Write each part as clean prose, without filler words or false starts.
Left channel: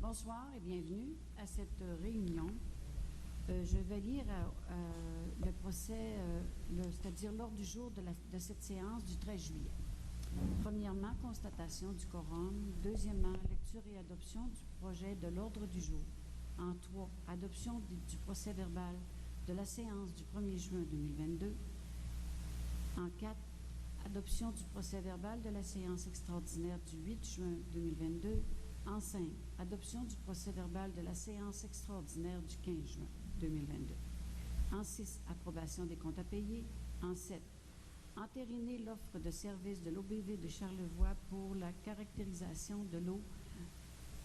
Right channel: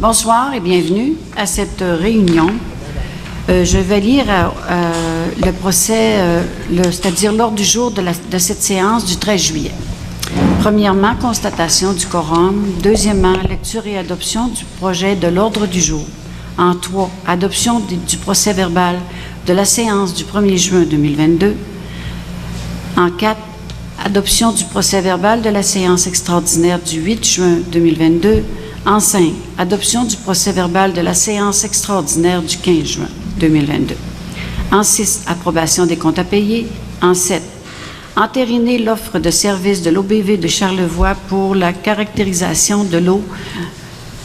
Bonsoir et bienvenue à cette réunion. Je vais lire le procès, c'est-à-dire l'ordre du jour de cette séance du 13 juillet. Premièrement, constatation du quorum. Deuxièmement, lecture et adoption du projet de l'ordre du jour. En 3, adoption du procès verbal de la séance du 1er juin 2022. En 4, adoption du procès verbal de la séance extraordinaire du 8 juin 2022. En 5, adoption du procès verbal de la séance extraordinaire du 15 juin 2022. En 6, approbation des comptes à payer. En 7, entériner l'offre de service de l'OBV de Charlevoix pour la caractérisation de l'eau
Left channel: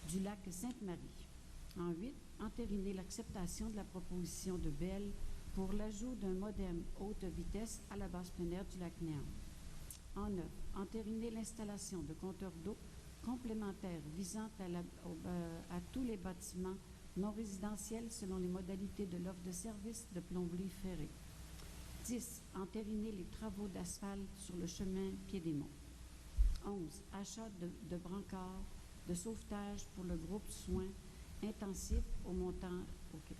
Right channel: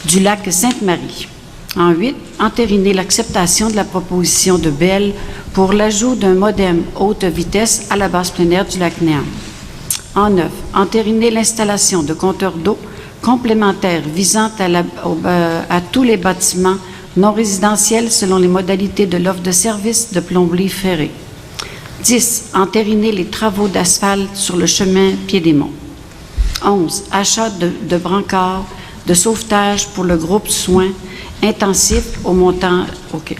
du lac Sainte-Marie. En 8, entériner l'acceptation de la proposition de Bell pour l'ajout d'un modem haute vitesse à la base plein air du lac Néam. En 9, entériner l'installation de compteurs d'eau complémentaires visant à tous les bâtiments non résidentiels selon les modalités de l'offre de service de plomberie ferrée. 10, entériner les travaux d'asphalte sur le chemin Pied-des-Monts. 11, achat de brancards de sauvetage pour le groupe soins intensifs au montant... OK,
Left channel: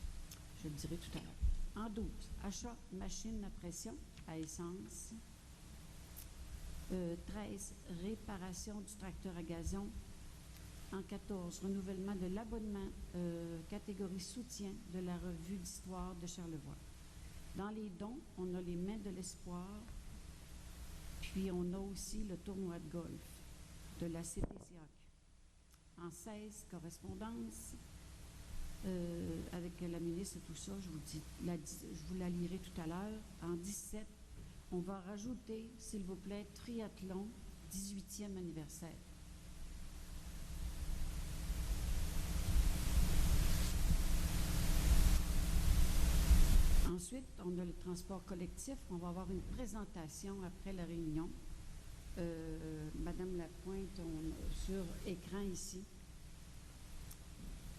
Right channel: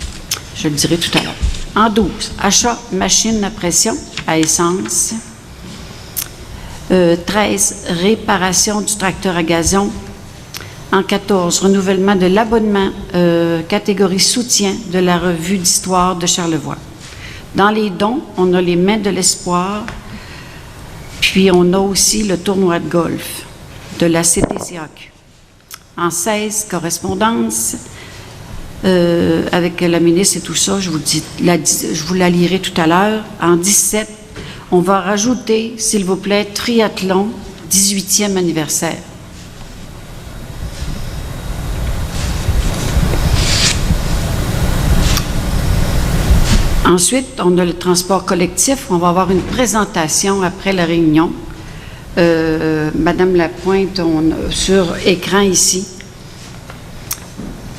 je le dirai tout à l'heure. En 12, achat machine à pression à essence. 13, réparation du tracteur à gazon. En 14, renouvellement de l'abonnement catégorie soutien de la revue d'histoire de Charlevoix. Dans les dons, on a les mains de l'espoir, puis on a aussi le tournoi de golf de la CTCAQ. En 16, correspondance avec la ministre et tout ça, je vous la lirai tout à l'heure. En 17, on va rajouter, s'il vous plaît, triathlon, 18e anniversaire. Ensuite, on a le transport collectif. On va avoir une présentation après la réunion. Madame Lapointe, sur écran ici.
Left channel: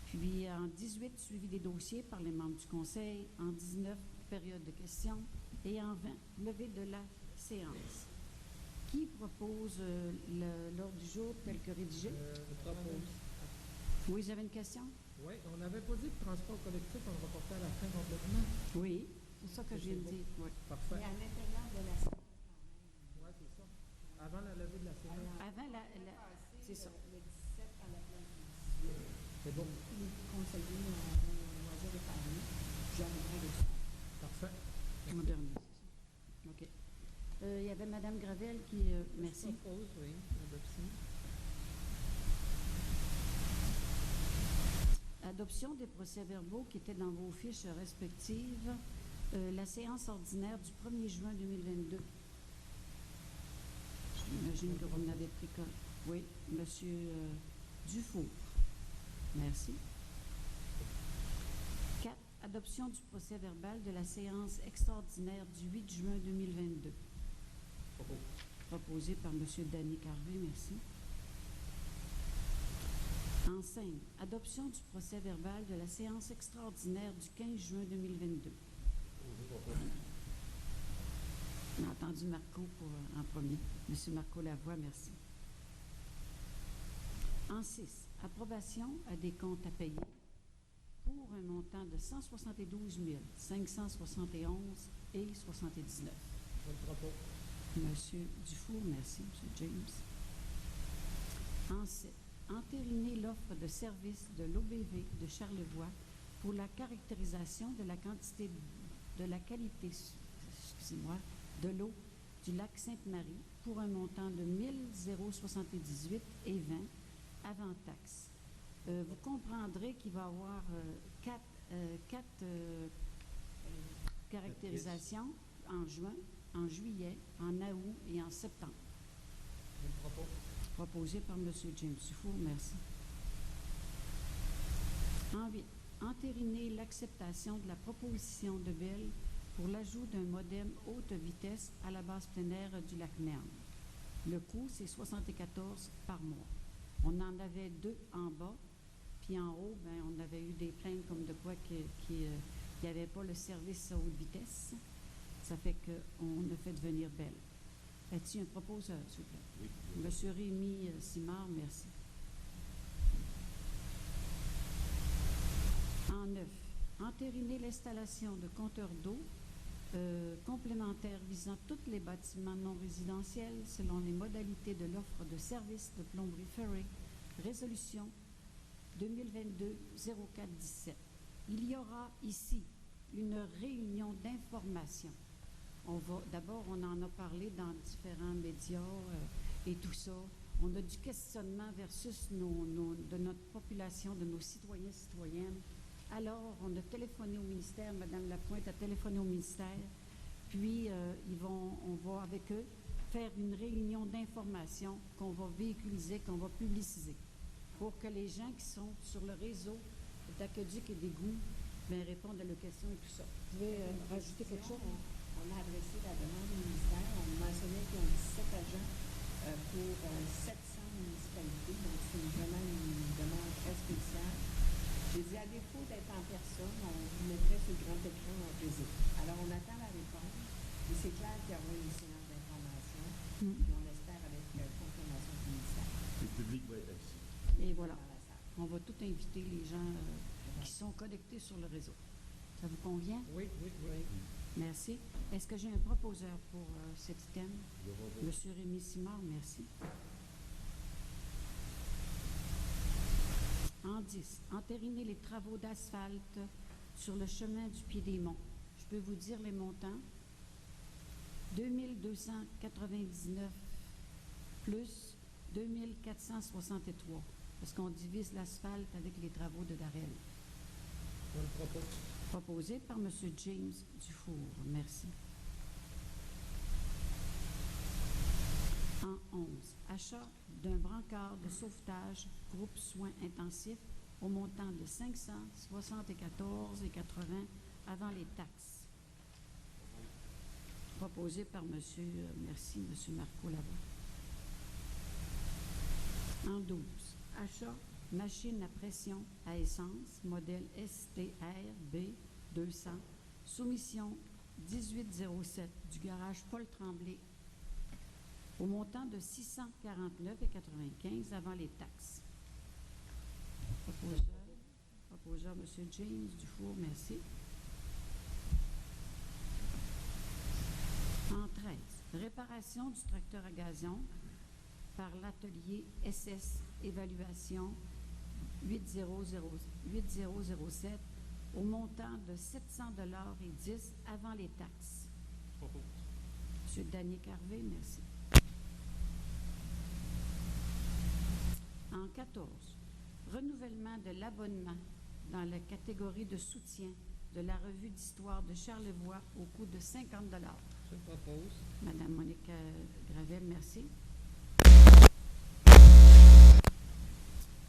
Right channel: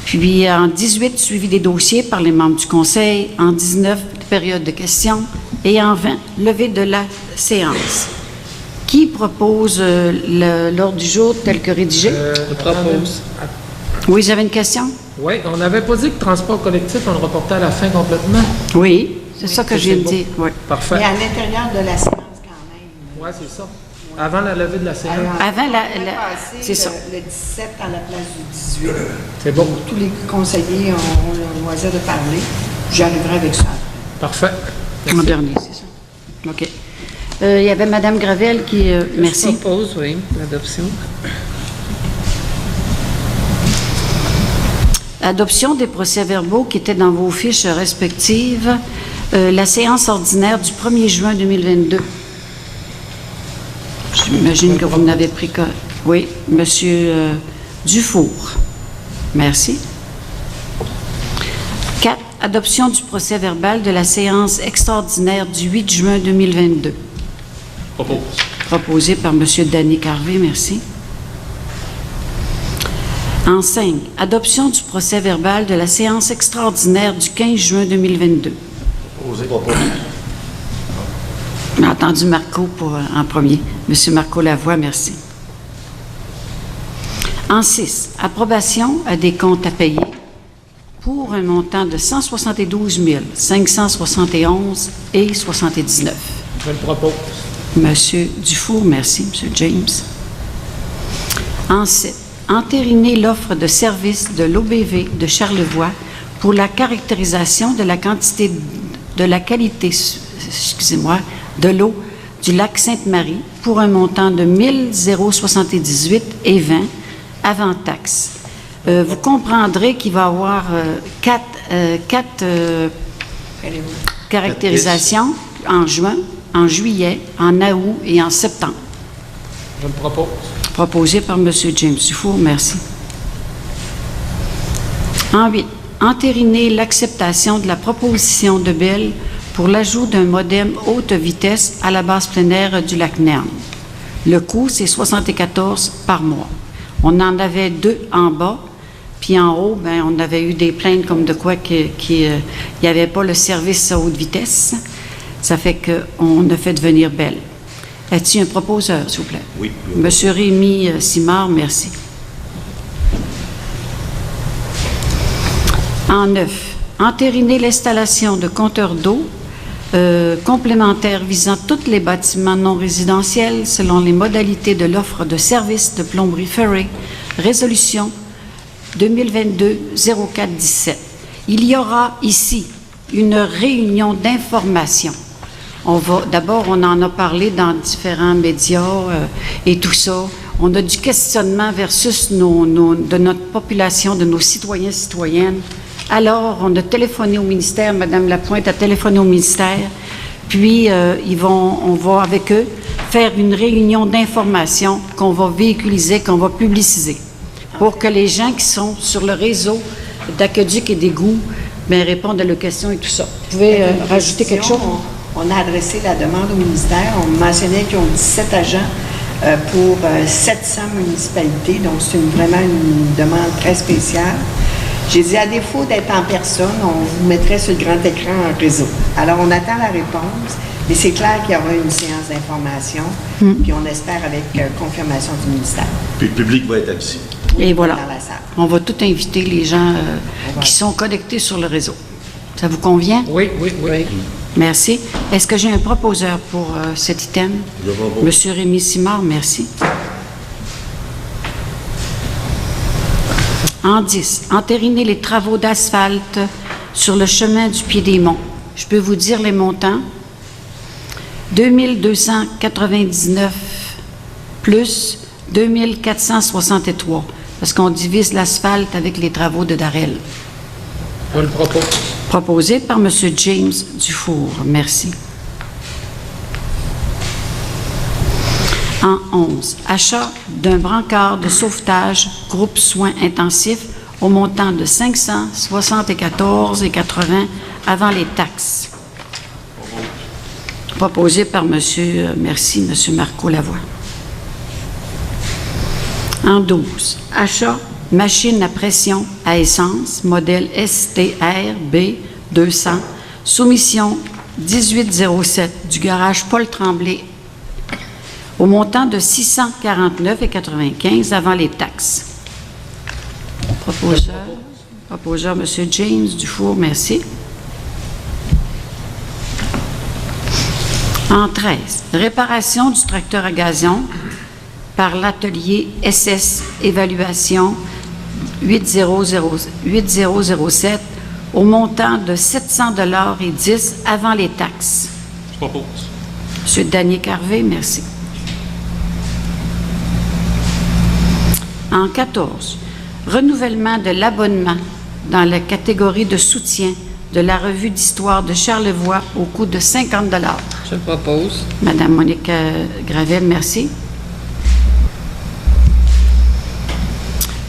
Puis en 18, suivi des dossiers par les membres du Conseil. En 19, période de questions. Et en 20, levée de la séance. Qui propose l'ordre du jour tel que rédigé? Je propose. Oui, j'avais une question? Oui, on n'avait pas dit que transport collectif, on le reportait à la fin complètement. Oui, c'est ça que je viens de dire. Oui. Parfait. Mais à l'intérieur de la séance quand même. Oui, c'est ça. Avant la levée de la séance. Avant c'est ça. Le 17 à la place du 18. C'est bon. Tous les conseillers ont le loisir de parler. J'arriverai avec ça. Parfait. En dernier, c'est ça. OK. Il y avait Mme Gravel qui... merci. Je propose, oui, l'adoption. Adoption des procès-verbaux qui étaient dans vos fiches respectives. La séance ordinaire du 1er juin 2022. J'imagine que vous n'avez pris que... Oui, Monsieur Dufour. Merci. 4. Adoption du procès-verbal de la séance extraordinaire du 8 juin 2022. Propose. Proposé par Monsieur Danny Carvé, merci. En 5, adoption du procès-verbal de la séance extraordinaire du 15 juin 2022. Proposé. J'ai entendu Marco en premier. Monsieur Marco Lavoie, merci. En 6, approbation des comptes à payer pour un montant de 172 571 et 79. Je le propose. Monsieur Dufour, merci. Monsieur James. En 7, entériner l'offre de service de l'OBV de Charlevoix pour la caractérisation de la qualité, de l'eau du lac Sainte-Marie pour un montant de 1 078,20 avant taxe. Vous comprendrez qu'il va y avoir quatre caractérisations en juin, en juillet, en août et en septembre. Je le propose. Proposé par M. James Dufour, merci. En 8, entériner l'acceptation de la proposition de Bell pour l'ajout d'un modem haute vitesse à la base plein air du lac Néam. Le coût, c'est 74 par mois. On en avait 2 en bas, puis en haut, bien, on avait eu des plaintes comme de quoi qu'il n'y avait pas le service à haute vitesse. Ça fait qu'on a fait devenir Bell. As-tu un proposeur, s'il vous plaît? Oui. Monsieur Rémi Simard, merci. En 9, entériner l'installation de compteurs d'eau complémentaires visant tous les bâtiments non résidentiels selon les modalités de l'offre de services de plomberie ferrée, résolution 2022-04-17. Il y aura ici une réunion d'information. D'abord, on en a parlé dans différents médias et tout ça. On a du questionnement versus de notre population, de nos citoyens, citoyennes. Alors, on a téléphoné au ministère, Mme Lapointe a téléphoné au ministère, puis on va avec eux faire une réunion d'information qu'on va véhiculiser, qu'on va publiciser, pour que les gens qui sont sur le réseau d'aqueduc et d'égouts répondent à leurs questions et tout ça. Vous pouvez rajouter quelque chose? On a adressé la demande au ministère. On mentionnait qu'ils ont 17 agents pour 700 municipalités, donc c'est vraiment une demande très spéciale. J'ai dit, à défaut d'être en personne, on vous mettrait sur le grand écran en réseau. Alors, on attend la réponse, mais c'est clair qu'il y aura une séance d'information, puis on espère avec confirmation du ministère. Puis le public va être avisé. Et voilà. Dans la salle. On va tout inviter les gens qui sont connectés sur le réseau. Ça vous convient? Oui. Merci. Est-ce que j'ai un proposeur pour cet item? Monsieur Rémy Simard, merci. En 10, entériner les travaux d'asphalte sur le chemin du Pied-des-Monts. Je peux vous dire les montants. 2299 plus 2463, parce qu'on divise l'asphalte avec les travaux de Darel. Je le propose. Proposé par M. James Dufour. Merci. En 11, achat d'un brancard de sauvetage groupe soins intensifs au montant de 574,80 avant les taxes. Proposé par M. Marco Lavoie. En 12, achat machine à pression à essence, modèle STR B200, soumission 1807 du garage Paul Tremblay au montant de 649,95 avant les taxes. Proposeur M. James Dufour, merci. En 13, réparation du tracteur à gazon par l'atelier SS Évaluation 8007 au montant de 700,10 avant les taxes. Je propose. M. Daniel Carvé, merci. En 14, renouvellement de l'abonnement dans la catégorie de soutien de la revue d'histoire de Charlevoix au coût de 50 $. Je le propose. Madame Monique Gravel, merci.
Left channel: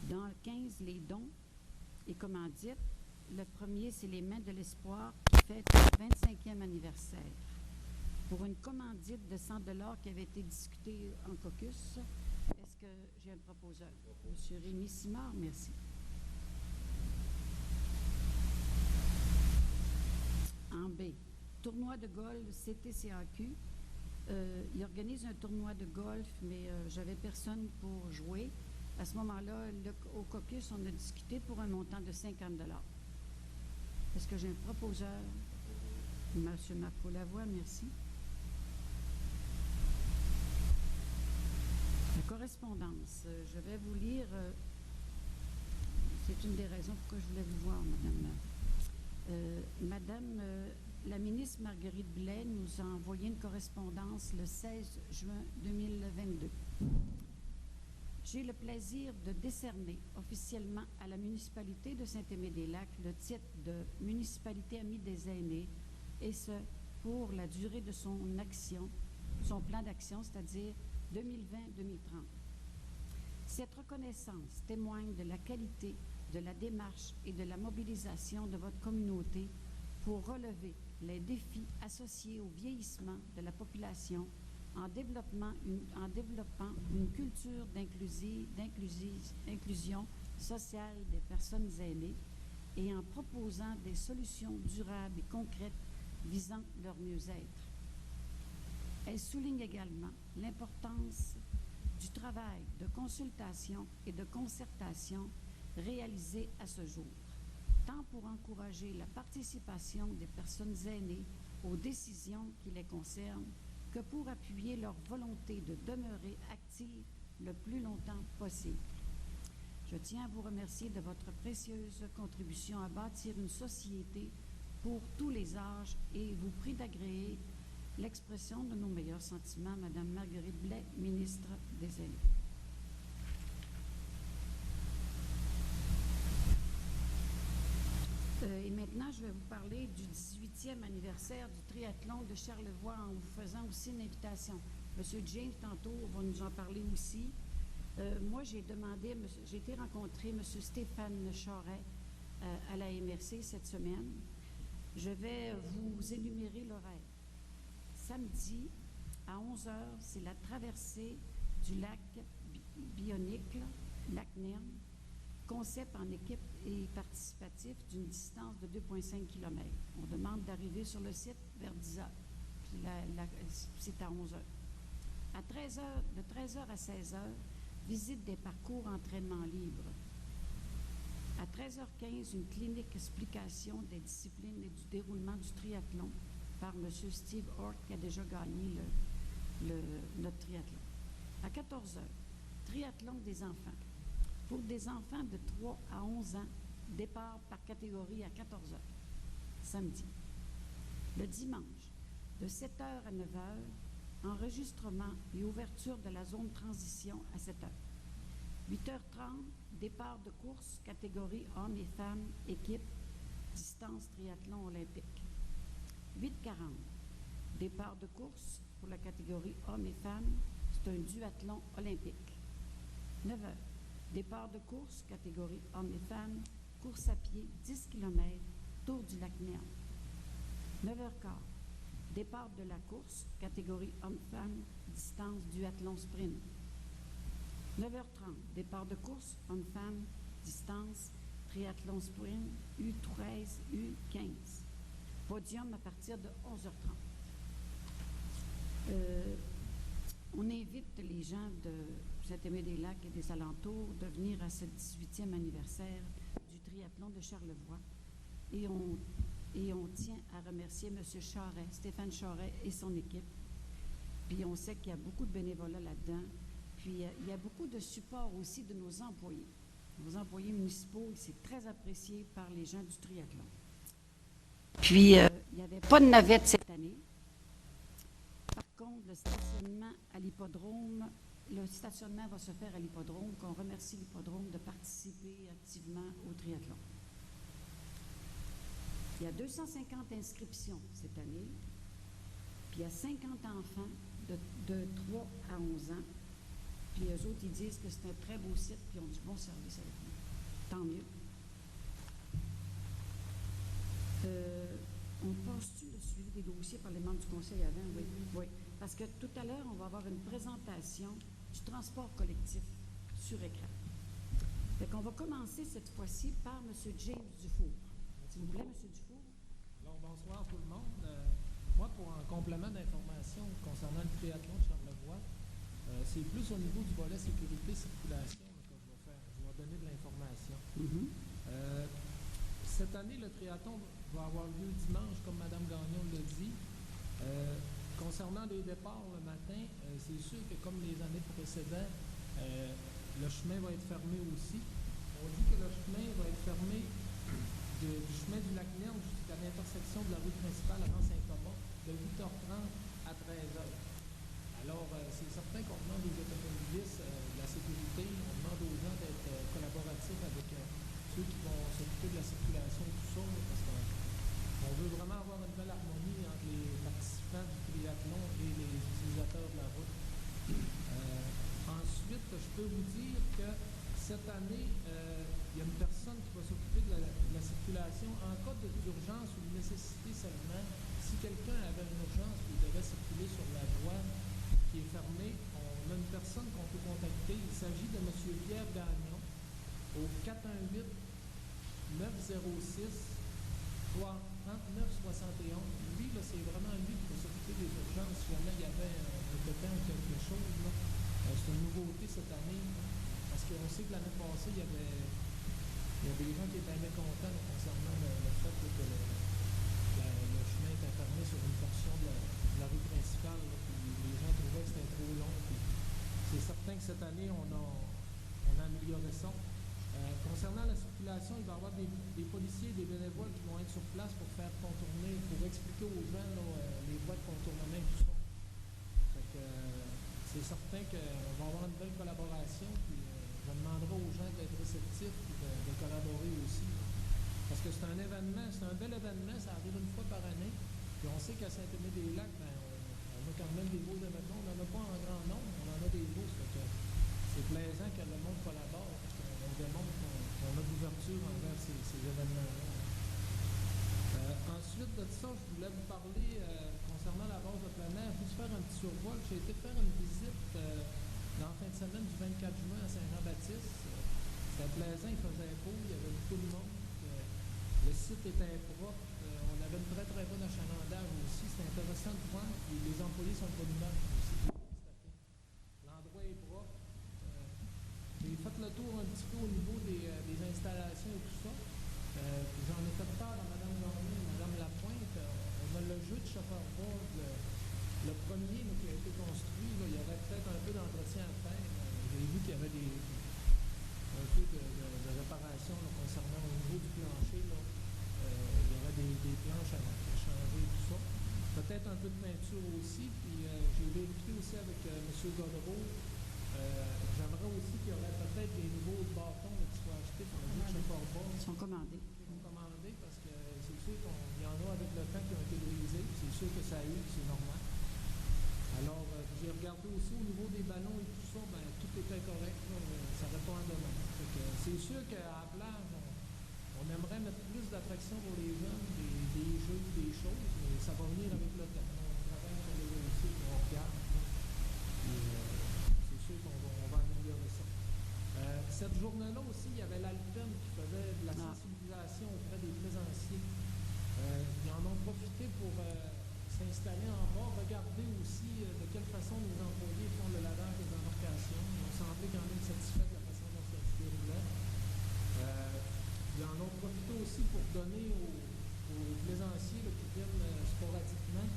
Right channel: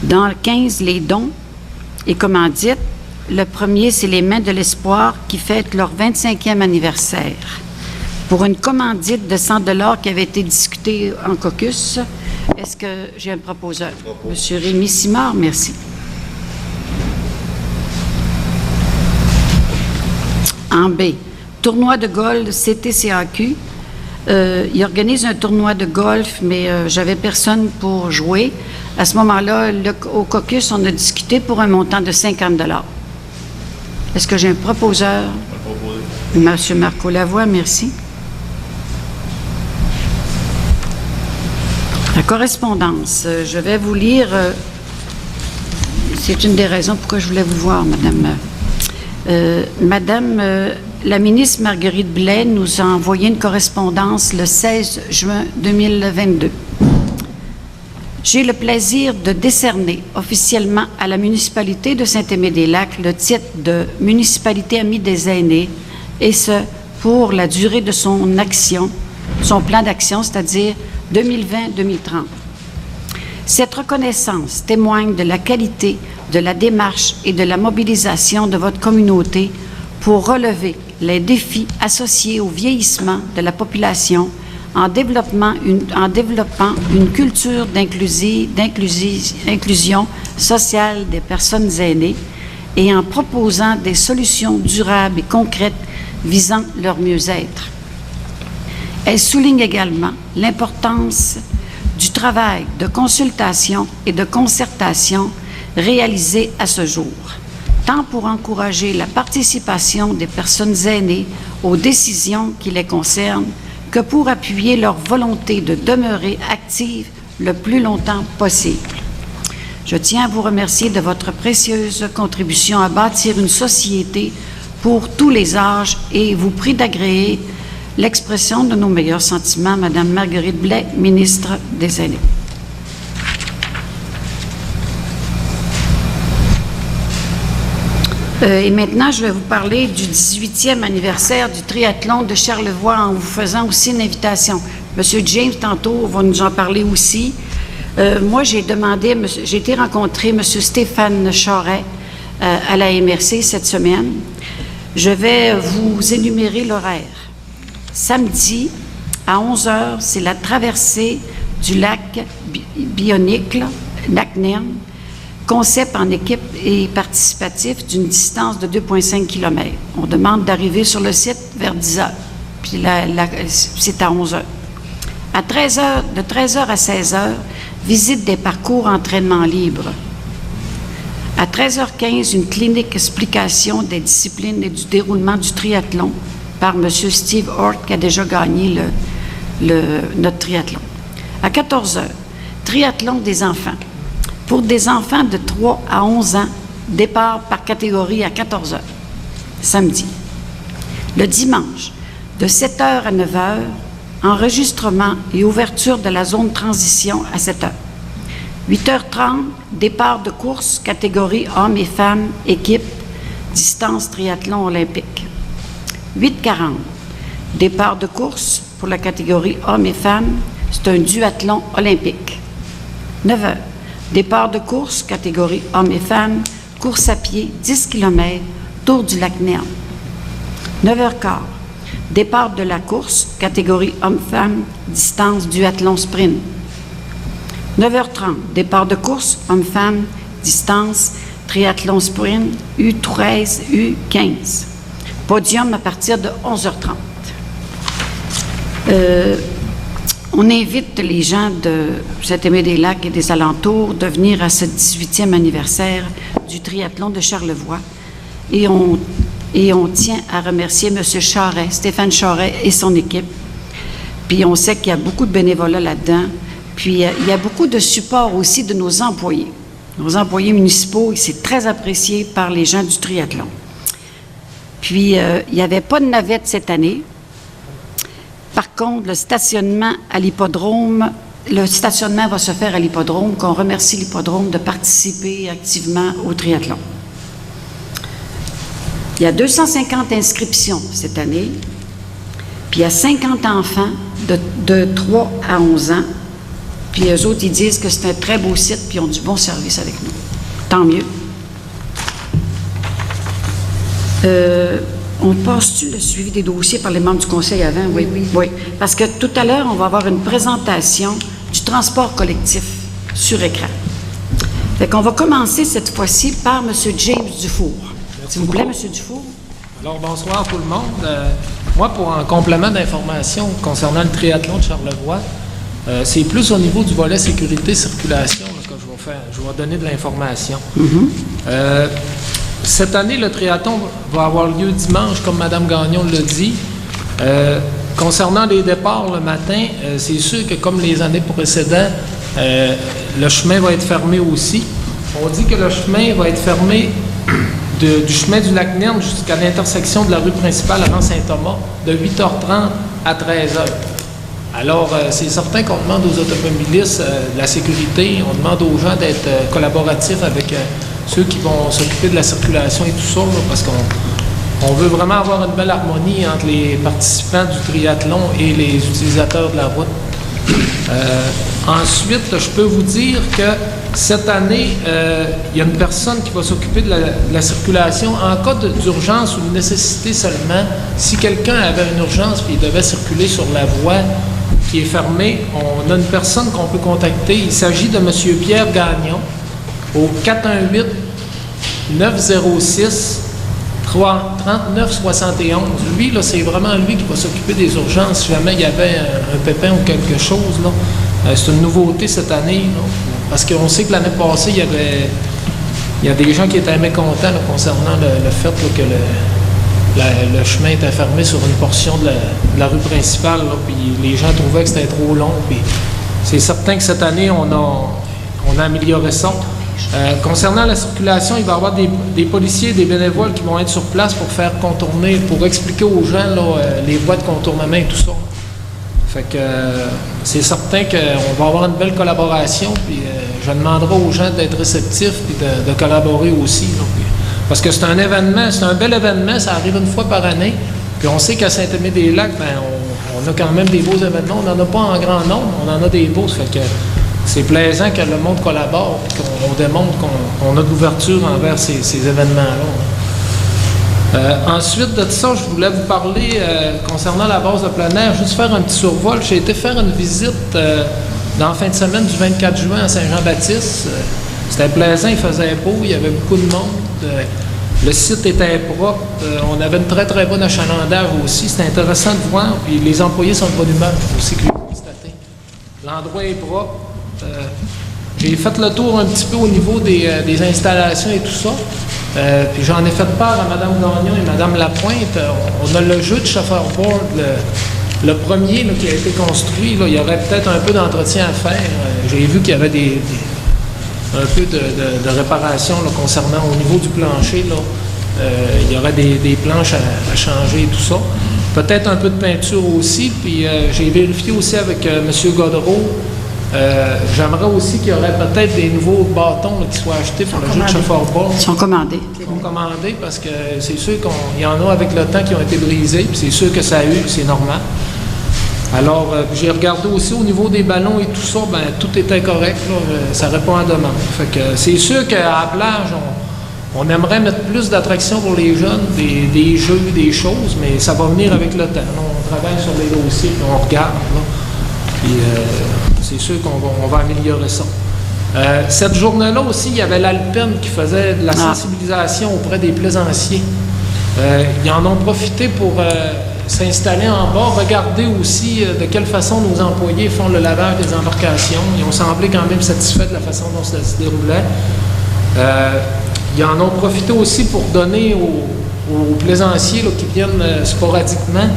Dans le 15, les dons et commandites. Le premier, c'est les Mains de l'Espoir qui fêtent leur 25e anniversaire. Pour une commandite de 100 $ qui avait été discutée en caucus, est-ce que j'ai un proposeur? Monsieur Rémy Simard, merci. En B, tournoi de golf CTCAQ. Il organise un tournoi de golf, mais j'avais personne pour jouer. À ce moment-là, au caucus, on a discuté pour un montant de 50 $. Est-ce que j'ai un proposeur? Monsieur Marco Lavoie, merci. La correspondance, je vais vous lire. C'est une des raisons pourquoi je voulais vous voir, Madame. Madame la ministre Marguerite Blais nous a envoyé une correspondance le 16 juin 2022. J'ai le plaisir de décerner officiellement à la municipalité de Saint-Aimé-des-Lacs le titre de municipalité amie des aînés, et ce, pour la durée de son action, son plan d'action, c'est-à-dire 2020-2030. Cette reconnaissance témoigne de la qualité de la démarche et de la mobilisation de votre communauté pour relever les défis associés au vieillissement de la population en développant une culture d'inclusion sociale des personnes aînées et en proposant des solutions durables et concrètes visant leur mieux-être. Elle souligne également l'importance du travail de consultation et de concertation réalisé à ce jour, tant pour encourager la participation des personnes aînées aux décisions qui les concernent que pour appuyer leur volonté de demeurer actives le plus longtemps possible. Je tiens à vous remercier de votre précieuse contribution à bâtir une société pour tous les âges et vous prie d'agréer l'expression de nos meilleurs sentiments, Madame Marguerite Blais, ministre des Aînés. Et maintenant, je vais vous parler du 18e anniversaire du triathlon de Charlevoix en vous faisant aussi une invitation. Monsieur James, tantôt, va nous en parler aussi. Moi, j'ai été rencontrer Monsieur Stéphane Charret à la MRC cette semaine. Je vais vous énumérer l'horaire. Samedi, à 11h, c'est la traversée du lac Bionicle, lac Nern, concept en équipe et participatif d'une distance de 2,5 km. On demande d'arriver sur le site vers 10h, puis c'est à 11h. De 13h à 16h, visite des parcours entraînement libre. À 13h15, une clinique explication des disciplines et du déroulement du triathlon par M. Steve Hort, qui a déjà gagné notre triathlon. À 14h, triathlon des enfants. Pour des enfants de 3 à 11 ans, départ par catégorie à 14h, samedi. Le dimanche, de 7h à 9h, enregistrement et ouverture de la zone transition à 7h. 8h30, départ de course, catégorie hommes et femmes, équipe, distance triathlon olympique. 8h40, départ de course pour la catégorie hommes et femmes, c'est un duathlon olympique. 9h, départ de course, catégorie hommes et femmes, course à pied, 10 km, tour du lac Nern. 9h15, départ de la course, catégorie hommes-femmes, distance duathlon sprint. 9h30, départ de course, hommes-femmes, distance, triathlon sprint, U13, U15. Podium à partir de 11h30. On invite les gens de Saint-Aimé-des-Lacs et des alentours de venir à ce 18e anniversaire du triathlon de Charlevoix. Et on tient à remercier M. Charret, Stéphane Charret et son équipe. Puis on sait qu'il y a beaucoup de bénévolat là-dedans. Puis il y a beaucoup de support aussi de nos employés. Nos employés municipaux, c'est très apprécié par les gens du triathlon. Puis il n'y avait pas de navette cette année. Par contre, le stationnement va se faire à l'hippodrome, qu'on remercie l'hippodrome de participer activement au triathlon. Il y a 250 inscriptions cette année, puis il y a 50 enfants de 3 à 11 ans. Puis eux autres, ils disent que c'est un très beau site, puis ils ont du bon service avec nous. Tant mieux. On passe-tu le suivi des dossiers par les membres du conseil avant? Oui. Parce que tout à l'heure, on va avoir une présentation du transport collectif sur écran. Fait qu'on va commencer cette fois-ci par M. James Dufour. S'il vous plaît, M. Dufour. Alors, bonsoir tout le monde. Moi, pour un complément d'information concernant le triathlon de Charlevoix, c'est plus au niveau du volet sécurité-circulation que je vais donner de l'information. Cette année, le triathlon va avoir lieu dimanche, comme Mme Gagnon l'a dit. Concernant les départs le matin, c'est sûr que comme les années précédentes, le chemin va être fermé aussi. On dit que le chemin va être fermé du chemin du lac Nern jusqu'à l'intersection de la rue principale avant Saint-Thomas, de 8h30 à 13h. Alors, c'est certain qu'on demande aux automobilistes de la sécurité, on demande aux gens d'être collaboratifs avec ceux qui vont s'occuper de la circulation et tout ça, là, parce qu'on veut vraiment avoir une belle harmonie entre les participants du triathlon et les utilisateurs de la route. Ensuite, je peux vous dire que cette année, il y a une personne qui va s'occuper de la circulation en cas d'urgence ou de nécessité seulement. Si quelqu'un avait une urgence et il devait circuler sur la voie qui est fermée, on a une personne qu'on peut contacter. Il s'agit de M. Pierre Gagnon au 418-906-3971. Lui, là, c'est vraiment lui qui va s'occuper des urgences si jamais il y avait un pépin ou quelque chose, là. C'est une nouveauté cette année, là, parce qu'on sait que l'année passée, il y avait il y a des gens qui étaient mécontents là, concernant le fait là, que le chemin était fermé sur une portion de la rue principale, là, puis les gens trouvaient que c'était trop long. Puis c'est certain que cette année, on a amélioré ça. Concernant la circulation, il va y avoir des policiers et des bénévoles qui vont être sur place pour faire contourner, pour expliquer aux gens là, les voies de contournement et tout ça. Fait que c'est certain qu'on va avoir une belle collaboration, puis je demanderai aux gens d'être réceptifs et de collaborer aussi. Là, parce que c'est un événement, c'est un bel événement, ça arrive une fois par année. Puis on sait qu'à Saint-Aimé-des-Lacs, ben, on a quand même des beaux événements. On n'en a pas en grand nombre, on en a des beaux. Ça fait que c'est plaisant que le monde collabore et qu'on démontre qu'on a de l'ouverture envers ces événements-là. Ensuite de ça, je voulais vous parler concernant la base de plein air, juste faire un petit survol. J'ai été faire une visite dans la fin de semaine du 24 juin à Saint-Jean-Baptiste. C'était plaisant, il faisait beau, il y avait beaucoup de monde. Le site était propre. On avait une très, très bonne achalandage aussi. C'était intéressant de voir. Puis les employés sont de bonne humeur aussi, que j'ai constaté. L'endroit est propre. J'ai fait le tour un petit peu au niveau des installations et tout ça. Puis j'en ai fait part à Mme Gagnon et Mme Lapointe. On a le jeu de chauffeur-board, le premier là, qui a été construit. Là, il y aurait peut-être un peu d'entretien à faire. J'ai vu qu'il y avait un peu de réparation là, concernant au niveau du plancher. Là. Il y aurait des planches à changer et tout ça. Peut-être un peu de peinture aussi. Puis j'ai vérifié aussi avec M. Godreau. J'aimerais aussi qu'il y aurait peut-être des nouveaux bâtons là, qui soient achetés pour le jeu de chauffeur-board. Ils sont commandés. Ils sont commandés parce que c'est sûr qu'il y en a avec le temps qui ont été brisés. Puis c'est sûr que ça a eu, c'est normal. Alors, j'ai regardé aussi au niveau des ballons et tout ça, ben tout était correct, là, ça répond à demande. Fait que c'est sûr qu'à la plage, on aimerait mettre plus d'attractions pour les jeunes, des jeux, des choses, mais ça va venir avec le temps. Là, on travaille sur les dossiers, puis on regarde, là, puis c'est sûr qu'on va améliorer ça. Cette journée-là aussi, il y avait l'Alpen qui faisait de la sensibilisation auprès des plaisanciers. Ils en ont profité pour s'installer en bas, regarder aussi de quelle façon nos employés font le lavage des embarcations. Ils ont semblé quand même satisfaits de la façon dont ça se déroulait. Ils en ont profité aussi pour donner aux plaisanciers là, qui viennent sporadiquement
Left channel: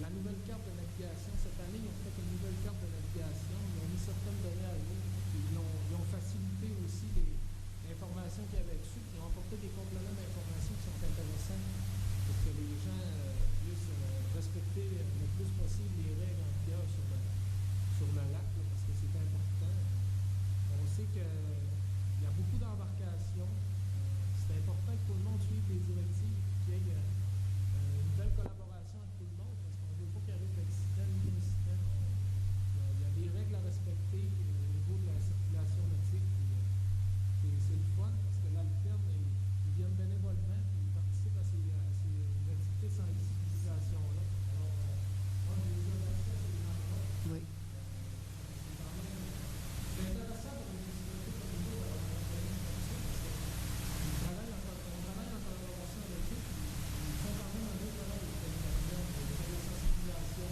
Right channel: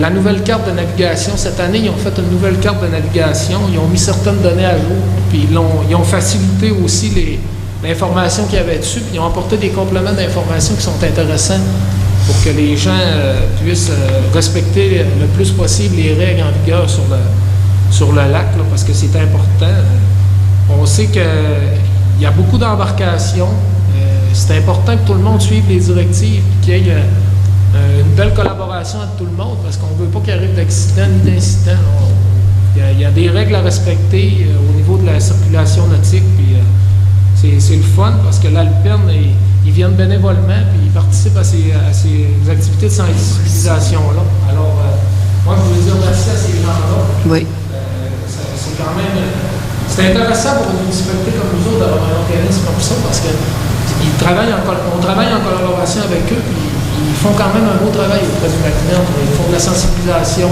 la nouvelle carte de navigation. Cette année, ils ont fait une nouvelle carte de navigation. Ils ont mis certaines données à jour, puis ils ont facilité aussi l'information qu'il y avait dessus, puis ils ont apporté des compléments d'information qui sont intéressants pour que les gens puissent respecter le plus possible les règles en vigueur sur le lac, là, parce que c'est important. On sait qu'il y a beaucoup d'embarcations. C'est important que tout le monde suive les directives et qu'il y ait une belle collaboration entre tout le monde, parce qu'on ne veut pas qu'il arrive d'accidents ni d'incidents. Il y a des règles à respecter au niveau de la circulation nautique. Puis, c'est le fun parce que l'Alperne, ils viennent bénévolement puis ils participent à ces activités de sensibilisation-là. Alors, moi, je voulais dire merci à ces gens-là. Oui. C'est quand même... C'est intéressant pour une municipalité comme nous autres d'avoir un organisme comme ça parce qu'on travaille en collaboration avec eux puis ils font quand même un beau travail auprès du Macmillan. Ils font de la sensibilisation,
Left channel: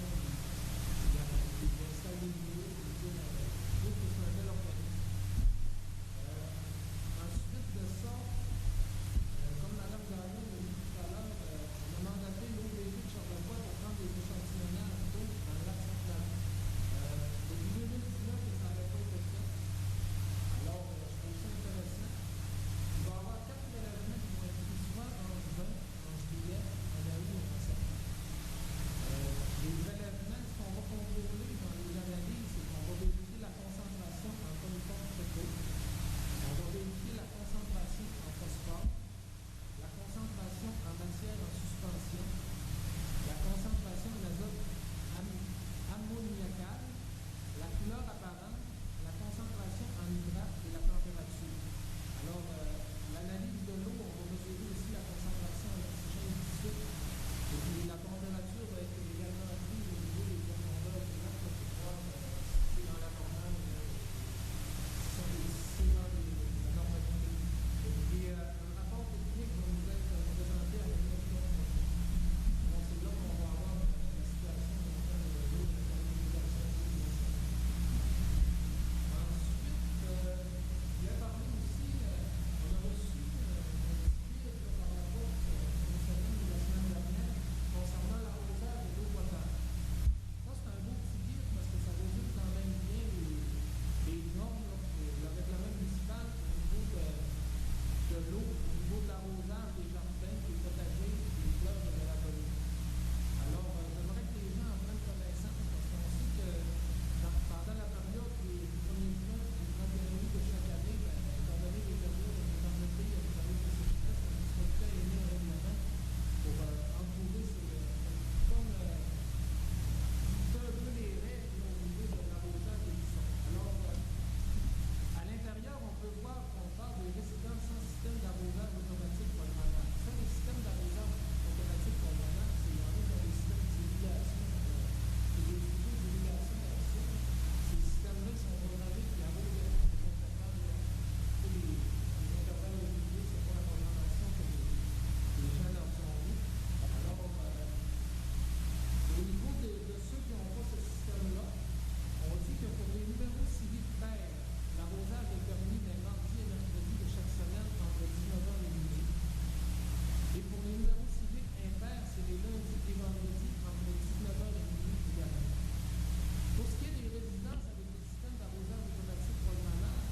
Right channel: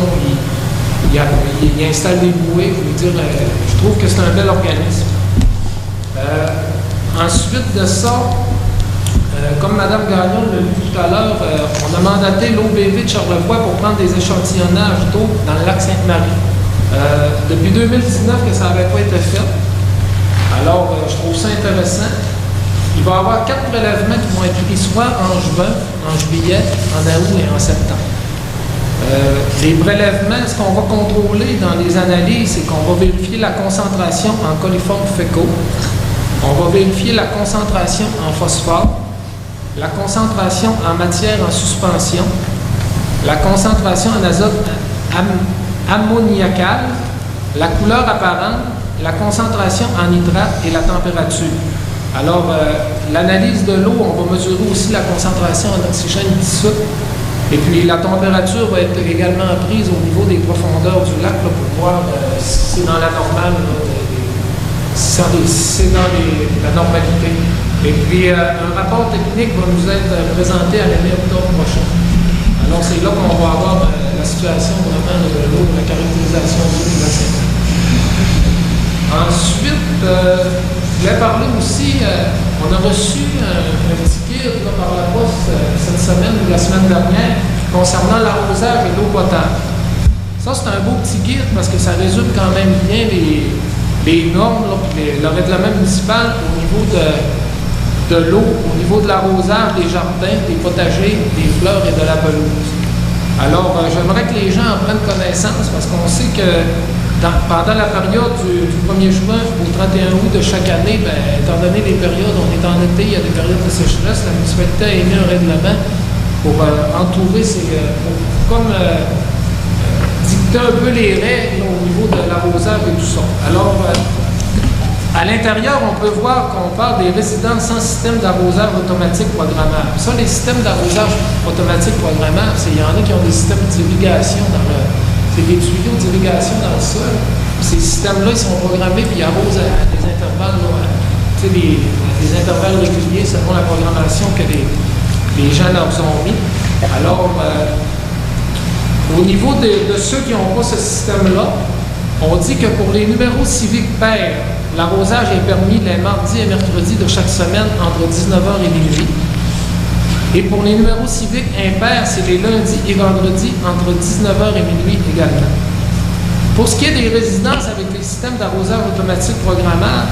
ils installent des bouées. Je veux dire, je trouve que c'est un bel organisme. Ensuite de ça, comme Mme Gagnon l'a dit tout à l'heure, on a mandaté l'OBV de Charlevoix pour prendre des échantillonnages d'eau dans le lac Sainte-Marie. Depuis 2019 que ça n'avait pas été fait. Alors, je trouve ça intéressant. Il va y avoir 4 prélèvements qui vont être pris soit en juin, en juillet, en août et en septembre. Les prélèvements, ce qu'on va contrôler dans les analyses, c'est qu'on va vérifier la concentration en coliformes fécaux. On va vérifier la concentration en phosphore, la concentration en matière en suspension, la concentration en azote ammoniacal, la couleur apparente, la concentration en nitrate et la température. Alors, l'analyse de l'eau, on va mesurer aussi la concentration en oxygène dissoute. Et puis, la température va être également prise au niveau des profondeurs du lac là, pour voir si c'est dans la normale, si c'est dans la normalité. Et puis, un rapport technique va nous être présenté à la mi-octobre prochain. Alors, c'est là qu'on va avoir la situation vraiment de l'eau, de la caractérisation de l'eau du bassin. Ensuite, je voulais parler aussi, on On a reçu un petit guide là, par la poste cette semaine ou la semaine dernière concernant l'arrosage et l'eau potable. Ça, c'est un beau petit guide parce que ça résume quand même bien les normes, là, puis le règlement municipal au niveau de l'eau, au niveau de l'arrosage des jardins, des potagers, des fleurs et de la pelouse. Alors, j'aimerais que les gens en prennent connaissance parce qu'on sait que pendant la période du 1er juin au 31 août de chaque année, étant donné les périodes, on est en été, il y a des périodes de sécheresse, la municipalité a émis un règlement pour entourer comme dicter un peu les règles au niveau de l'arrosage et tout ça. Alors, à l'intérieur, on peut voir qu'on parle des résidences sans système d'arrosage automatique programmable. Ça, les systèmes d'arrosage automatique programmable, il y en a qui ont des systèmes d'irrigation c'est des tuyaux d'irrigation dans le sol. Ces systèmes-là, ils sont programmés puis ils arrosent à des intervalles, des intervalles réguliers selon la programmation que les gens leur ont mis. Alors, au niveau de ceux qui n'ont pas ce système-là, on dit que pour les numéros civiques pairs, l'arrosage est permis les mardis et mercredis de chaque semaine entre 19h et minuit. Et pour les numéros civiques impairs, c'est les lundis et vendredis entre 19h et minuit également. Pour ce qui est des résidences avec les systèmes d'arrosage automatique programmable,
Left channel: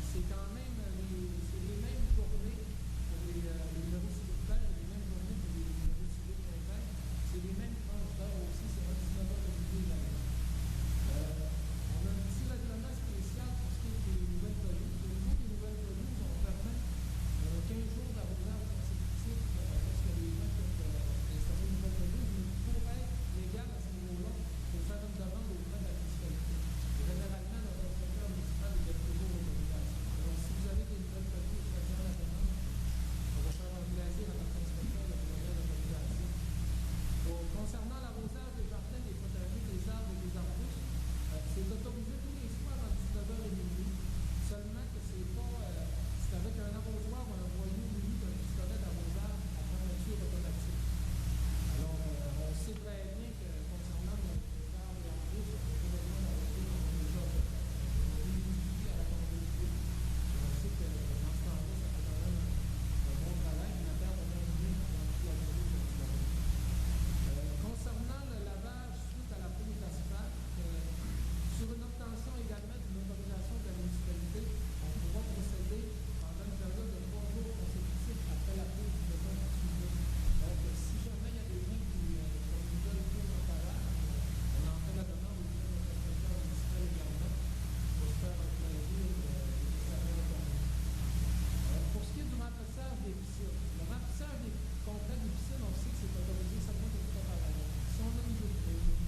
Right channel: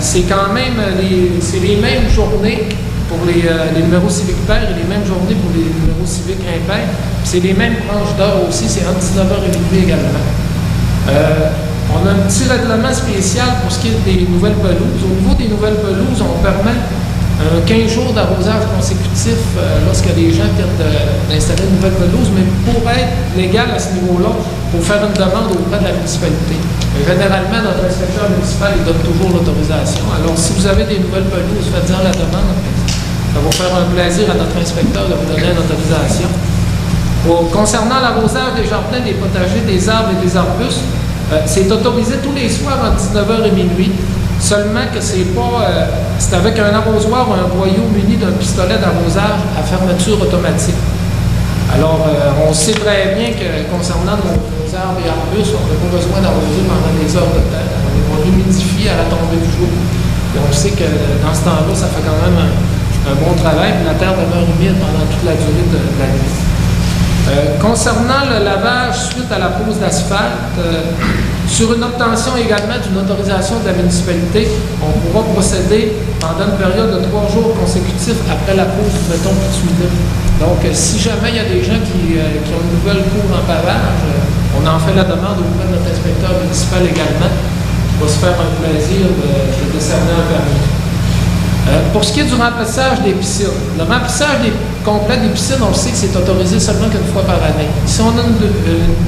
c'est quand même les mêmes journées pour les numéros civiques pairs et les mêmes journées pour les numéros civiques impairs. C'est les mêmes tranches d'heure aussi, c'est entre 19h et minuit également. On a un petit règlement spécial pour ce qui est des nouvelles pelouses. Au niveau des nouvelles pelouses, on permet 15 jours d'arrosage consécutif lorsque les gens viennent d'installer une nouvelle pelouse, mais pour être légal à ce niveau-là, il faut faire une demande auprès de la municipalité. Généralement, notre inspecteur municipal il donne toujours l'autorisation. Alors, si vous avez des nouvelles pelouses, faites-en la demande. Ça va faire un plaisir à notre inspecteur de vous donner une autorisation. Concernant l'arrosage des jardins, des potagers, des arbres et des arbustes, c'est autorisé tous les soirs entre 19h et minuit. Seulement que c'est avec un arrosoir ou un boyau muni d'un pistolet d'arrosage à fermeture automatique. Alors, on sait très bien que concernant nos arbres et arbustes, on n'a pas besoin d'arroser pendant des heures de temps. On l'humidifie à la tombée du jour. Et on sait que dans ce temps-là, ça fait quand même un bon travail. Puis la terre demeure humide pendant toute la durée de la nuit. Concernant le lavage suite à la pose d'asphalte, sur une obtention également d'une autorisation de la municipalité, on pourra procéder pendant une période de 3 jours consécutifs après la pose du béton bitumineux. Donc, si jamais il y a des gens qui ont une nouvelle cour en pavage, on en fait la demande auprès de notre inspecteur municipal également. Il va se faire un plaisir de décerner un permis. Pour ce qui est du remplissage des piscines, le remplissage complet des piscines, on le sait que c'est autorisé seulement qu'une fois par année. Si on a une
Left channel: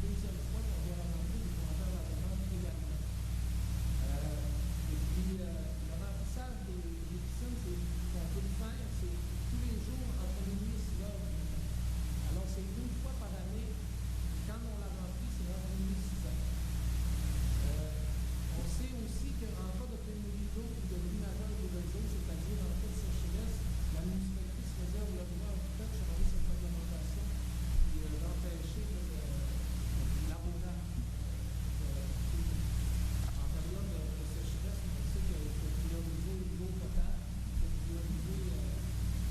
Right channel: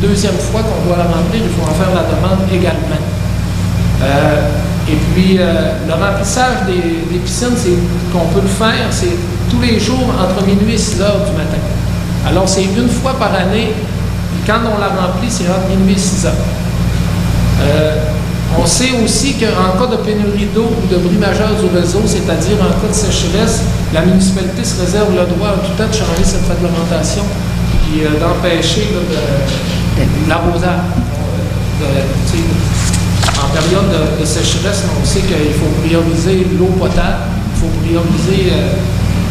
deuxième fois qu'on doit la remplir, il faut en faire la demande également. Et puis, le remplissage des piscines, c'est qu'on peut le faire, c'est tous les jours entre minuit et 6 heures du matin. Alors, c'est une fois par année. Quand on la remplit, c'est entre minuit et 6 heures. On sait aussi qu'en cas de pénurie d'eau ou de bris majeur du réseau, c'est-à-dire en cas de sécheresse, la municipalité se réserve le droit en tout temps de changer cette réglementation et d'empêcher l'arrosage. En période de sécheresse, on sait qu'il faut prioriser l'eau potable, il faut prioriser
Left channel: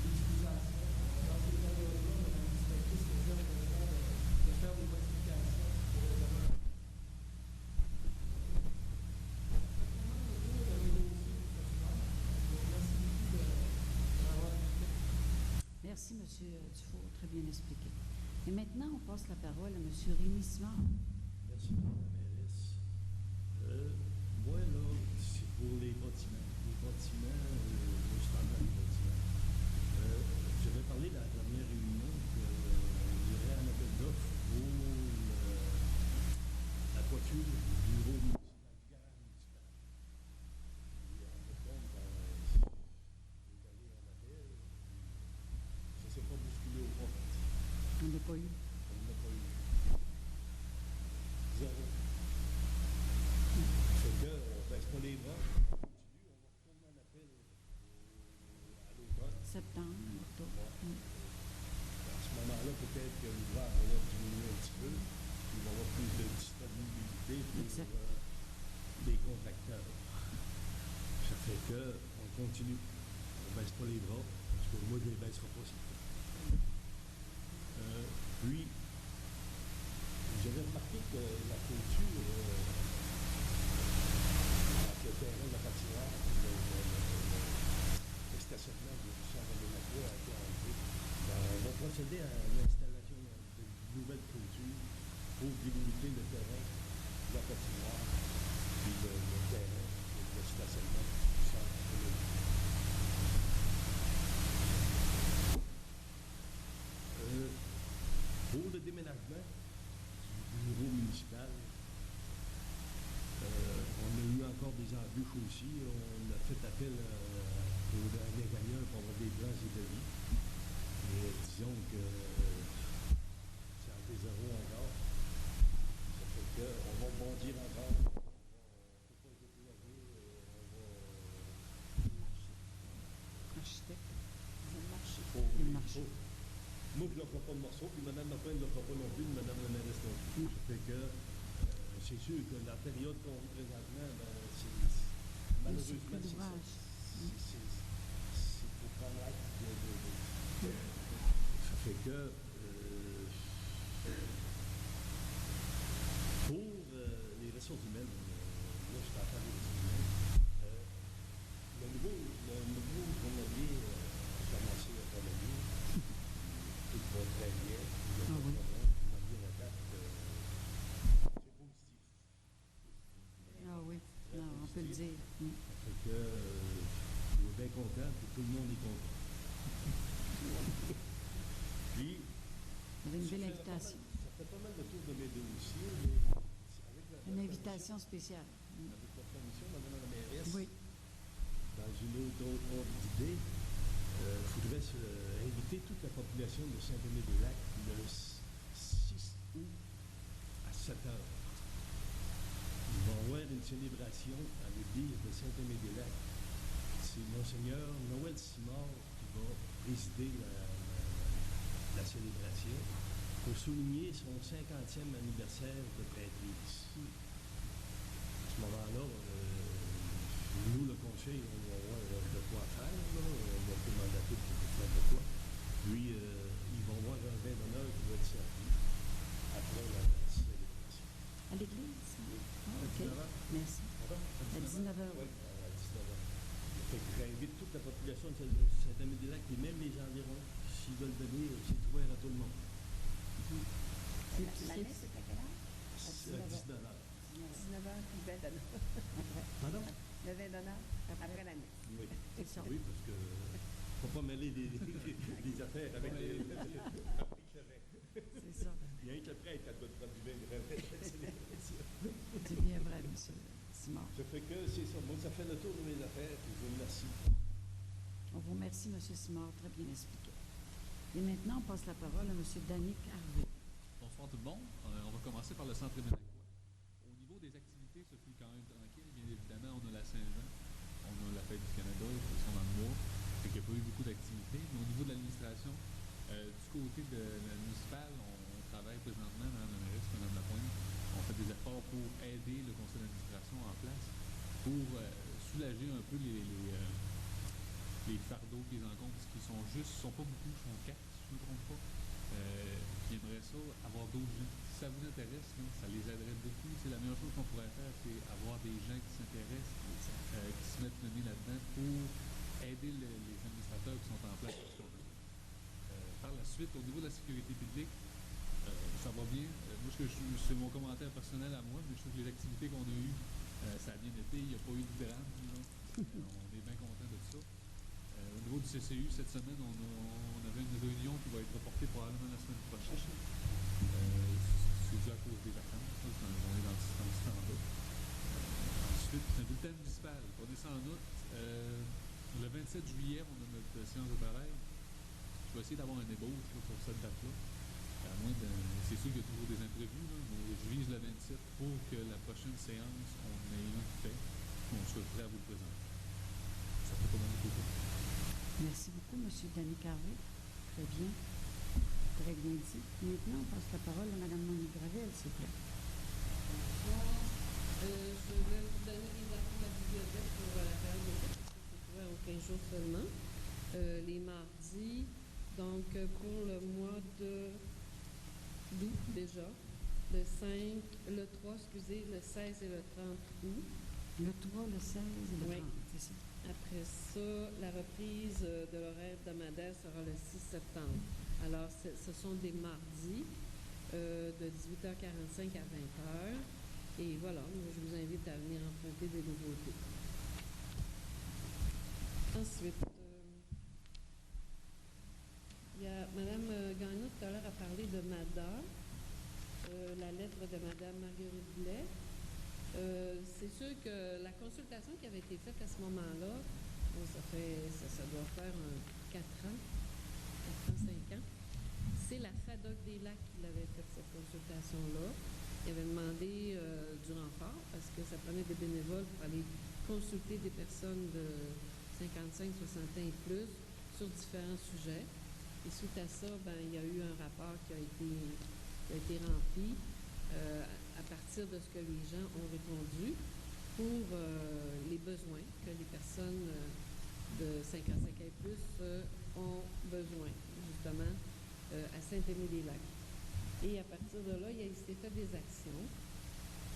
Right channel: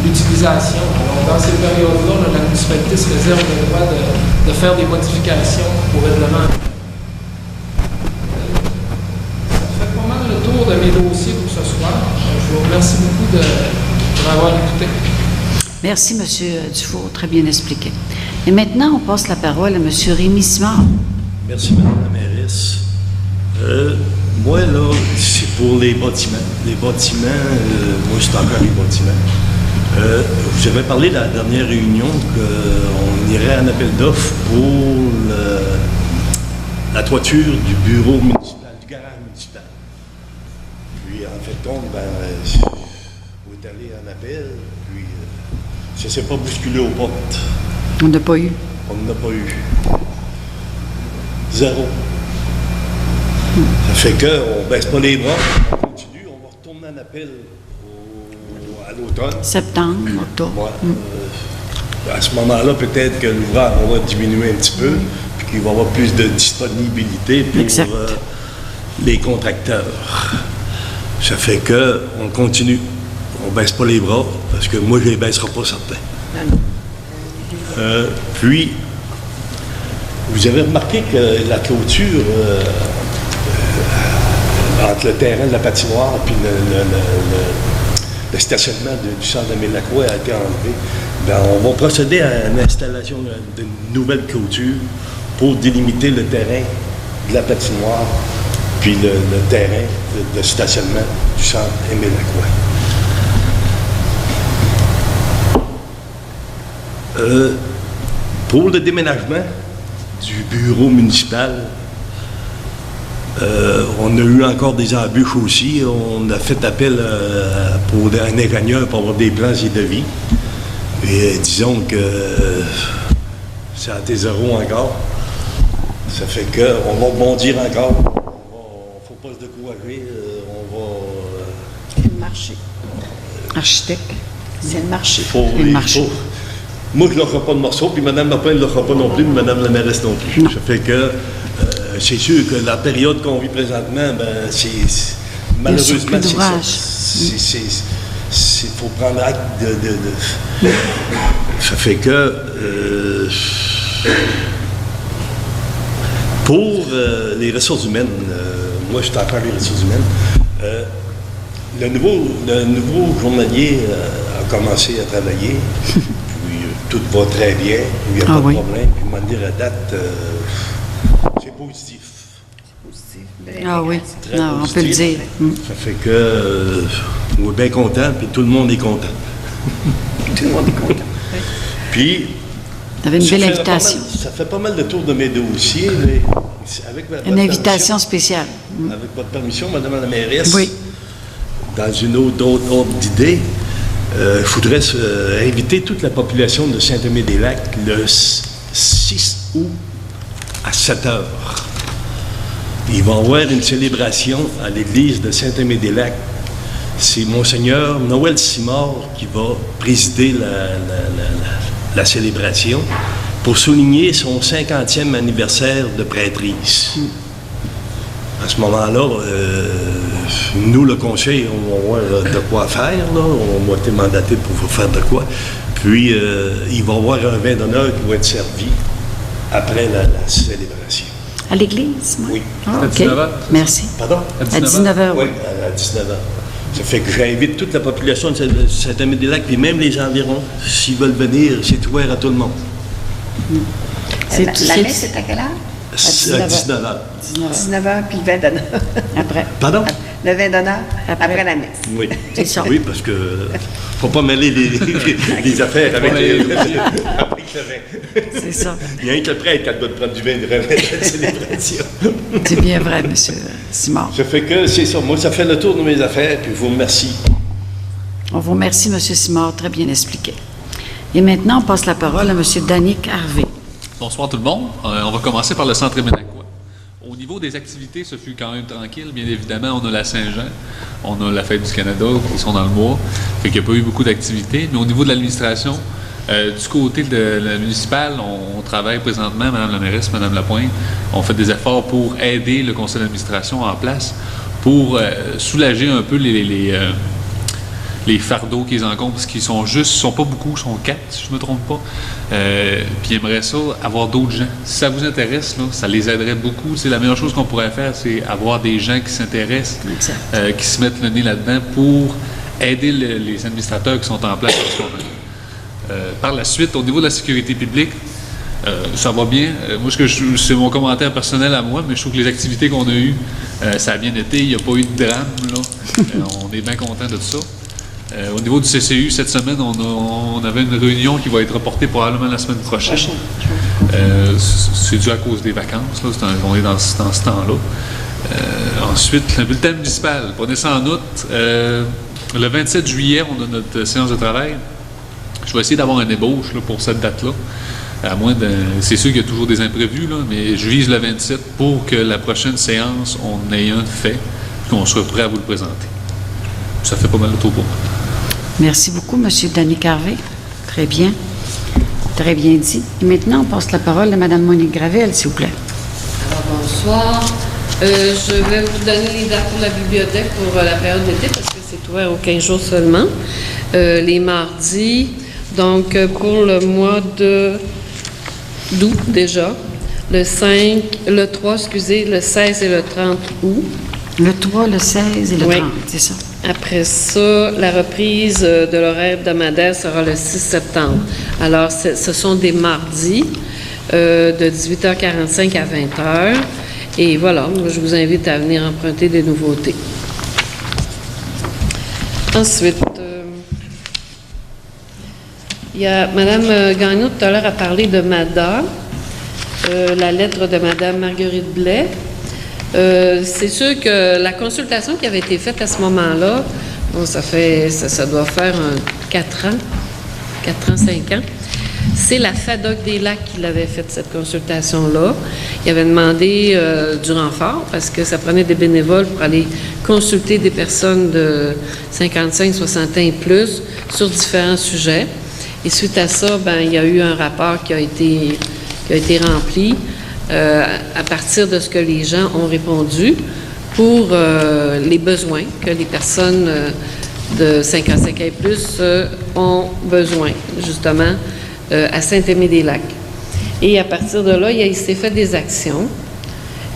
l'utilisation. Alors, dans ces périodes-là, la municipalité se réserve le droit de faire des modifications au règlement. De mes dossiers pour ce soir. Je vous remercie beaucoup de m'avoir écouté. Merci, M. Dufour. Très bien expliqué. Et maintenant, on passe la parole à M. Rémy Simard. Merci, Mme la mairesse. Moi, là, c'est pour les bâtiments. Les bâtiments, moi, c'est encore les bâtiments. J'avais parlé de la dernière réunion qu'on irait en appel d'offres pour la toiture du bureau municipal, du garage municipal. Puis, en fait, on est allé en appel, puis ça ne s'est pas bousculé aux portes. On n'a pas eu. On n'a pas eu. 0. Ça fait qu'on ne baisse pas les bras, on continue, on va retourner en appel à l'automne. Septembre, octobre. Ouais. À ce moment-là, peut-être que l'ouvrage va diminuer un petit peu, puis qu'il va y avoir plus de disponibilité pour les contracteurs. Ça fait qu'on continue. on ne baisse pas les bras, parce que moi, je ne les baisserai pas, certains. Puis, vous avez remarqué que la clôture entre le terrain de la patinoire et le stationnement du centre de Lacroix a été enlevé. Bien, on va procéder à l'installation d'une nouvelle clôture pour délimiter le terrain de la patinoire puis le terrain de stationnement du centre Émile Lacroix. Pour le déménagement du bureau municipal, on a eu encore des embûches aussi. On a fait appel pour un ingénieur pour avoir des plans et devis. Et disons que c'est à tes zéros encore. Ça fait qu'on va bondir encore. Il ne faut pas se décourager. C'est le marché. Architecte. C'est le marché. Le marché. Moi, je ne leur ferai pas de morceau, puis Mme Martin ne le fera pas non plus, puis Mme la mairesse non plus. Non. Ça fait que c'est sûr que la période qu'on vit présentement, ben, malheureusement, c'est ça. Il faut prendre acte de... Ça fait que... pour les ressources humaines, moi, je suis encore les ressources humaines, le nouveau journalier a commencé à travailler, puis tout va très bien, il n'y a pas de problème, puis m'en dire à date, c'est positif. Ah oui, Très non, on peut le positif. dire. Ça fait que on est bien content, puis tout le monde est content. Tout le monde est content. Puis, Vous avez une ça belle fait invitation. ça fait pas mal de tours de mes dossiers, mais avec votre Une invitation permission, spéciale. avec votre permission, Madame la mairesse, Oui. dans une autre ordre d'idée, je voudrais inviter toute la population de Saint-Aimé-des-Lacs le 6 août à 7 heures. Il va y avoir une célébration à l'église de Saint-Aimé-des-Lacs. C'est Monseigneur Noël Simard qui va présider la célébration pour souligner son 50e anniversaire de prêtrise. À ce moment-là, nous, le conseil, on va voir de quoi faire. Là. On va être mandaté pour faire de quoi. Puis, il va y avoir un vin d'honneur qui va être servi après la célébration. À l'église, moi? Oui. Ah, À OK. 19 heures? Merci. Pardon? À 19h, Oui, oui. à 19 h. Ça fait que j'invite toute la population de Saint-Aimé-des-Lacs, puis même les environs, s'ils veulent venir, c'est ouvert à tout le monde. C'est- La c'est- messe est à quelle heure? À 19 19 h. 19h, puis le vin d'honneur. Après. Pardon? Le vin d'honneur Après. après la messe. Oui. C'est ça. Oui, parce que faut pas mêler les affaires avec le vin. C'est ça. Il y a rien que le prêtre qui doit prendre du vin de la célébration. C'est bien vrai, M. Simard. Ça fait que c'est ça. Moi, ça fait le tour de mes affaires, puis je vous remercie. On vous remercie, M. Simard, très bien expliqué. Et maintenant, on passe la parole à M. Danick Harvey. Bonsoir tout le monde. On va commencer par le centre Éménacois. Au niveau des activités, ce fut quand même tranquille. Bien évidemment, on a la Saint-Jean, on a la Fête du Canada qui sont dans le mois. Fait qu'il n'y a pas eu beaucoup d'activités. Mais au niveau de l'administration, du côté de la municipale, on travaille présentement, Mme la mairesse, Mme Lapointe, on fait des efforts pour aider le conseil d'administration en place pour soulager un peu les fardeaux qu'ils encombrent, parce qu'ils sont pas beaucoup, ils sont 4, si je ne me trompe pas. Puis ils aimeraient ça, avoir d'autres gens. Si ça vous intéresse, là, ça les aiderait beaucoup. C'est la meilleure chose qu'on pourrait faire, c'est avoir des gens qui s'intéressent, qui se mettent le nez là-dedans pour aider les administrateurs qui sont en place en ce moment. Par la suite, au niveau de la sécurité publique, ça va bien. Moi, c'est mon commentaire personnel à moi, mais je trouve que les activités qu'on a eues, ça a bien été. Il n'y a pas eu de drame, là. On est bien content de ça. Au niveau du CCU, cette semaine, on avait une réunion qui va être reportée probablement la semaine prochaine. C'est dû à cause des vacances, là. On est dans ce temps-là. Ensuite, le bulletin municipal. Prenez ça en août. Le 27 juillet, on a notre séance de travail. Je vais essayer d'avoir un ébauche là, pour cette date-là. À moins de... C'est sûr qu'il y a toujours des imprévus, là, mais je vise le 27 pour que la prochaine séance, on ait un fait, qu'on soit prêt à vous le présenter. Ça fait pas mal de tour pour moi. Merci beaucoup, M. Danick Harvey. Très bien. Très bien dit. Et maintenant, on passe la parole à Mme Monique Gravel, s'il vous plaît. Alors, bonsoir. Je vais vous donner les dates pour la bibliothèque pour la période d'été parce que c'est ouvert aux 15 jours seulement. Les mardis, donc pour le mois d'août déjà, le 3, le 16 et le 30 août. Le 3, le 16 et le Oui. 30, c'est ça. Après ça, la reprise de l'horaire hebdomadaire sera le 6 septembre. Alors, ce sont des mardis de 18h45 à 20h. Et voilà, je vous invite à venir emprunter des nouveautés. Ensuite, il y a Mme Gagnon tout à l'heure a parlé de MADA, la lettre de Mme Marguerite Blais. C'est sûr que la consultation qui avait été faite à ce moment-là, bon, ça doit faire 4 ans, 5 ans. C'est la FADOC des Lacs qui l'avait faite, cette consultation-là. Il avait demandé du renfort parce que ça prenait des bénévoles pour aller consulter des personnes de 55, 60 ans et plus sur différents sujets. Et suite à ça, il y a eu un rapport qui a été rempli à partir de ce que les gens ont répondu pour les besoins que les personnes de 55 ans et plus ont besoin, justement, à Saint-Aimé-des-Lacs. Et à partir de là, il s'est fait des actions,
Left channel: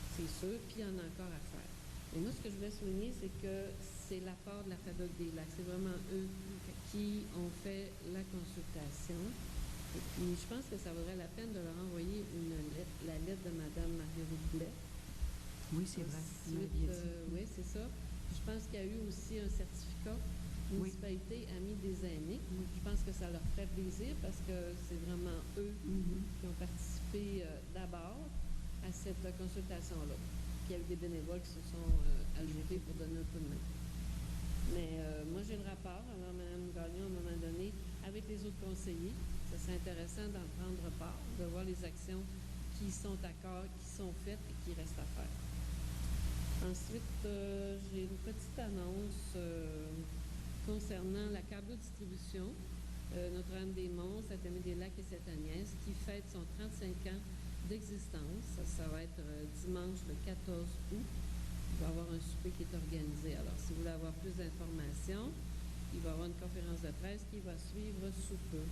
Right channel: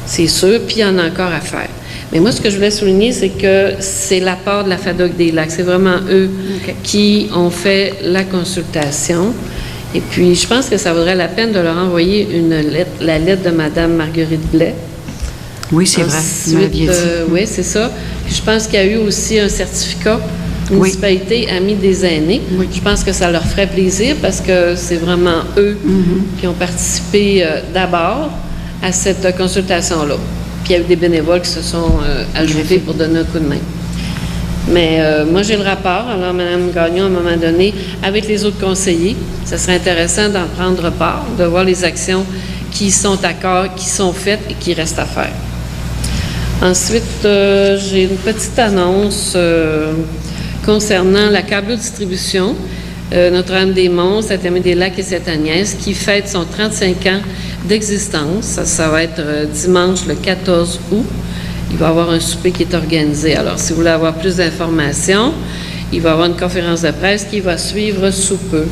c'est sûr, puis il y en a encore à faire. Mais moi, ce que je voulais souligner, c'est que c'est l'apport de la FADOC des Lacs. C'est vraiment eux qui ont fait la consultation. Et puis, je pense que ça vaudrait la peine de leur envoyer la lettre de Mme Marguerite Blais. Oui, c'est vrai. Vous m'aviez dit. Oui, c'est ça. Puis je pense qu'il y a eu aussi un certificat. La municipalité Amis des aînés. Oui. Je pense que ça leur ferait plaisir parce que c'est vraiment eux qui ont participé d'abord à cette consultation-là. Puis il y a eu des bénévoles qui se sont ajoutés pour donner un coup de main. Mais moi, j'ai le rapport. Alors, Mme Gagnon, à un moment donné, avec les autres conseillers, ça serait intéressant d'en prendre part, de voir les actions qui sont qui sont faites et qui restent à faire. Ensuite, j'ai une petite annonce concernant la câble-distribution. Notre-Dame-des-Monts, Saint-Aimé-des-Lacs et Sainte-Agnès, qui fête son 35 ans d'existence. Ça va être dimanche le 14 août. Il va y avoir un souper qui est organisé. Alors, si vous voulez avoir plus d'informations, il va y avoir une conférence de presse qui va suivre sous peu.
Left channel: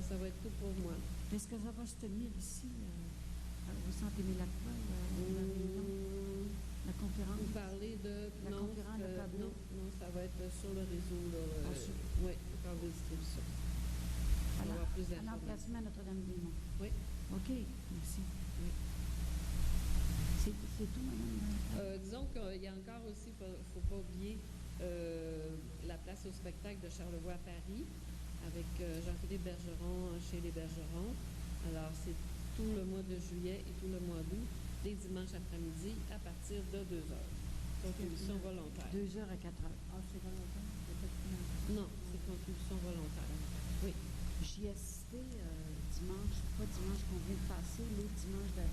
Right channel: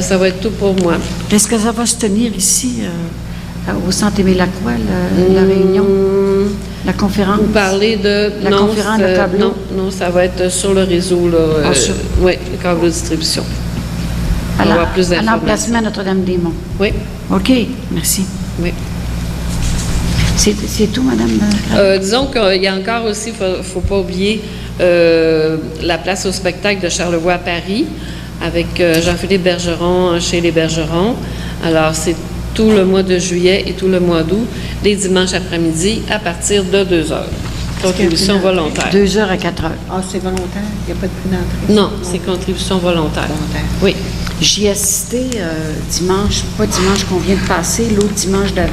Ça va être tout pour moi. Est-ce que ça va se tenir ici, au Centre Émile-Lacroix, la réunion, la conférence? Vous parlez de... La conférence de câbleau? Non, ça va être sur le réseau, là. Oui, le câble de distribution. On va avoir plus À d'informations. l'emplacement à Notre-Dame-des-Monts? Oui. OK, merci. Oui. C'est tout, Madame? Disons qu'il y a encore aussi, il ne faut pas oublier, la place au spectacle de Charlevoix à Paris, avec Jean-Philippe Bergeron chez les Bergerons. Alors, c'est tout le mois de juillet et tout le mois d'août, les dimanches après-midi, à partir de 2 heures. Contribution volontaire. 2 heures à 4 heures. Ah, c'est volontaire? Il n'y a pas de prix d'entrée? Non, c'est contribution volontaire. Oui. J'y ai assisté dimanche, pas dimanche qu'on vient de passer, l'autre dimanche d'avant.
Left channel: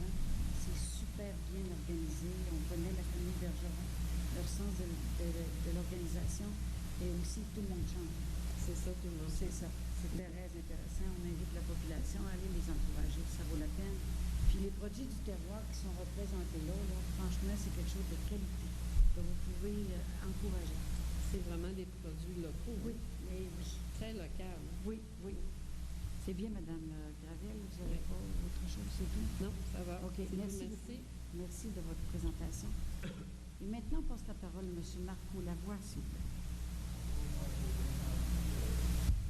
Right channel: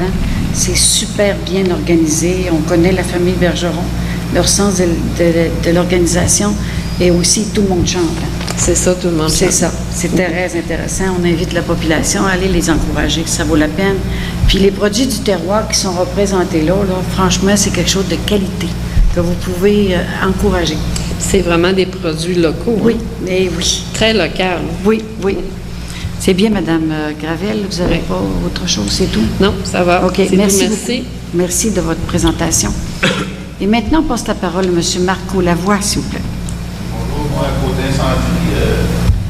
C'est super bien organisé. On connaît la famille Bergeron, leur sens de l'organisation, et aussi tout le monde chante. C'est ça, tout le monde C'est chante. ça. C'est très intéressant. On invite la population à aller les encourager, ça vaut la peine. Puis les produits du terroir qui sont représentés là, franchement, c'est quelque chose de qualité que vous pouvez encourager. C'est vraiment des produits locaux. Oui, hein? mais oui. Très local. Oui, oui. C'est bien, Madame Gravel. Vous n'avez pas autre chose, c'est tout? Non, ça va. OK, C'est tout, merci merci. beaucoup. Merci de votre présentation. Et maintenant, on passe la parole à M. Marco Lavoie, s'il vous plaît. Bonjour, moi, côté incendie,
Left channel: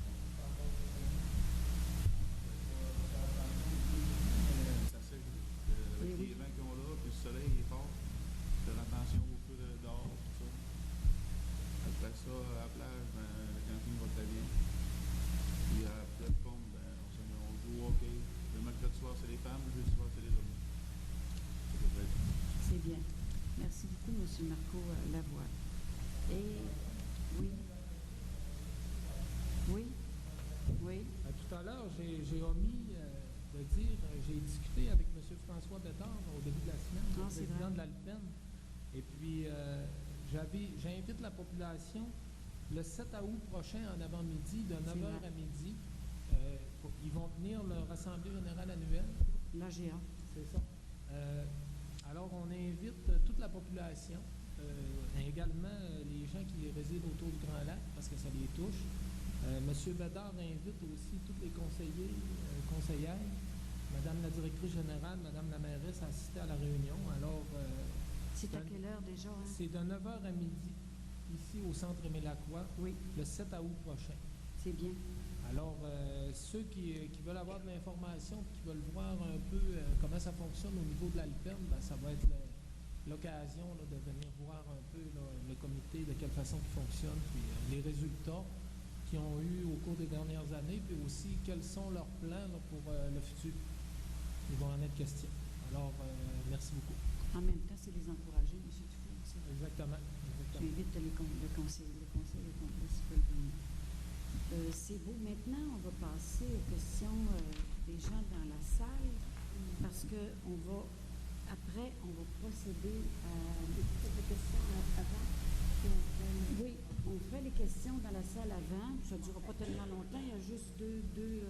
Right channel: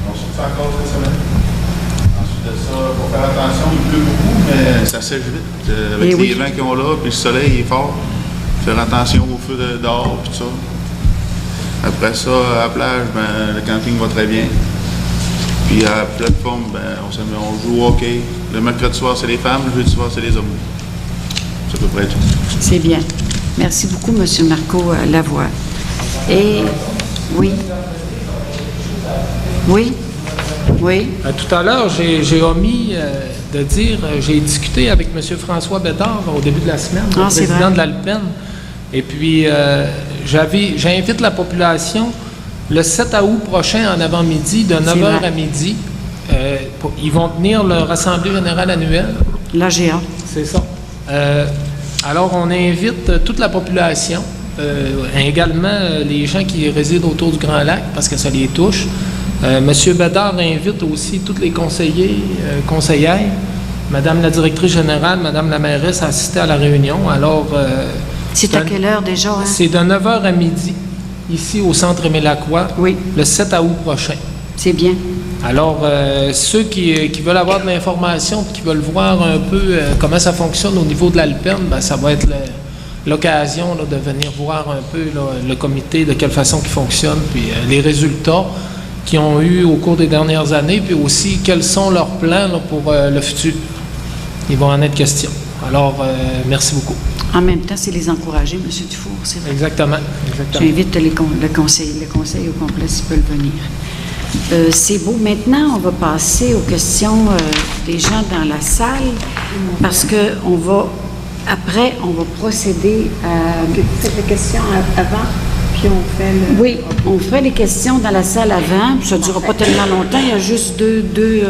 on surtout encore cette semaine. Ensuite de ça, il faut faire attention, il pleut beaucoup, mais ça sèche vite. Avec Eh les oui. vents qu'ils ont là, puis le soleil est fort. Faire attention au feu dehors, puis tout ça. Après ça, à la plage, le camping va très bien. Puis à la plateforme, on joue au hockey. Le mercredi soir, c'est les femmes, le jeudi soir, c'est les hommes. C'est à peu près tout. C'est bien. Merci beaucoup, M. Marco Lavoie. Et oui. Oui. Oui. Tout à l'heure, j'ai omis de dire, j'ai discuté avec M. François Bédard au début de la semaine, le Ah, c'est président vrai. de l'Alpen. Et puis, j'invite la population le 7 août prochain en avant-midi, de 9h vrai. à midi. Ils vont tenir leur assemblée générale annuelle. L'AGA. C'est ça. Alors, on invite toute la population également les gens qui résident autour du Grand Lac, parce que ça les touche. Monsieur Bédard invite aussi tous les conseillers, conseillères, Madame la directrice générale, Madame la mairesse à assister à la réunion. Alors, C'est à quelle heure déjà? Hein? c'est de 9h à midi, ici au Centre Émile Lacroix, Oui, le 7 août prochain. c'est bien. Alors, ceux qui veulent avoir de l'information, qui veulent voir un peu comment ça fonctionne au niveau de l'Alperne, ben, ça va être l'occasion là, de venir voir un peu là, le comité, de quelle façon il fonctionne, puis les résultats qu'ils ont eu au cours des dernières années, puis aussi quels sont leurs plans là, pour le futur. Ils vont en être question. Alors, merci beaucoup. En même temps, c'est les encourager, M. Dufour, c'est vrai. Exactement. J'invite le conseil au complet s'ils peuvent venir. C'est beau. Maintenant, on va passer aux questions des gens dans la salle parce que après, on va procéder à... Faites les questions avant, puis on fait le... Oui, on ferait les questions dans la salle avant. Ça ne durera pas tellement longtemps. Il y a juste deux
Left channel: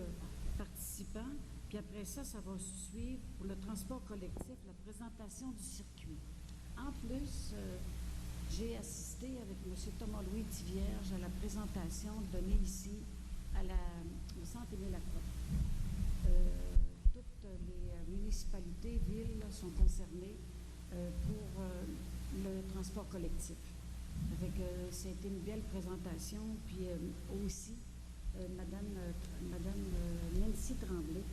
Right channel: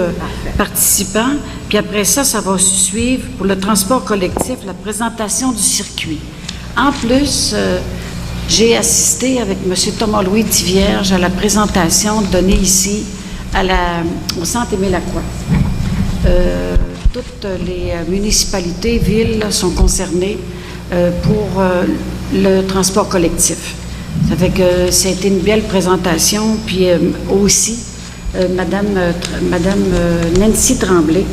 participants. Puis après ça, ça va suivre pour le transport collectif, la présentation du circuit. En plus, j'ai assisté avec M. Thomas-Louis Tivierge à la présentation donnée ici au Centre Émile Lacroix. Toutes les municipalités, villes sont concernées pour le transport collectif. Ça fait que ça a été une belle présentation. Puis aussi, Madame Nancy Tremblay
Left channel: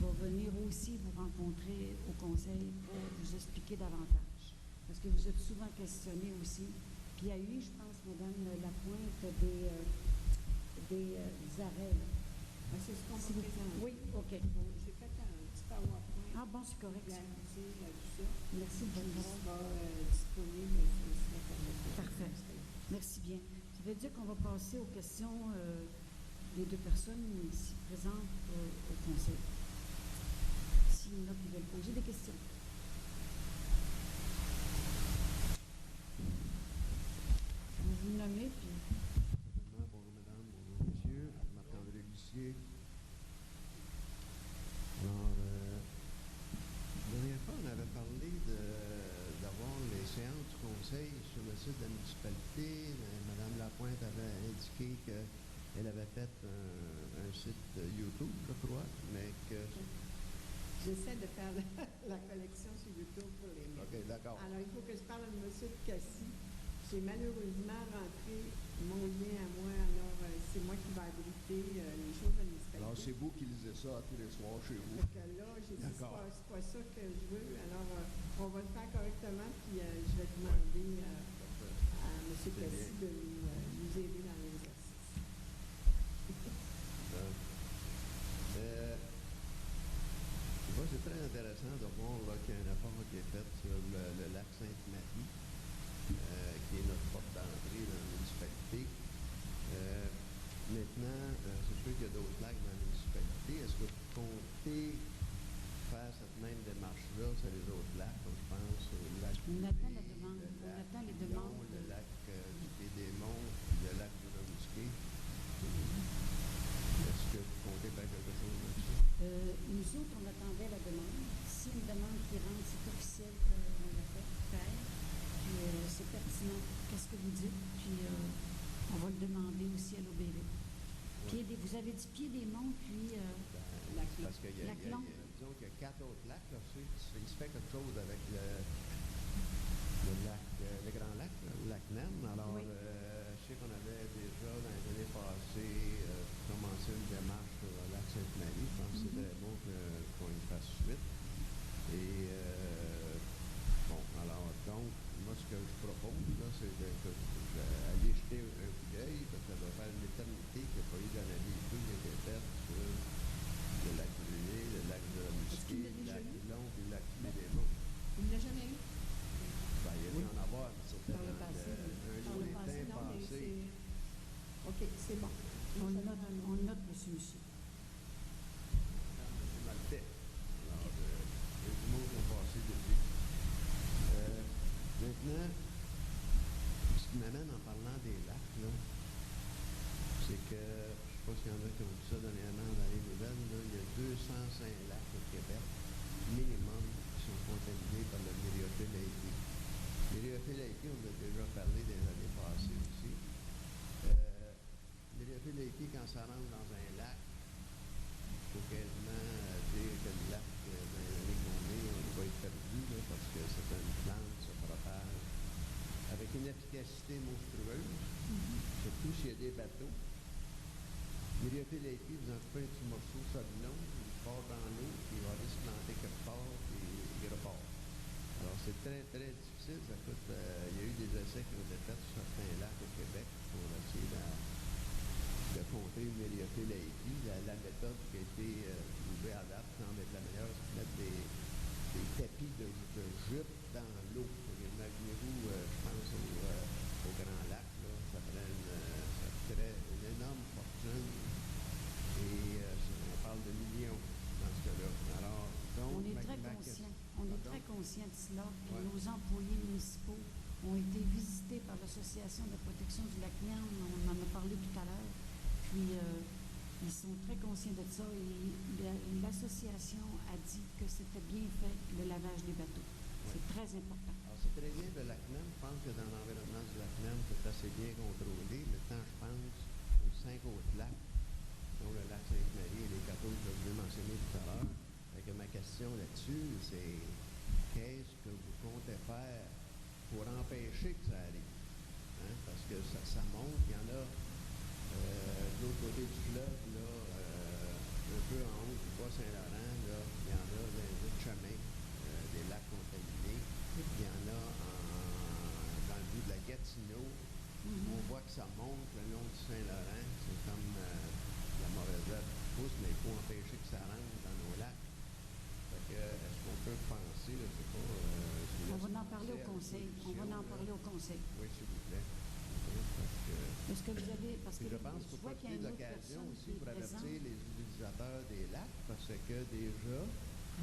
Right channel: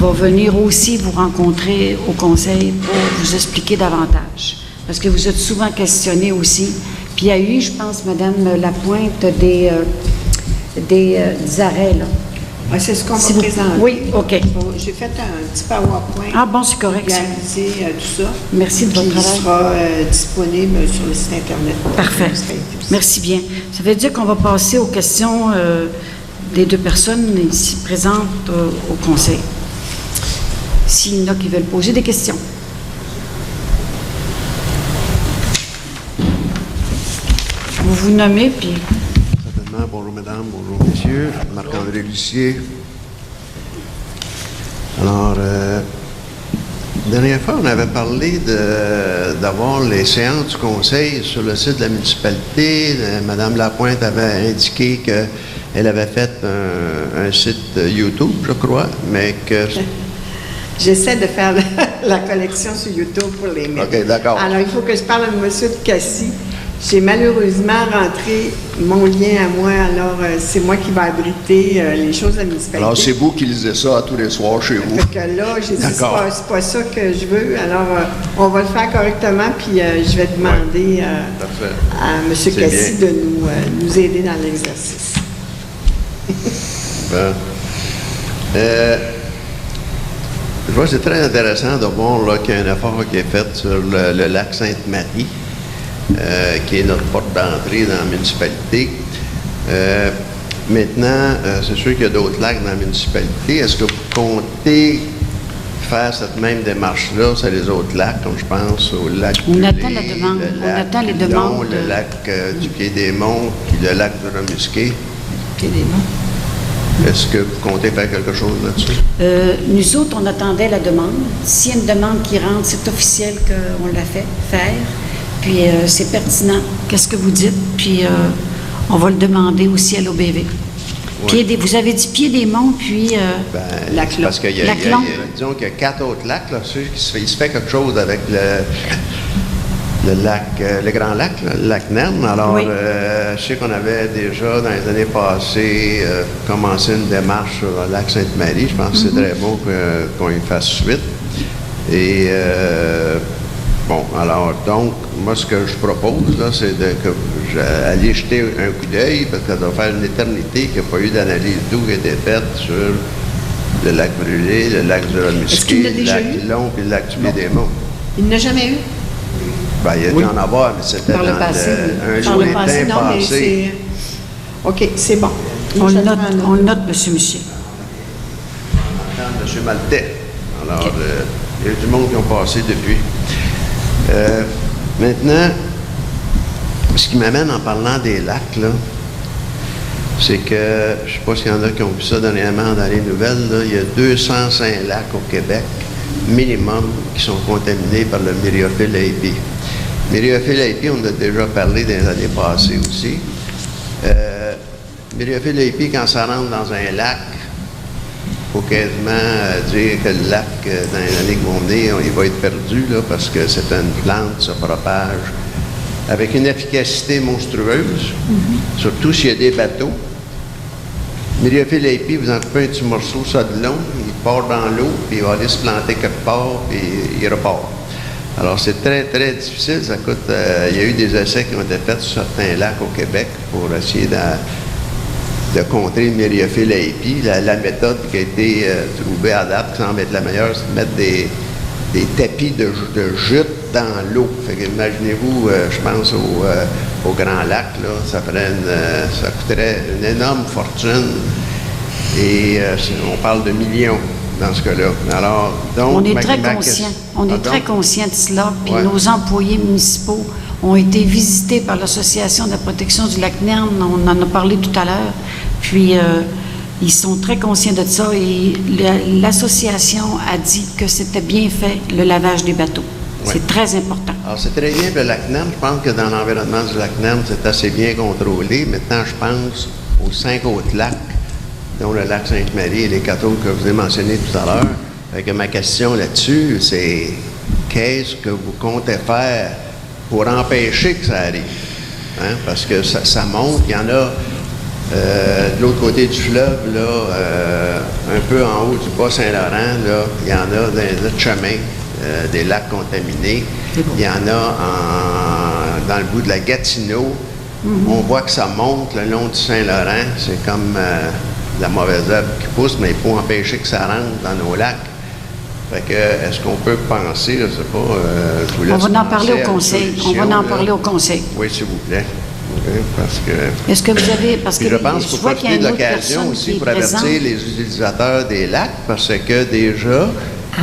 va venir aussi vous rencontrer au conseil pour vous expliquer davantage. Parce que vous êtes souvent questionné aussi. Puis il y a eu, je pense, Madame Lapointe, des arrêts, là. Ouais, c'est ce qu'on Si va vous- présenter. Oui, OK. Bon, j'ai fait un petit PowerPoint. Ah bon, c'est correct, ça. Réaliser tout ça. Merci de votre Qui travail. sera disponible sur le site Internet. Parfait. Merci bien. Ça veut dire qu'on va passer aux questions des deux personnes ici présentes au conseil. S'il y en a qui veulent poser des questions. Vous vous nommez, puis Certainement. Bonjour, mesdames, bonjour, messieurs. Marc-André Lucier. Alors, la dernière fois, on avait parlé d'avoir les séances du conseil sur le site de la municipalité. Madame Lapointe avait indiqué qu'elle avait fait un site YouTube, je crois, mais que... J'essaie de faire la collection sur YouTube pour les mettre. OK, d'accord. Alors, il faut que je parle à M. de Cassis. J'ai malheureusement rentré mon lien à moi, alors c'est moi qui vais abriter les choses de la municipalité. Alors, c'est vous qui lisez ça tous les soirs chez vous. Fait que là, j'ai dit, D'accord. c'est pas ça que je veux. Alors, on va le faire correctement, puis je vais demander Parfait. à M. C'est Cassis bien. de nous aider dans l'exercice. Bon. Je vois que c'est très intéressant de voir là, qu'il y a un effort qui est fait sur le lac Sainte-Marie, qui est notre porte d'entrée dans la municipalité. Maintenant, c'est sûr qu'il y a d'autres lacs dans la municipalité. Est-ce que vous comptez faire cette même démarche-là sur les autres lacs, comme je pense au lac On du attend Lé, la demande. le On lac attend les Pilon, demandes. le lac du Pied-des-Monts, puis le lac de Remusquet. Est-ce que vous comptez faire quelque chose là-dessus? Nous autres, on attendait la demande. S'il y a une demande qui rentre, c'est officiel qu'on l'a fait faire. Puis c'est pertinent. Qu'est-ce que vous dites? Puis on va le demander aussi à l'OBV. Vous avez dit Pied-des-Monts, puis Ben, Lac c'est parce qu'il y a, Lac Long. disons qu'il y a 4 autres lacs, là, il se fait quelque chose avec le lac, le grand lac, là, le lac Nerne. Alors, Oui. je sais qu'on avait déjà, dans les années passées, commencé une démarche sur le lac Sainte-Marie. Je pense que c'est très bon qu'on y fasse suite. Et, bon, alors, donc, moi, ce que je propose, là, c'est d'aller jeter un coup d'œil, parce que ça doit faire une éternité qu'il n'y a pas eu d'analyse d'eau qui a été faite sur le lac Brûlé, le lac du Est-ce qu'il Remusquet, l'a le déjà lac eu? Pilon puis le lac du Pied-des-Monts. Il n'a jamais eu? Ben, il y a dû en avoir, mais c'était Par le dans passé, un Par le lointain passé, non, mais passé. c'est... OK, c'est bon. on le Je note, prends note. on le note, M. Michier. M. Maltais. Alors, il y a du monde qui ont passé depuis. Maintenant, ce qui m'amène en parlant des lacs, là, c'est que, je ne sais pas s'il y en a qui ont vu ça dernièrement dans les nouvelles, là, il y a 205 lacs au Québec, minimum, qui sont contaminés par le myriophylle AB. Mériophile-Laipi, on en a déjà parlé dans les années passées aussi. Mériophile-Laipi, quand ça rentre dans un lac, il faut quasiment dire que le lac, dans les années qui vont venir, il va être perdu, là, parce que c'est une plante qui se propage avec une efficacité monstrueuse, surtout s'il y a des bateaux. Mériophile-Laipi, vous en coupez un petit morceau, ça de long, il part dans l'eau, puis il va aller se planter quelque part, puis il repart. Alors, c'est très, très difficile. Ça coûte. Il y a eu des essais qui ont été faits sur certains lacs au Québec pour essayer de contrer le Mériophile-Laipi. La méthode qui a été trouvée à date, qui semble être la meilleure, c'est de mettre des tapis de jute dans l'eau. Fait que imaginez-vous, je pense au Grand Lac, là, ça coûterait une énorme fortune. Et on parle de millions dans ce cas-là. Alors, donc, on est très conscient. On est très conscient de cela. Puis nos employés municipaux ont été visités par l'Association de la protection du lac Nern. On en a parlé tout à l'heure. Puis, ils sont très conscients de ça. Et l'association a dit que c'était bien fait, le lavage des bateaux. Oui. C'est très important. Alors, c'est très bien pour le lac Nern. Je pense que dans l'environnement du lac Nern, c'est assez bien contrôlé. Maintenant, je pense aux 5 autres lacs, dont le lac Sainte-Marie et les 4 autres que je vous ai mentionnés tout à l'heure. Fait que ma question là-dessus, c'est qu'est-ce que vous comptez faire pour empêcher que ça arrive? Hein? Parce que ça monte. Il y en a de l'autre côté du fleuve, là, un peu en haut du Bas-Saint-Laurent, là, il y en a dans les autres chemins, des lacs contaminés. Il y en a dans le bout de la Gatineau. On voit que ça monte le long du Saint-Laurent. C'est comme la mauvaise herbe qui pousse, mais il faut empêcher que ça rentre dans nos lacs. Fait que, est-ce qu'on peut penser, je ne sais pas, je vous laisse on va en parler au conseil. On va en parler au conseil. Oui, s'il vous plaît. Okay, parce que... Est-ce que vous avez... Parce que je pense qu'il faut profiter de l'occasion aussi pour avertir les utilisateurs des lacs, parce que déjà,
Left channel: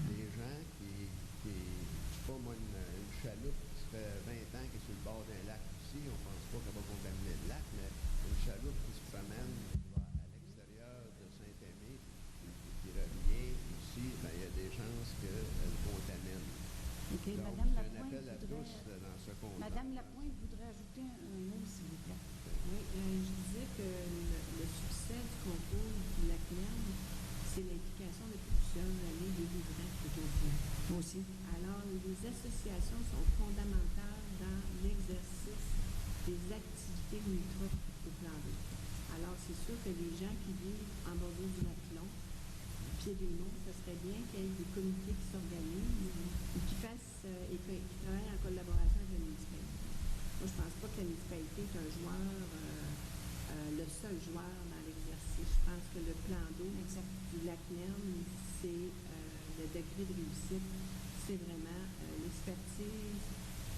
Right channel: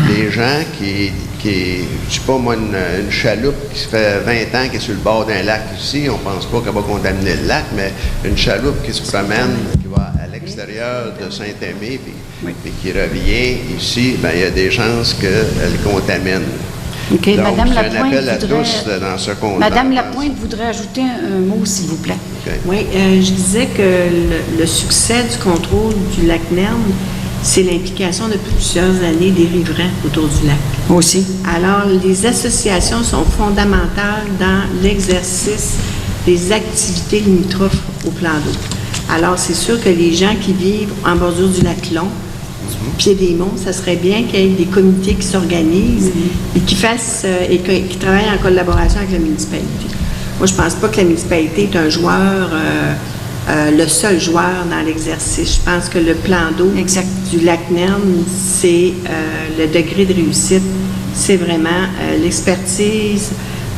les gens qui je sais pas moi, une chaloupe qui se fait 20 ans qui est sur le bord d'un lac ici, on pense pas qu'elle va contaminer le lac, mais une chaloupe qui se promène, qui va à l'extérieur de Saint-Aimé, puis qui revient ici, bien, il y a des chances qu'elle contamine. OK. Donc, Madame c'est Lapointe un appel à voudrait... tous dans ce compte. Madame Lapointe voudrait ajouter un mot, s'il vous plaît. Okay. Oui, je disais que le succès du contrôle du lac Nern, c'est l'implication de plusieurs années des riverains autour du lac. Aussi. Alors, les associations sont fondamentales dans l'exercice des activités limitrophes au plan d'eau. Alors, c'est sûr que les gens qui vivent en bordure du lac Long, Pied-des-Monts, ça serait bien qu'il y ait des comités qui s'organisent et qui fassent et qui travaillent en collaboration avec la municipalité. Moi, je ne pense pas que la municipalité est un joueur, le seul joueur dans l'exercice. Je pense que le plan d'eau du lac Nern, c'est le degré de réussite, c'est vraiment l'expertise,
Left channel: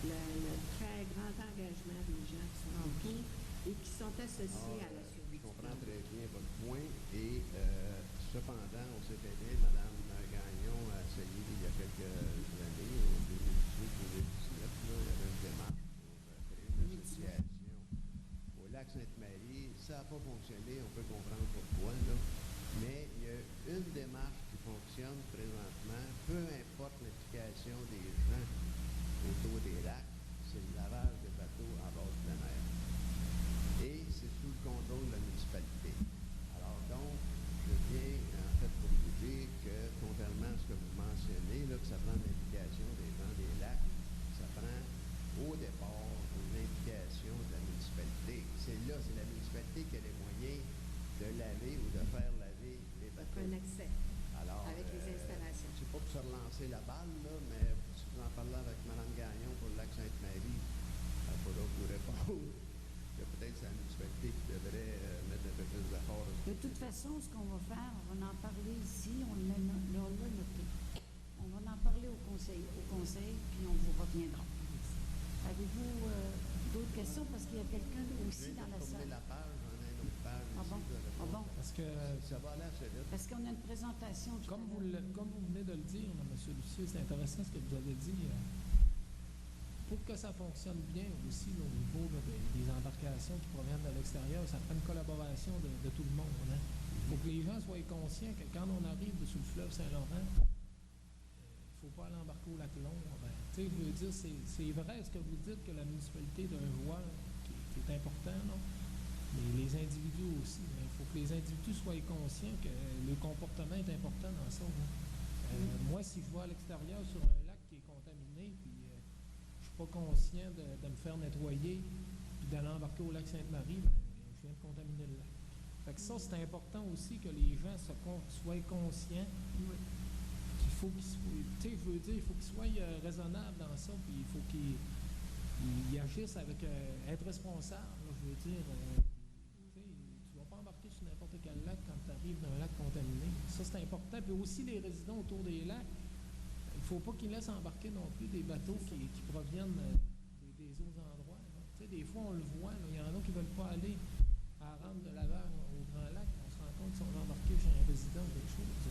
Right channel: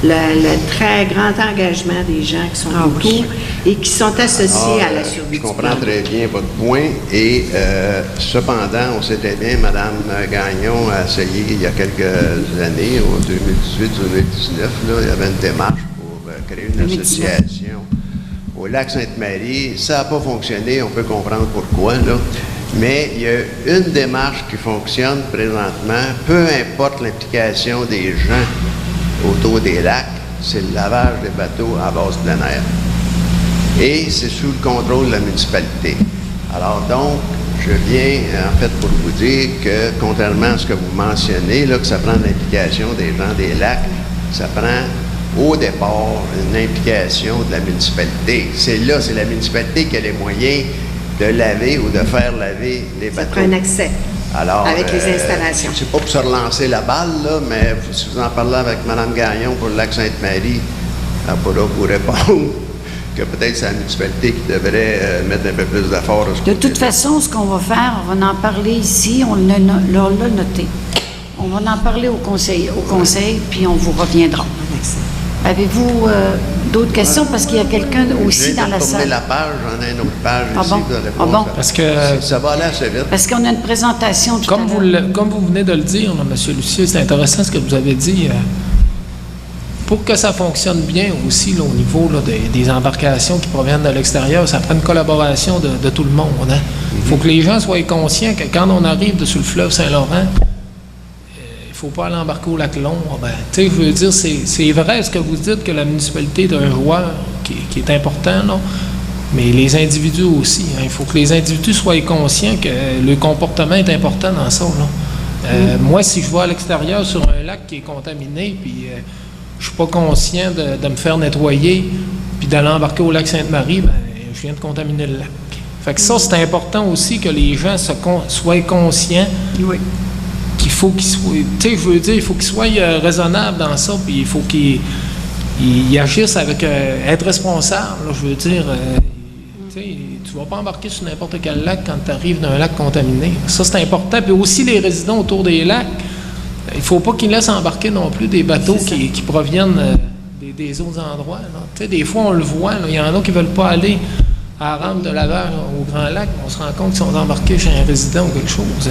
le très grand engagement des gens qui sont autour et qui sont associés à la survie. Je comprends très bien votre point et cependant, on sait très bien, Mme Gagnon a essayé il y a quelques années, en 2018-2019, il y avait une démarche pour créer une association au lac Sainte-Marie. Ça n'a pas fonctionné, on peut comprendre pourquoi, là. Mais il y a une démarche qui fonctionne présentement, peu importe l'implication des gens autour des lacs, c'est le lavage des bateaux à base de plein air. Et c'est sous le contrôle de la municipalité. Alors donc, je viens en fait pour vous dire que, contrairement à ce que vous mentionnez, là, que ça prend l'implication des gens des lacs, ça prend au départ une implication de la municipalité. C'est la municipalité qui a les moyens de laver ou de faire laver les bateaux. Ça prend un accès. Alors, avec les installations. C'est pas pour se relancer la balle, là, mais si vous en parlez avec Mme Gagnon pour le lac Sainte-Marie, elle pourra vous répondre que peut-être c'est la municipalité qui devrait mettre un peu plus d'efforts. De toute façon, ce qu'on va faire, on va en parler ici, on l'a noté. On va en parler au conseil, puis on vous reviendra. Avez-vous d'autres questions? Parce qu'il y a quelqu'un aussi dans la salle. La page, j'en ai une autre page ici. Bon? Ah bon? Parce que ça va aller assez vite. Parce qu'on a une présentation tout à l'heure. Comme vous venez de le dire, là, M. Lucier, c'est intéressant ce que vous avez dit. Pour que ça fonctionne bien aussi là, au niveau là, des embarcations qui proviennent de l'extérieur, ça prend une collaboration de tout le monde. Il faut que les gens soient conscients que quand on arrive sur le fleuve Saint-Laurent, il faut pas aller embarquer au lac Long. Ben, tu sais, je veux dire, c'est vrai ce que vous dites, que la municipalité est un joueur qui est important, là, mais les individus aussi. Hein, il faut que les individus soient conscients que le comportement est important dans ça, là. Moi, si je vais à l'extérieur sur un lac qui est contaminé, puis je suis pas conscient de me faire nettoyer, puis d'aller embarquer au lac Sainte-Marie, ben, je viens de contaminer le lac. Fait que ça, c'est important aussi que les gens soient conscients qu'il faut qu'ils soient... Tu sais, je veux dire, il faut qu'ils soient raisonnables dans ça, puis il faut qu'ils agissent avec... être responsables, là, je veux dire. Tu sais, tu vas pas embarquer sur n'importe quel lac quand tu arrives d'un lac contaminé. Ça, c'est important. Puis aussi, les résidents autour des lacs, il faut pas qu'ils laissent embarquer non plus des bateaux qui proviennent des autres endroits. Tu sais, des fois, on le voit, il y en a qui veulent pas aller à la rampe de lavage au Grand Lac, on se rend compte qu'ils sont embarqués chez un résident ou quelque chose.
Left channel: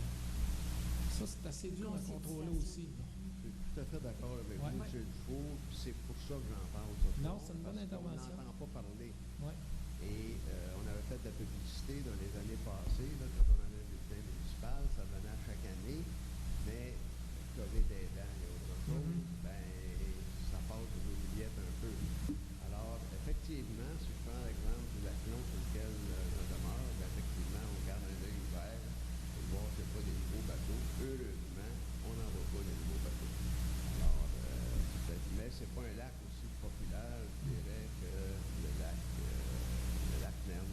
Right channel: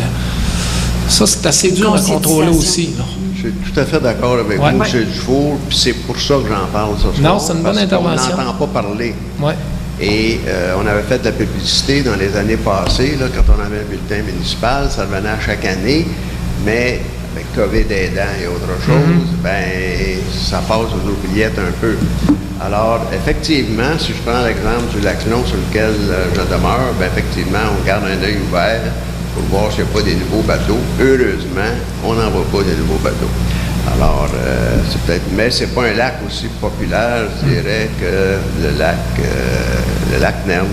Ça, c'est assez dur à contrôler aussi. Là. Je suis tout à fait d'accord avec vous, M. Dufour, puis c'est pour ça que j'en parle ce soir. Non, c'est une bonne intervention. On n'entend pas parler. Oui. Et on avait fait de la publicité dans les années passées, là, quand on avait un bulletin municipal, ça revenait à chaque année, mais avec COVID aidant et autre chose, ben ça passe aux oubliettes un peu. Alors, effectivement, si je prends l'exemple du lac Long sur lequel je demeure, bien, effectivement, on garde un œil ouvert pour voir s'il n'y a pas des nouveaux bateaux. Heureusement, on n'en voit pas des nouveaux bateaux. Alors, c'est peut-être... Mais c'est pas un lac aussi populaire, je dirais, que le lac Nerne.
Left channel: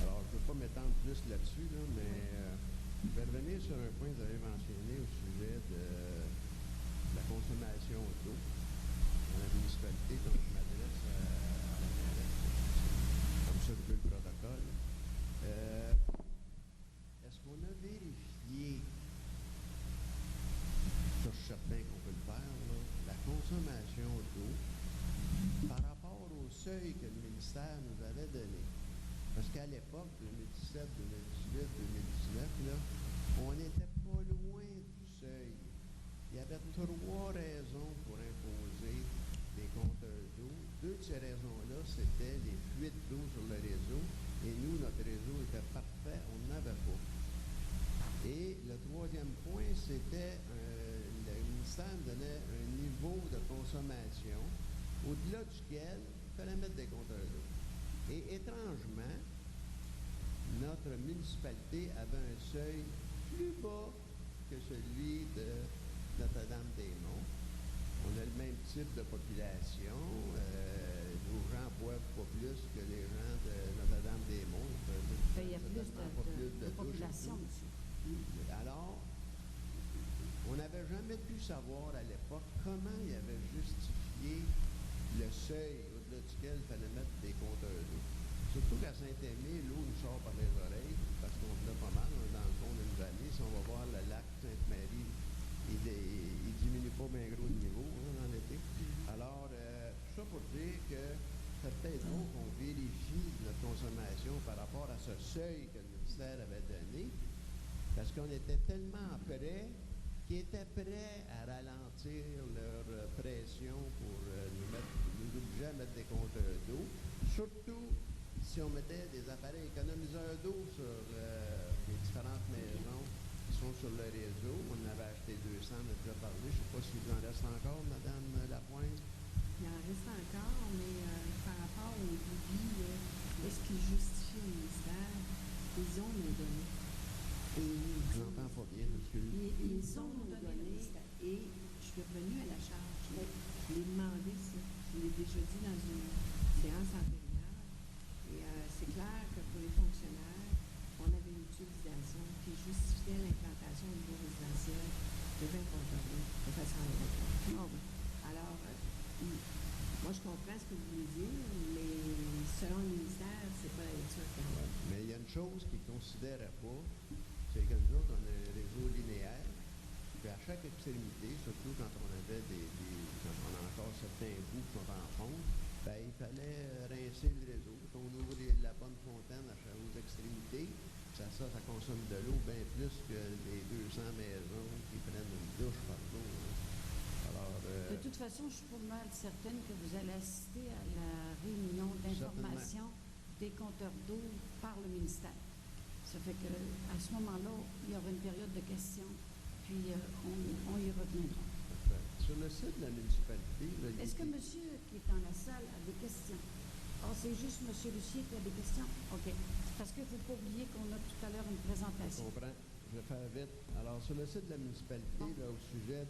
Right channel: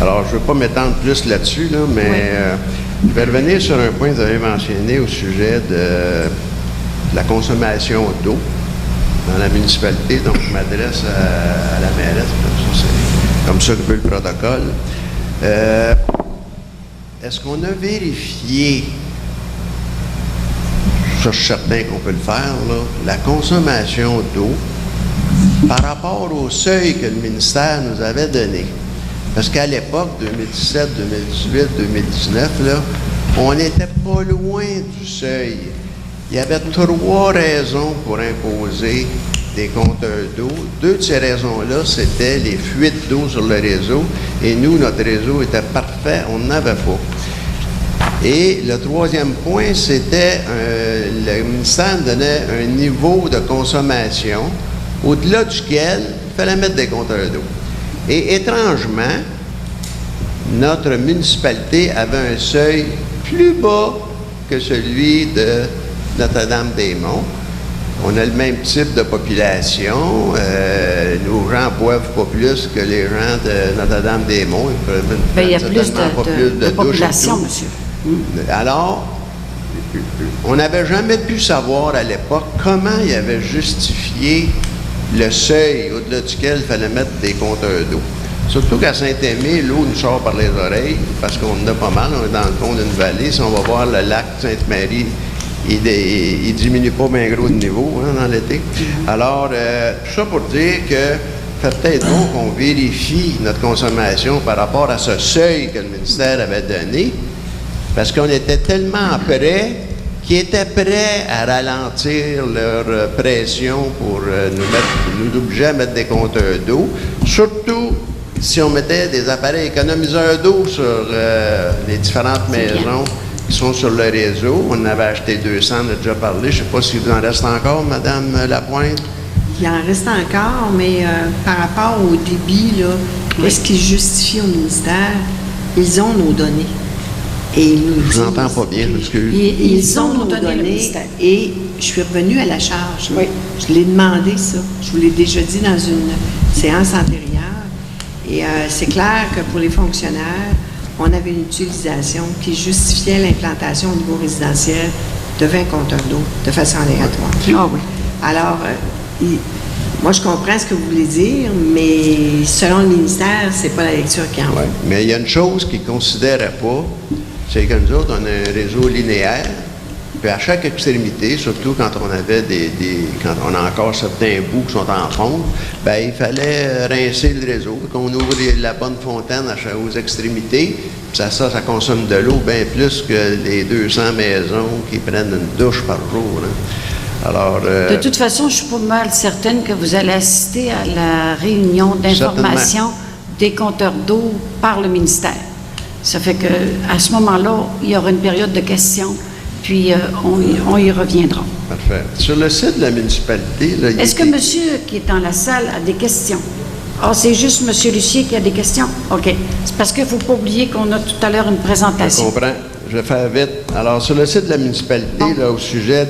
Alors, je ne veux pas m'étendre plus là-dessus, là, mais je vais revenir sur un point que vous avez mentionné au sujet de la consommation d'eau dans la municipalité. Donc, je m'adresse à la mairesse, c'est comme ça que veut le protocole. Est-ce qu'on a vérifié, ça je suis certain qu'on peut le faire, là, la consommation d'eau par rapport au seuil que le ministère nous avait donné? Parce qu'à l'époque, 2017, 2018, 2019, là, on n'était pas loin du seuil. Il y avait 3 raisons pour imposer des compteurs d'eau. 2 de ces raisons-là, c'était les fuites d'eau sur le réseau. Et nous, notre réseau était parfait, on n'avait pas. Et le 3e point, c'était le ministère donnait un niveau de consommation au-delà duquel il fallait mettre des compteurs d'eau. Et étrangement, notre municipalité avait un seuil plus bas que celui de Notre-Dame-des-Monts. On a le même type de population. Nos gens boivent pas plus que les gens de Notre-Dame-des-Monts. Il y a plus de population, monsieur. Alors, on n'avait jamais pu savoir à l'époque comment il avait justifié le seuil au-delà duquel il fallait mettre des compteurs d'eau. Surtout qu'à Saint-Aimé, l'eau nous sort par les oreilles, parce qu'on en a pas mal, on est dans le fond d'une vallée. Si on va voir le lac Sainte-Marie, il diminue pas bien gros de niveau dans l'été. Alors, tout ça pour dire que fait peut-être bon qu'on vérifie notre consommation par rapport à ce seuil que le ministère avait donné, parce qu'on était tellement prêts qu'ils étaient prêts à ralentir leur pression pour nous obliger à mettre des compteurs d'eau, surtout si on mettait des appareils économiseurs d'eau sur les différentes maisons qui sont sur le réseau. On en avait acheté 200, on a déjà parlé. Je ne sais pas si vous en reste encore, Mme Lapointe. Il en reste encore, mais par rapport au débit, là, qu'est-ce qui justifie au ministère? Ils ont nos données. Et ils nous je vous entends pas bien, excusez. Ils ont nos données et je suis revenue à la charge. Oui. Je l'ai demandé, ça. Je vous l'ai déjà dit dans une séance antérieure. Et c'est clair que pour les fonctionnaires, on avait une utilisation qui justifiait l'implantation au niveau résidentiel de 20 compteurs d'eau de façon aléatoire. Ah oui. Alors, moi, je comprends ce que vous voulez dire, mais selon le ministère, c'est pas la lecture qui en vaut. Mais il y a une chose qu'ils ne considéraient pas, c'est que nous autres, on a un réseau linéaire, puis à chaque extrémité, surtout quand on avait quand on a encore certains bouts qui sont en fonte, bien, il fallait rincer le réseau, qu'on ouvre la bonne fontaine aux extrémités, puis ça consomme de l'eau bien plus que les 200 maisons qui prennent une douche par jour. Hein. Alors, de toute façon, je suis pas mal certaine que vous allez assister à la réunion d'information des compteurs d'eau par le ministère. Ça fait qu'à ce moment-là, il y aura une période de questions puis on y reviendra. Parfait. Sur le site de la municipalité, là, Est-ce que monsieur qui est dans la salle a des questions? Ah, c'est juste monsieur Lucier qui a des questions? OK. C'est parce qu'il ne faut pas oublier qu'on a tout à l'heure une Je présentation. comprends. Je vais faire vite. Alors, sur le site de la municipalité, là, au sujet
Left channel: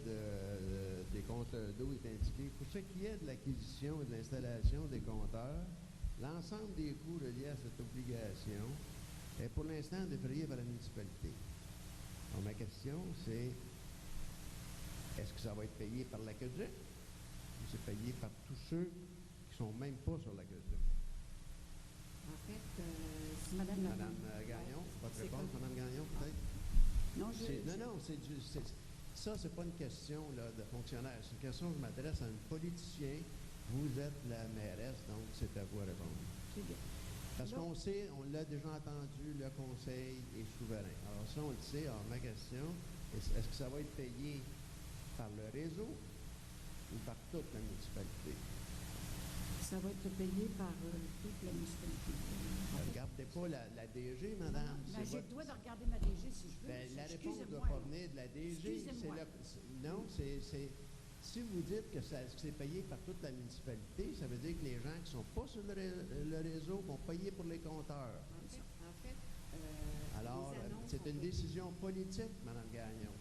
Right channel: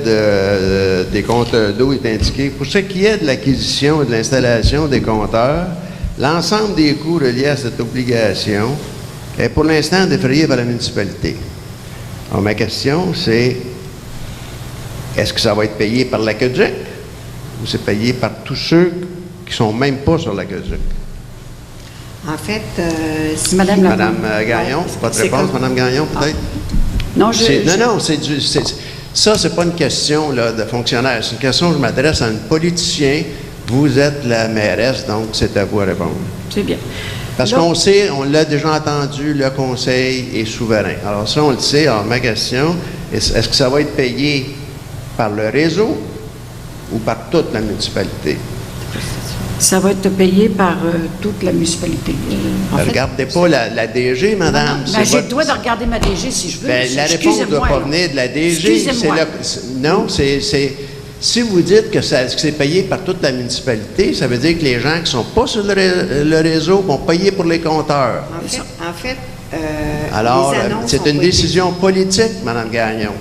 des compteurs d'eau, est indiqué, pour ce qui est de l'acquisition et de l'installation des compteurs, l'ensemble des coûts reliés à cette obligation est pour l'instant défrayé par la municipalité. Alors, ma question, c'est, est-ce que ça va être payé par l'AQDIC ou c'est payé par tous ceux qui sont même pas sur l'AQDIC? En fait, C'est Madame la- Madame Gagnon, pas de c'est réponse, comme- Madame Gagnon, peut-être? Non, ça, c'est pas une question là, de fonctionnaire. C'est une question, je m'adresse à un politicien. Vous êtes la mairesse, donc c'est à vous à répondre. c'est bien. Parce Là- qu'on sait, on l'a déjà entendu, le conseil est souverain. Alors ça, on le sait. Alors ma question, est-ce que ça va être payé par le réseau ou par toute la municipalité? Ça va être payé par toute la municipalité. En fait, Regardez pas la DG, madame. non, c'est ben, j'ai le votre- droit de regarder ma DG si je veux. Ben, la réponse ne doit Excusez-moi, pas là. venir de la DG. Excusez-moi. Non, si vous dites que c'est payé par toute la municipalité, ça veut dire que les gens qui ne sont pas sur le réseau vont payer pour les compteurs. En fait, Alors, les annonces c'est ont une pas été- décision politique, Mme Gagnon.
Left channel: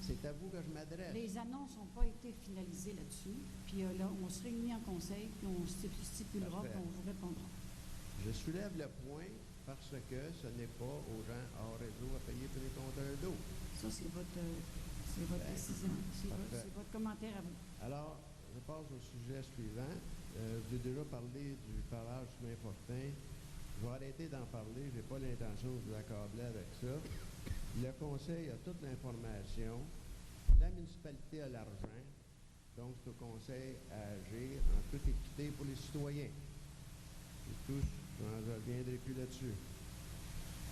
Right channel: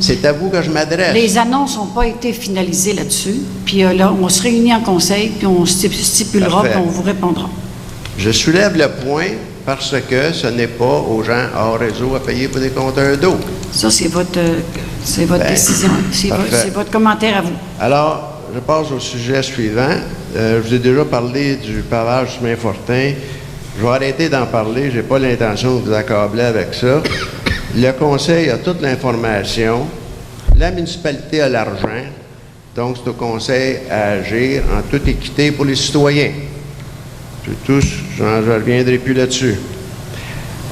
C'est à vous que je m'adresse. Les annonces n'ont pas été finalisées là-dessus. Puis là, on se réunit en conseil, puis on stipulera, Parfait. puis on vous répondra. Je soulève le point parce que ce n'est pas aux gens hors réseau à payer pour des compteurs d'eau. Ça, c'est votre Ben, décision. parfait. C'est votre commentaire à vous. Alors, je passe au sujet suivant. Je vous ai déjà parlé du pavage du chemin Fortin. Je vais arrêter d'en parler. Je n'ai pas l'intention de vous accabler avec ça. Le conseil a toute l'information. La municipalité a l'argent. Donc, c'est au conseil à agir en toute équité pour les citoyens. C'est tout. Je ne reviendrai plus là-dessus.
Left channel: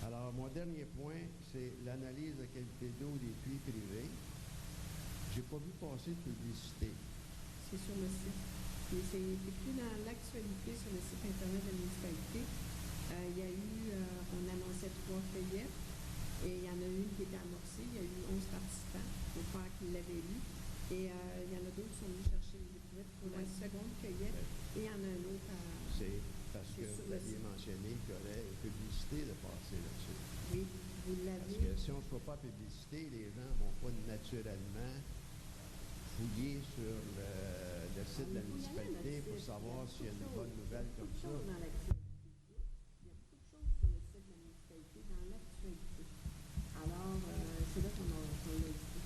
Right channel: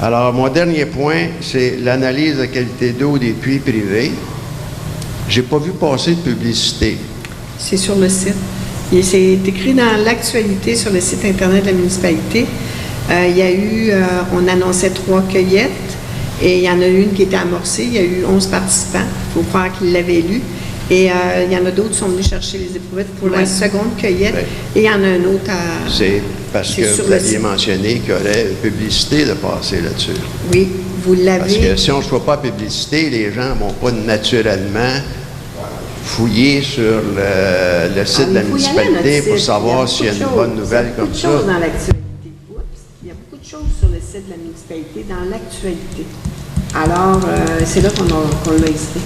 Alors, mon dernier point, c'est l'analyse de la qualité d'eau des puits privés. J'ai pas vu passer de publicité. C'est sur le site. Et c'est écrit dans l'actualité sur le site Internet de la municipalité. Il y a eu, on annonçait 3 cueillettes et il y en a une qui était amorcée. Il y a eu 11 participants. Il faut croire qu'ils l'avaient lu. Et il y en a d'autres qui sont venus chercher les éprouvettes pour la seconde cueillette. Oui. Et il y en a un autre à... C'est parce que C'est sur vous le aviez site. mentionné qu'il y aurait une publicité de passer là-dessus. Oui, vous Parce l'avez. que si on ne reçoit pas la publicité, les gens ne vont pas naturellement fouiller sur le site de la Il faut y aller à notre municipalité pour site. savoir Il s'il y a une beaucoup de bonne choses. nouvelle Il y a comme beaucoup de ça. choses dans l'actualité. Oups. Il y a beaucoup de choses sur le site de la municipalité dans l'actualité. Alors, c'est là qu'on l'a ici.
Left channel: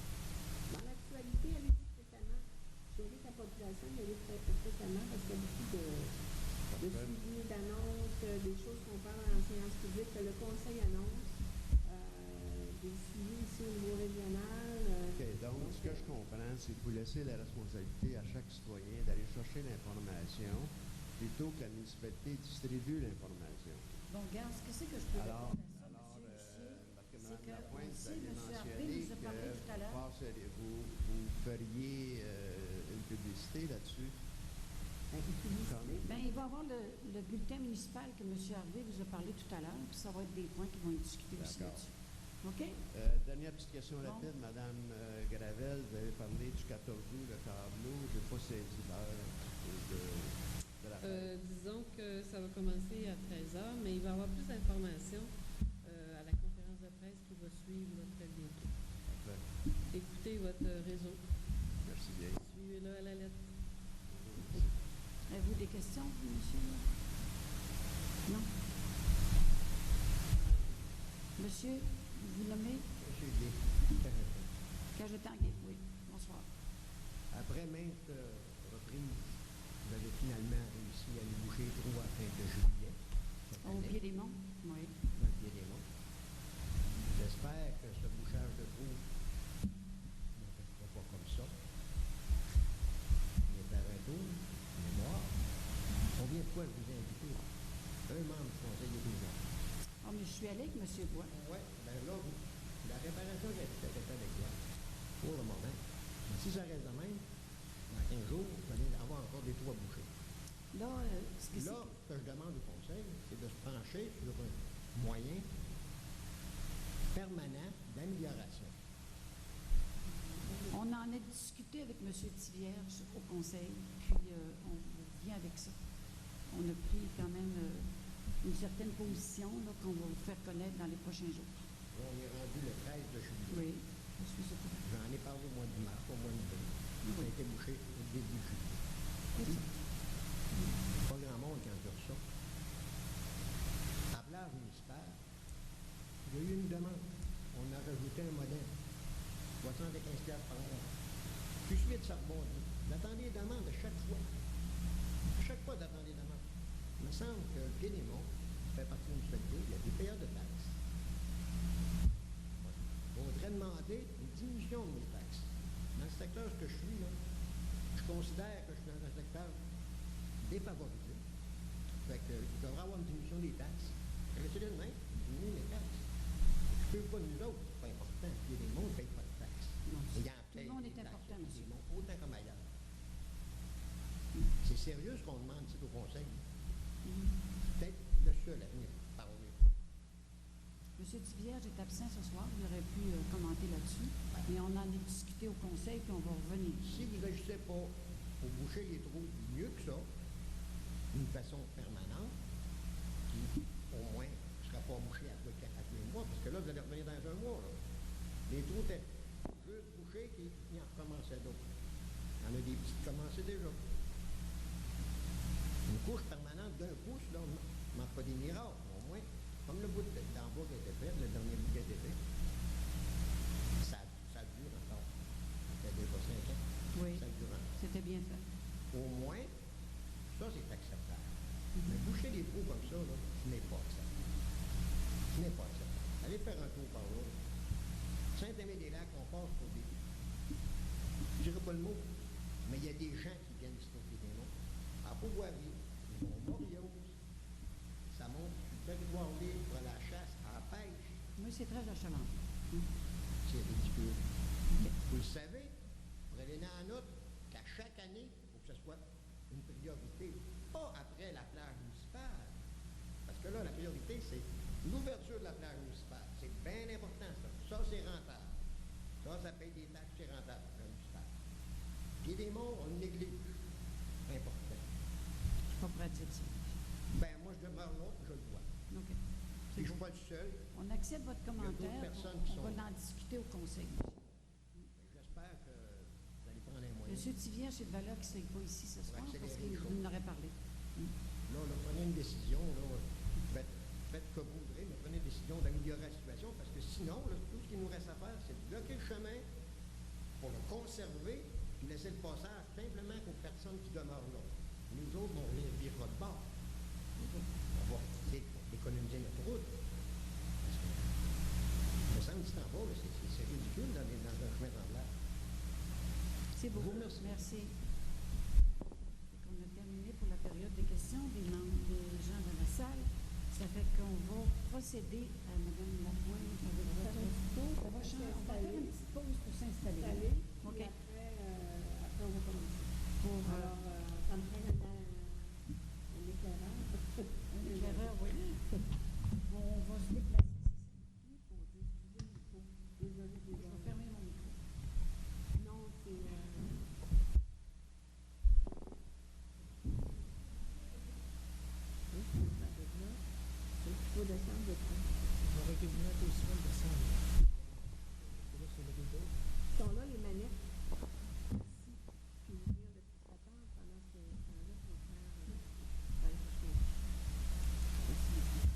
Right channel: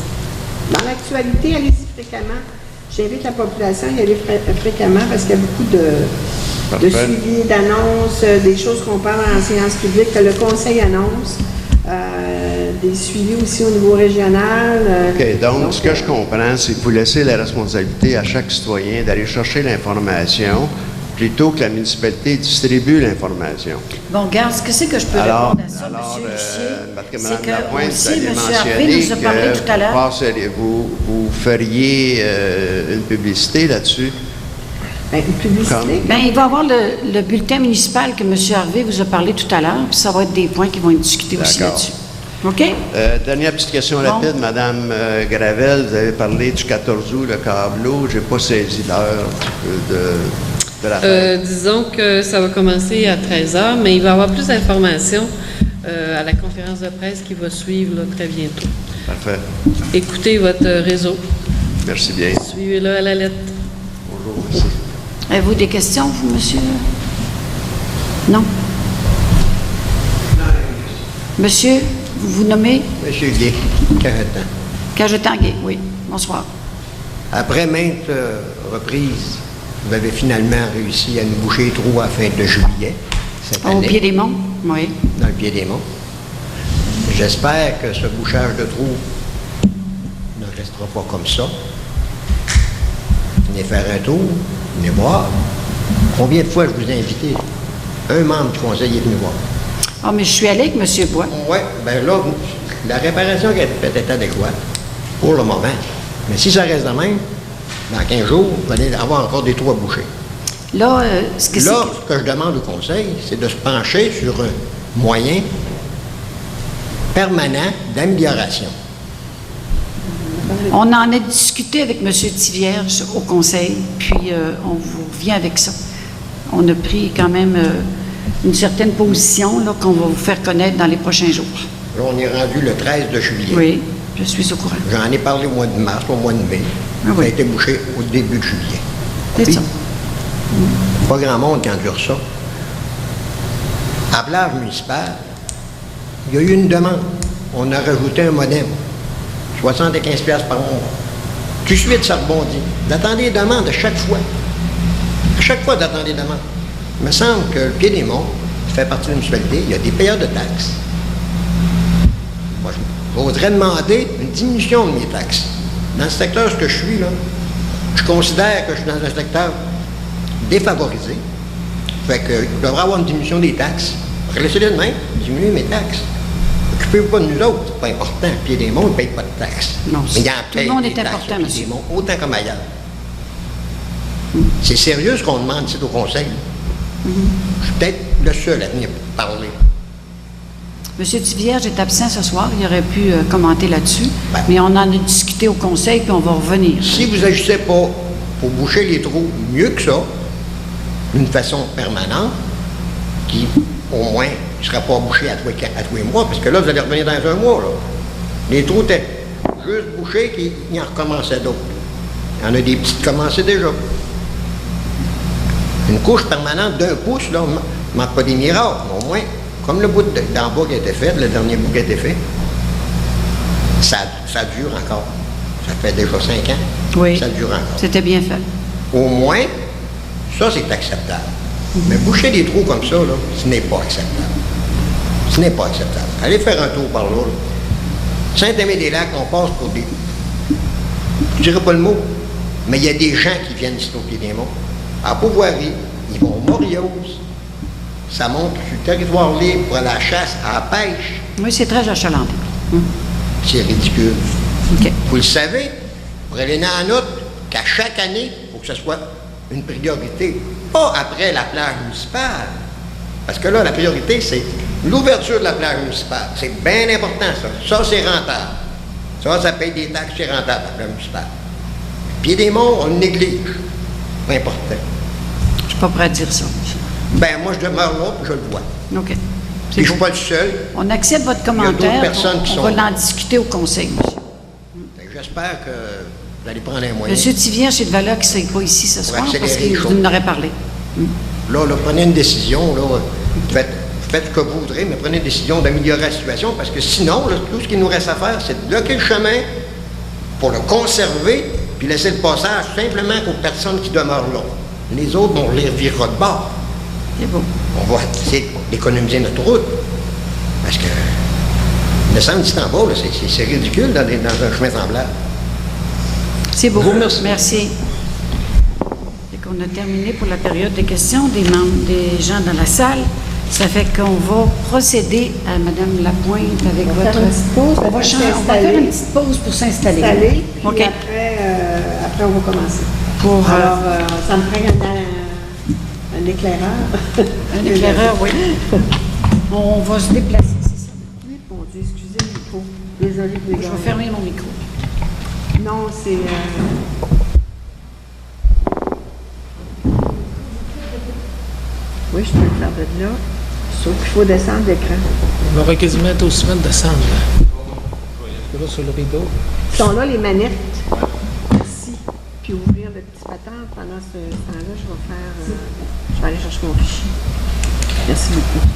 Dans l'actualité, allez-y fréquemment. J'invite la population à y aller fréquemment parce qu'il y a beaucoup de Parfait. suivi, d'annonces, des choses qu'on parle en séance publique, que le conseil annonce, des suivis aussi au niveau régional. OK, donc, ce que je comprends, c'est que vous laissez la responsabilité à chaque citoyen d'aller chercher l'information plutôt que la municipalité distribue l'information. Bon, regarde, ce que c'est que je peux répondre à ça, M. Lucier? parce que C'est Mme Lapointe, que vous aussi, aviez M. Harvey mentionné nous a parlé tout à l'heure. vous feriez une publicité là-dessus. Ben, une publicité. Bien, il va y avoir le bulletin municipal que M. Harvey vous a parlé tout à l'heure, puis ça va être des points qui vont être discutés aussi D'accord. là-dessus. OK? Dernière petite question Bon. rapide, Madame Gravel, vous avez parlé du 14 août, le câbleau. Je n'ai pas saisi l'heure de la fête. Disons que ça va commencer à 13h, mais il va y avoir plus d'informations à la conférence de presse qui va suivre là, très bientôt. Parfait. Écoutez votre réseau. Merci bien. Suivez-le à la lettre. Bonjour, merci. Avez-vous des questions, vous, monsieur? Non? Monsieur, vous vous nommez? Monsieur Guy, Cajetan. Cajetanguay, oui. Bonsoir. Après maintes reprises, vous avez finalement réussi à nous boucher les trous à la fin de juillet cette Au année, pied des monts? Oui. dans le pied des monts. J'espère que ce bouchage de trous ne restera pas comme ça. Venez faire un tour, venez voir. Combien de fois je vous ai invité? Un membre du conseil est venu voir. Ah, mais je suis allée avec M. Bois. Oui, bien là, la réparation qui a été faite est adéquate pour le moment. Mais si ça reste de même, dans 15 jours, vous allez avoir encore des trous à boucher. Là, ce que Là, c'est... ce que je demande au conseil, c'est de se pencher sur un moyen permanent d'amélioration. On en a discuté avec M. Tivierge au conseil, puis on vous revient avec ça. On a pris quand même une certaine position là, qu'on va vous faire connaître dans les prochains jours. Là, on est rendu le 13 de juillet. Oui, je suis au courant. J'en ai parlé au mois de mars, au mois de mai. Ah oui. Ça a été bouché au début de juillet. C'est Puis, ça. pas grand monde qui endure ça. À la plage municipale, il y a eu une demande. On a rajouté un modem. 75$ par mois. Tout de suite, ça rebondit. D'attendre des demandes à chaque fois. À chaque fois, d'attendre des demandes. Il me semble que le Pied-des-Monts fait partie de la municipalité. Il y a des payeurs de taxes. Moi, je voudrais demander une diminution de mes taxes. Dans le secteur où je suis, là, je considère que je suis dans un secteur défavorisé. Fait que je devrais avoir une diminution des taxes. Laissez-le de même, diminuer mes taxes. Occupez-vous pas de nous autres, c'est pas important. Pied-des-Monts, ils ne payent pas de taxes. Non, mais il y en tout le monde est important, monsieur. Pied-des-Monts, autant comme ailleurs. C'est sérieux ce qu'on demande ici au conseil. Je suis peut-être le seul à venir parler. M. Tivierge est absent ce soir, il aurait pu commenter là-dessus, Ben. mais on en a discuté au conseil, puis on va revenir. Si vous n'agissez pas pour boucher les trous mieux que ça, d'une façon permanente, qui au moins ne sera pas bouché à tous les mois, parce que là, vous allez revenir dans un mois. Là. Les trous étaient juste bouchés, qu'il y en recommençait d'autres. Il y en a des petits qui commençaient déjà. Une couche permanente d'1 pouce, là, on ne manque pas des miracles, mais au moins, comme le bout d'en bas qui a été fait, le dernier bout qui a été fait, ça dure encore. Ça fait déjà 5 ans. Oui, Ça dure encore. c'était bien fait. Au moins, ça, c'est acceptable. Mais boucher des trous comme ça, là, ce n'est pas acceptable. Ce n'est pas acceptable. Allez faire un tour par là. Saint-Aimé-des-Lacs, on passe pour des... Je ne dirais pas le mot, mais il y a des gens qui viennent ici au Pied-des-Monts. À Beauvoirie, ils vont au Moriose. Ça monte sur le territoire libre pour aller à la chasse, à la pêche. Oui, c'est très achalandé. C'est ridicule. OK. Vous le savez, prenez en note qu'à chaque année, il faut que ce soit une priorité, pas après la plage municipale. Parce que là, la priorité, c'est l'ouverture de la plage municipale. C'est bien important, ça. Ça, c'est rentable. Ça paye des taxes, c'est rentable, la plage municipale. Pied-des-Monts, on le néglige. Pas important. Je ne suis pas prêt à dire ça. Ben moi, je demeure là, puis je le vois. OK. Et C'est je ne suis beau. pas le seul. On accepte votre Il y a d'autres commentaire. personnes qui On sont- va en discuter au conseil, monsieur. Fait que j'espère que vous allez prendre un moyen. M. Tivierge est de valeur qui ne serait pas ici ce soir parce accélérer qu'il les vous choses. en aurait parlé. Là, prenez une décision, là, faites ce que vous voudrez, mais prenez une décision d'améliorer la situation, parce que sinon, là, tout ce qu'il nous reste à faire, c'est de bloquer le chemin pour le conserver, puis laisser le passage simplement aux personnes qui demeurent là. Les autres, on les revirera de bord. C'est beau. On va essayer d'économiser notre route, parce que le centre d'ici en bas, là, c'est ridicule dans un chemin semblable. C'est beau. Je vous remercie. Merci. On a terminé pour la période de questions des membres, des gens dans la salle. Ça fait qu'on va procéder à Mme Lapointe avec On va votre... faire une petite pause, On va faire une petite pause pour s'installer. Installer, puis OK. après, on va commencer. Pour, Alors, ça me prend un éclaireur. un éclaireur, oui. On va se déplacer, c'est ça. Oui, mon Dieu, excusez le micro. Désolée de Je vais fermer mon micro. Non, c'est... Oui, je peux le faire de là. Sauf qu'il faut descendre l'écran. On aurait quasiment été aussi bien de descendre. Là, sur le rideau. Ils sont là, les manettes. Ici. Puis ouvrir le petit patin. Pendant ce temps-là, je vais faire... je vais aller chercher mon fichier. Merci beaucoup.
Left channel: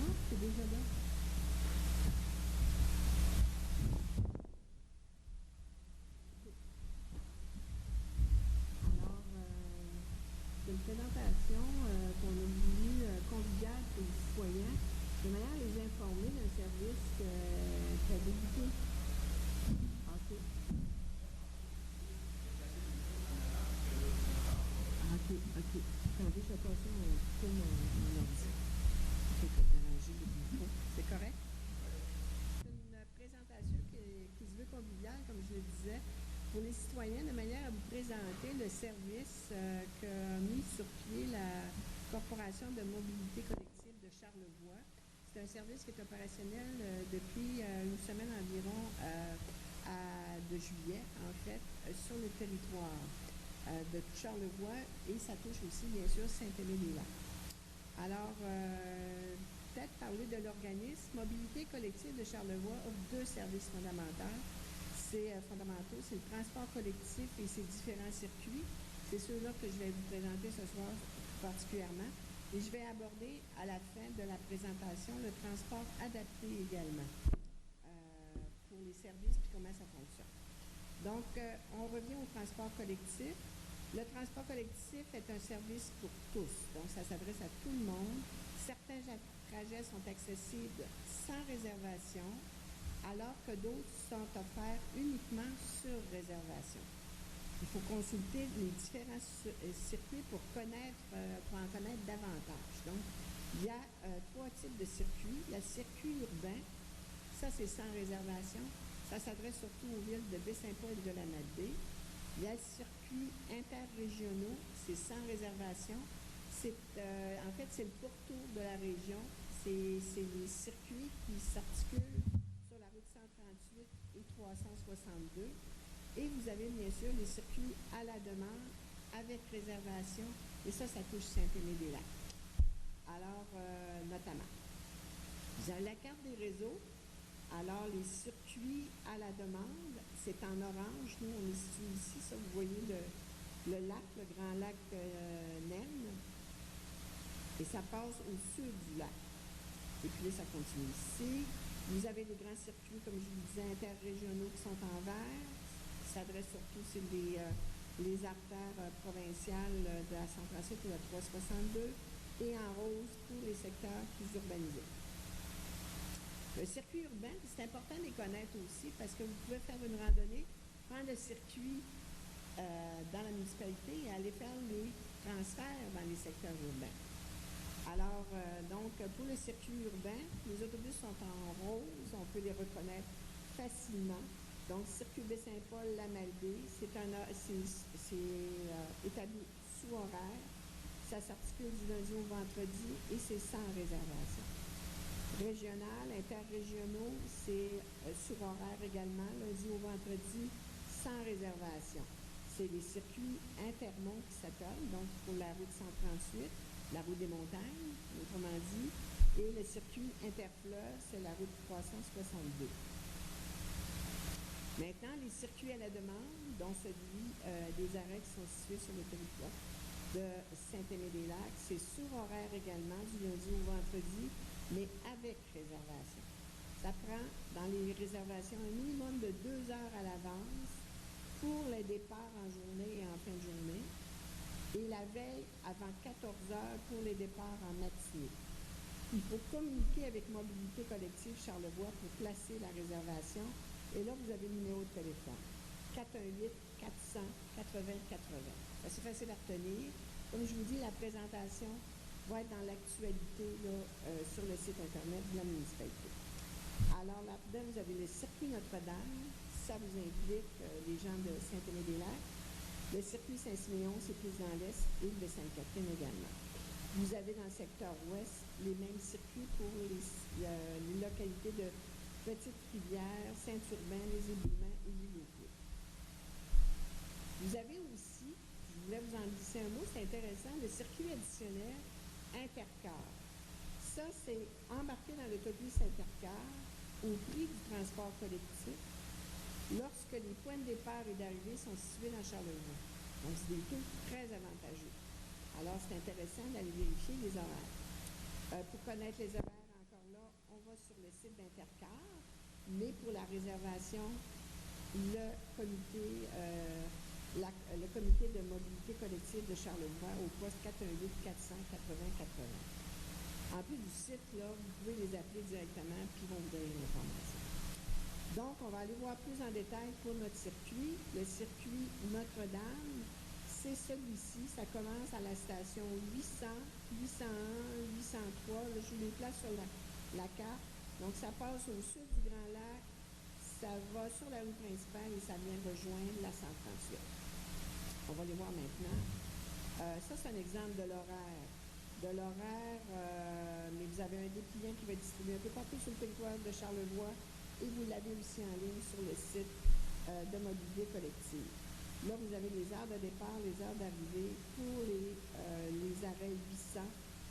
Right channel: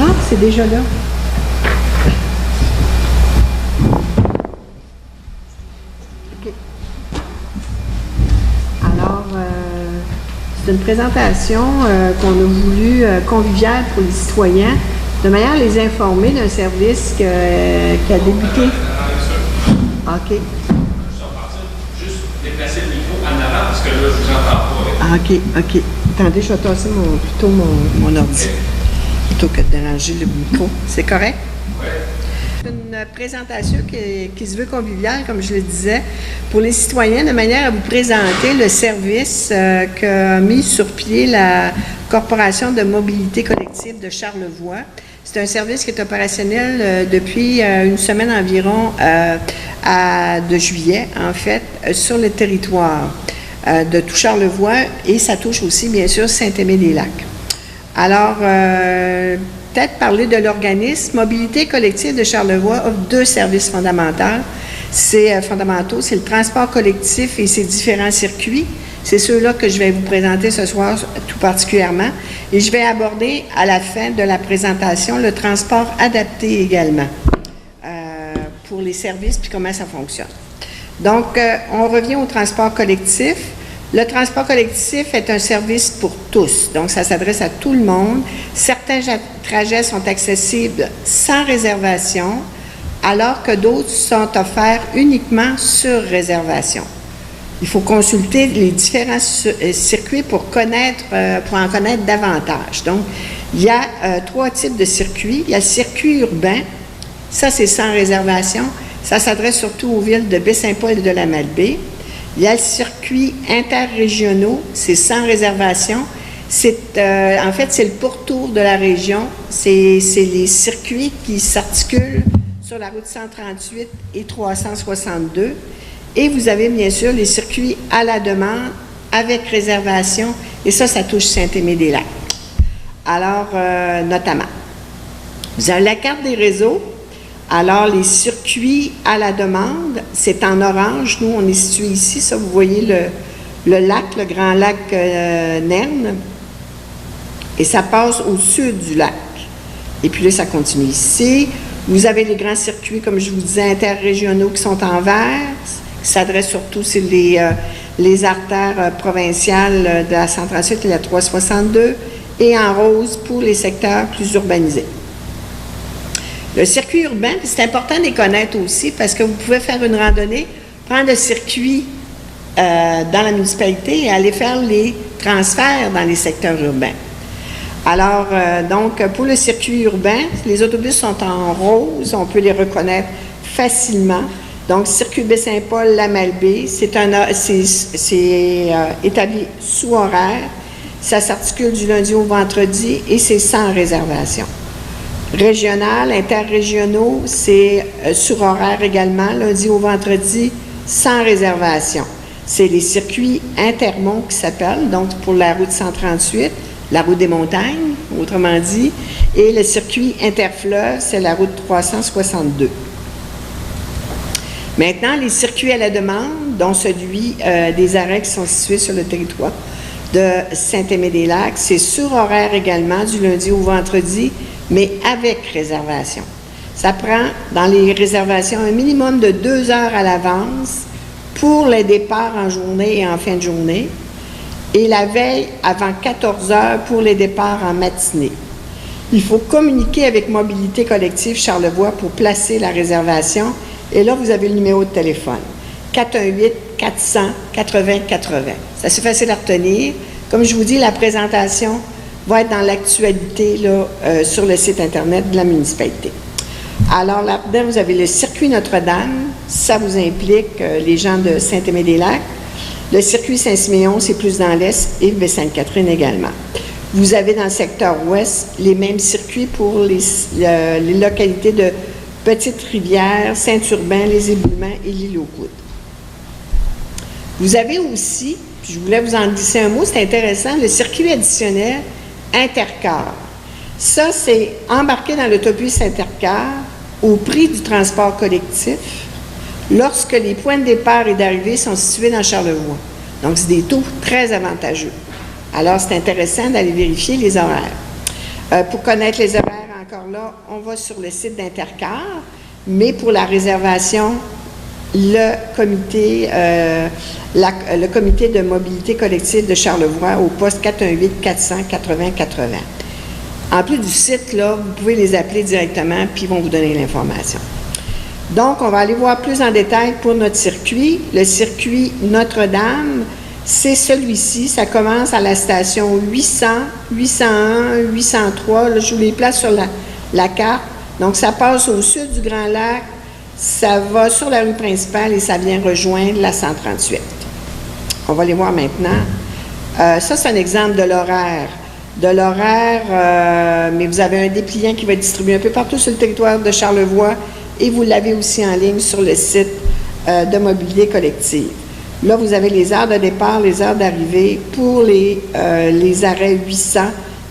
Ah, c'est déjà là. OK. Alors, c'est une présentation qu'on a voulu conviviale pour les citoyens, de manière à les informer d'un service qui a débuté. OK. Juste déplacer le micro en avant, parce que là, je vous entends pas. Ah, OK. Attendez, je vais tasser plutôt mon ordi, plutôt que de déranger le micro. C'est correct? Oui. C'est une présentation qui se veut conviviale, comme je le disais, pour les citoyens, de manière à vous présenter le service qu'a mis sur pied la Corporation de mobilité collective de Charlevoix. C'est un service qui est opérationnel depuis une semaine environ de juillet, en fait, sur le territoire de tout Charlevoix, et ça touche aussi, bien sûr, Saint-Aimé-des-Lacs. Alors, peut-être parler de l'organisme. Mobilité collective de Charlevoix offre 2 services fondamentaux. C'est le transport collectif et ses différents circuits. C'est ceux-là que je vais vous présenter ce soir tout particulièrement. Et je vais aborder à la fin de la présentation le transport adapté également pour les services puis comment ça fonctionne. Donc, on revient au transport collectif. Le transport collectif est un service pour tous, donc ça s'adresse à tout le monde. Certains trajets sont accessibles sans réservation, alors que d'autres sont offerts uniquement sur réservation. Il faut consulter les différents circuits pour en connaître davantage. Donc, il y a 3 types de circuits. Il y a le circuit urbain, ça c'est sans réservation, ça s'adresse surtout aux villes de Baie-Saint-Paul et de la Malbaie. Il y a le circuit interrégionaux, c'est sans réservation. En fait, c'est le pourtour de la région. C'est les circuits qui s'articulent sur la route 138 et 362. Et vous avez bien sûr les circuits à la demande avec réservation. Et ça touche Saint-Aimé-des-Lacs. Alors, notamment. Vous avez la carte des réseaux. Alors, les circuits à la demande, c'est en orange. Nous, on est situé ici. Ça, vous voyez le lac, le grand lac Nerne. Et ça passe au sud du lac. Et puis là, ça continue ici. Vous avez les grands circuits, comme je vous disais, interrégionaux qui sont en vert, qui s'adressent surtout sur les artères provinciales de la 138 et la 362, et en rose pour les secteurs plus urbanisés. Le circuit urbain, c'est important de les connaître aussi parce que vous pouvez faire une randonnée, prendre le circuit dans la municipalité et aller faire les transferts dans les secteurs urbains. Alors, donc, pour le circuit urbain, les autobus sont en rose, on peut les reconnaître facilement. Donc, circuit Baie-Saint-Paul, la Malbaie, c'est établi sous horaire, ça s'articule du lundi au vendredi et c'est sans réservation. Régional, interrégionaux, c'est sur horaire également, lundi au vendredi, sans réservation. C'est les circuits intermonts qui s'appellent, donc pour la route 138, la route des montagnes, autrement dit, et le circuit interfleuve, c'est la route 362. Maintenant, les circuits à la demande, dont celui des arrêts qui sont situés sur le territoire de Saint-Aimé-des-Lacs, c'est sur horaire également, du lundi au vendredi, mais avec réservation. Ça prend, dans les réservations, un minimum de 2 heures à l'avance pour les départs en journée et en fin de journée, et la veille avant 14 heures pour les départs en matinée. Il faut communiquer avec Mobilité collective Charlevoix pour placer la réservation, et là, vous avez le numéro de téléphone, 418-400-80-80. C'est assez facile à retenir. Comme je vous dis, la présentation va être dans l'actualité sur le site Internet de la municipalité. Alors là-dedans, vous avez le circuit Notre-Dame, ça vous implique les gens de Saint-Aimé-des-Lacs. Le circuit Saint-Siméon, c'est plus dans l'est, et Baie-Sainte-Catherine également. Vous avez dans le secteur ouest les mêmes circuits pour les localités de Petite-Rivière, Saint-Urbain, les Éboulements et l'île aux Coudes. Vous avez aussi, je voulais vous en glisser un mot, c'est intéressant, le circuit additionnel Intercar. Ça, c'est embarqué dans l'autobus Intercar au prix du transport collectif lorsque les points de départ et d'arrivée sont situés dans Charlevoix. Donc, c'est des taux très avantageux. Alors, c'est intéressant d'aller vérifier les horaires. Pour connaître les horaires, encore là, on va sur le site d'Intercar, mais pour la réservation, le comité de mobilité collective de Charlevoix au poste 418-400-80-80. En plus du site, là, vous pouvez les appeler directement, puis ils vont vous donner l'information. Donc, on va aller voir plus en détail pour notre circuit. Le circuit Notre-Dame, c'est celui-ci. Ça commence à la station 800, 801, 803. Là, je vous les place sur la carte. Donc, ça passe au sud du Grand Lac, ça va sur la rue principale et ça vient rejoindre la 138. On va les voir maintenant. Ça, c'est un exemple de l'horaire. Mais vous avez un dépliant qui va être distribué un peu partout sur le territoire de Charlevoix et vous l'avez aussi en ligne sur le site de Mobilité collective. Là, vous avez les heures de départ, les heures d'arrivée pour les arrêts 800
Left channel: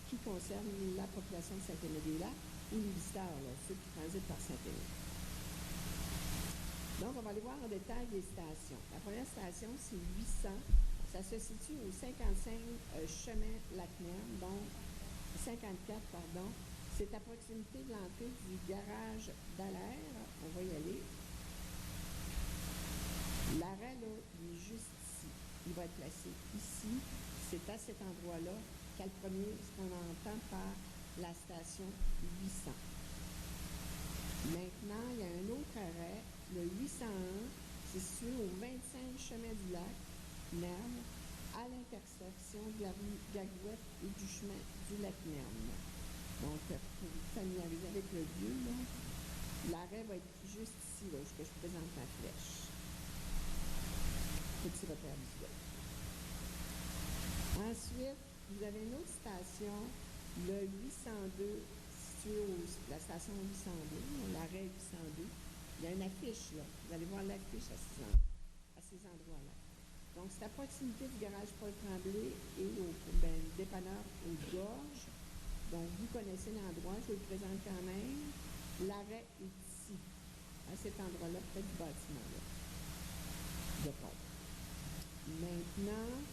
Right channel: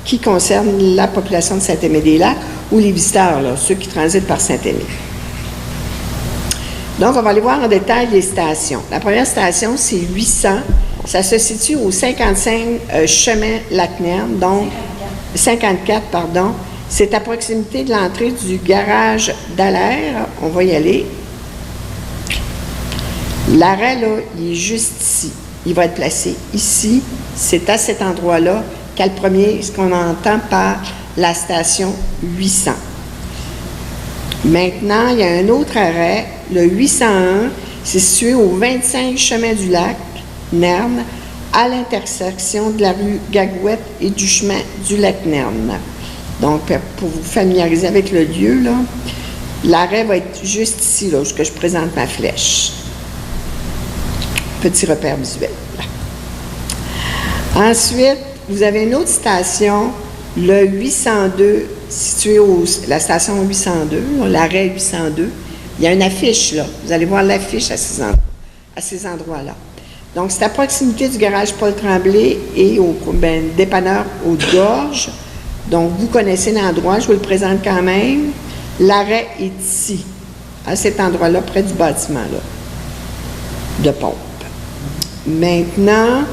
qui concernent la population de Saint-Aimé-des-Lacs ou les visiteurs, là, ceux qui transitent par Saint-Aimé. Donc, on va aller voir en détail les stations. La première station, c'est 800. Ça se situe au 55 chemin Lac-Nerne, donc 54, pardon. C'est à proximité de l'entrée du garage d'Alaire. On va y aller. L'arrêt, là, il est juste ici. Il va être placé ici. C'est à cet endroit-là qu'à le premier, ce qu'on entend par la station 800. Maintenant, il y a un autre arrêt, le 801, c'est situé au 25 chemin du Lac, Nerne, à l'intersection de la rue Gagouette et du chemin du lac Nerne. Donc, pour vous familiariser avec le lieu, là, l'arrêt va être juste ici, là, où je présente ma flèche. Petit repère visuel. Ensuite, vous avez une autre station, le 802, situé la station 802, l'arrêt 802. Il y a une affiche, là. Vous allez voir l'affiche à ces endroits-là. Donc, c'est à proximité du garage Paul Tremblay et au dépanneur Haute-Gorge. Donc, vous connaissez l'endroit, je vous le présente quand même. L'arrêt est ici, à cet endroit-là, près du bâtiment, là, de pompe. Maintenant,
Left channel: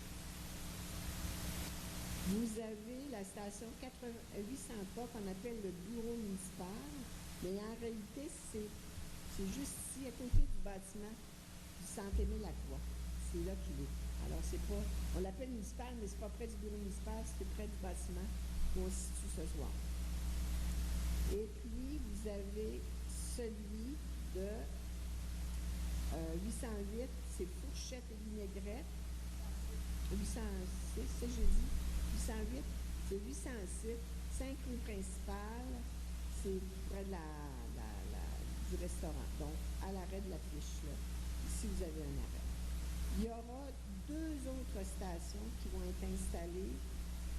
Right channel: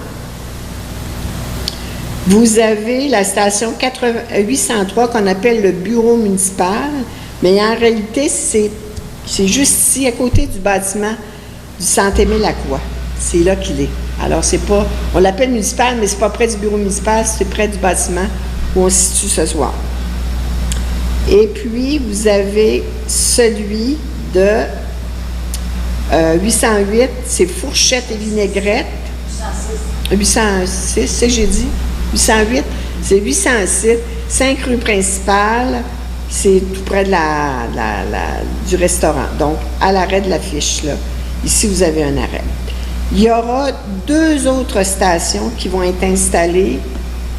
vous avez la station 803 qu'on appelle le bureau municipal, mais en réalité, c'est juste ici, à côté du bâtiment du Saint-Aimé-Lacroix. C'est là qu'il est. Alors, c'est pas... On l'appelle municipal, mais c'est pas près du bureau municipal, c'est près du bâtiment où on se situe ce soir. Et puis, vous avez celui de 808, c'est fourchette et vinaigrette. 806, c'est j'ai dit. 808, c'est 806, 5 rue principale, c'est tout près de du restaurant. Donc, à l'arrêt de l'affiche, là. Ici, vous avez un arrêt. Il y aura 2 autres stations qui vont être installées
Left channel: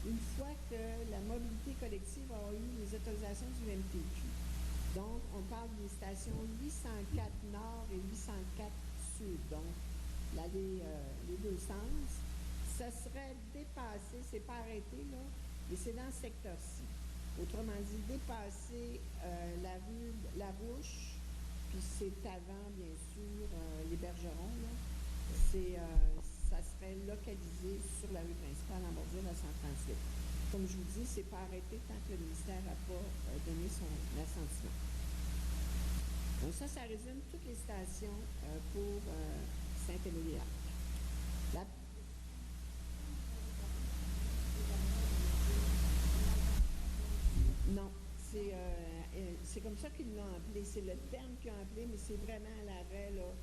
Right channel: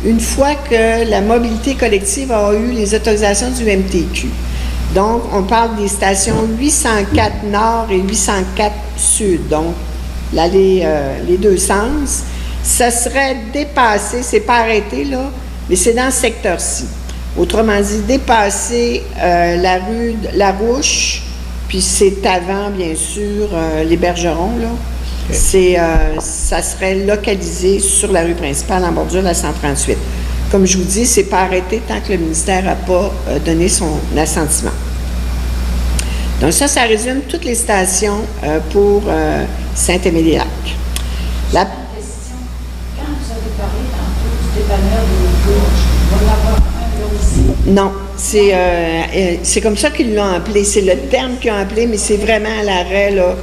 une fois que la mobilité collective a eu les autorisations du MTQ. Donc, on parle des stations 804 Nord et 804 Sud, donc les deux sens. Ça serait dépassé, c'est pas arrêté là, mais c'est dans ce secteur-ci. Autrement dit, dépasser la rue de la Rouche, puis c'est avant, bien sûr, les Bergerons, là. Okay. Ça serait localisé sur la rue principale en bordure de la 138. Comme je vous dis, c'est pas arrêté tant que le ministère n'a pas donné son assentiment. Donc ça résume toutes les stations pour Saint-Aimé-des-Lacs. Quand vous avez parlé tantôt du dépanneur de Haute-Gorge, il va y en avoir un là aussi? Non, c'est comme ça qu'ils l'ont appelé. C'est le terme qu'ils ont appelé, mais c'est vraiment à l'arrêt là,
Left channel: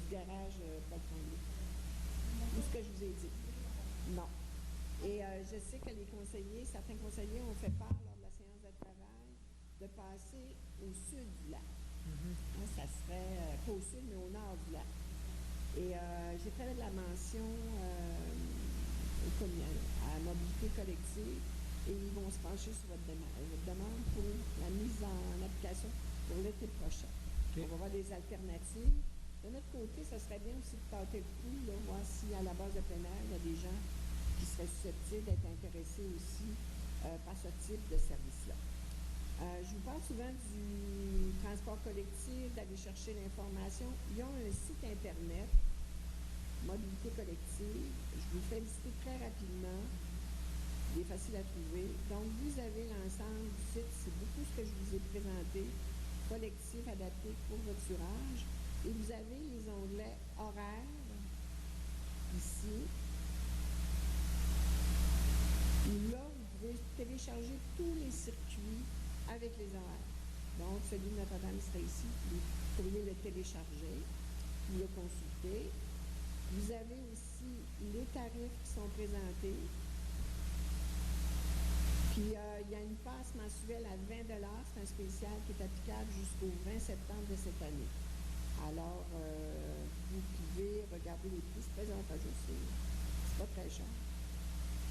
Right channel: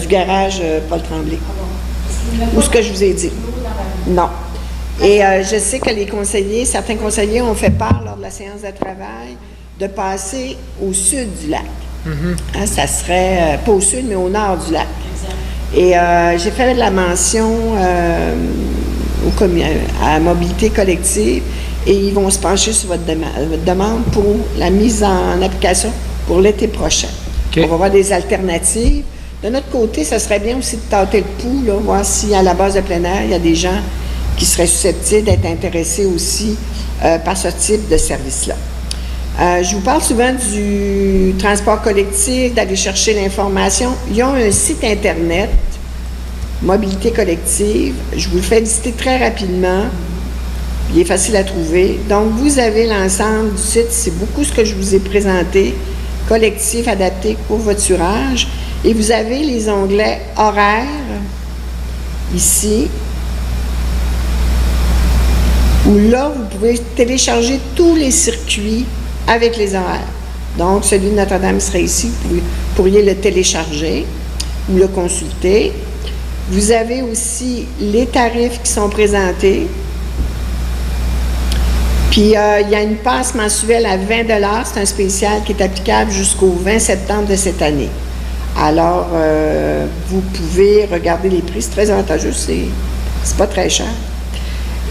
du garage Paul Tremblay. Ou ce que je vous ai dit. Non. Et je sais que certains conseillers ont fait part lors de la séance de travail de passer au sud du lac. Hein, ça serait pas au sud, mais au nord du lac. Et j'ai fait de la mention à Mobilité collective et ils vont se pencher sur votre demande pour la mise en application pour l'été prochain. Okay. On va voir des alternatives. De notre côté, ça serait bien aussi de tâter le pouls, là, voir si à la base de plein air, il y a des gens qui seraient susceptibles d'être intéressés aussi par ce type de service-là. Je vous parle souvent du transport collectif, d'aller chercher l'information. Ils ont un site Internet, Mobilité collective. Je vous le fais visiter très rapidement. Il est facile à trouver. Donc, vous avez l'ensemble du site. C'est beaucoup ce que je vous ai présenté. Collectif adapté au voiturage. Et vous avez les onglets horaires, ici, où là, vous pouvez télécharger tous les circuits avec les horaires. Donc, celui de Notre-Dame serait ici, vous pourriez le télécharger ou le consulter. Vous avez aussi les tarifs qui sont présentés. Puis, il y a une passe mensuelle à 20 $. C'est un spécial qui est applicable jusqu'au 20 septembre de cette année. Alors, vous pouvez regarder les prix. C'est très avantageux. C'est pas très cher.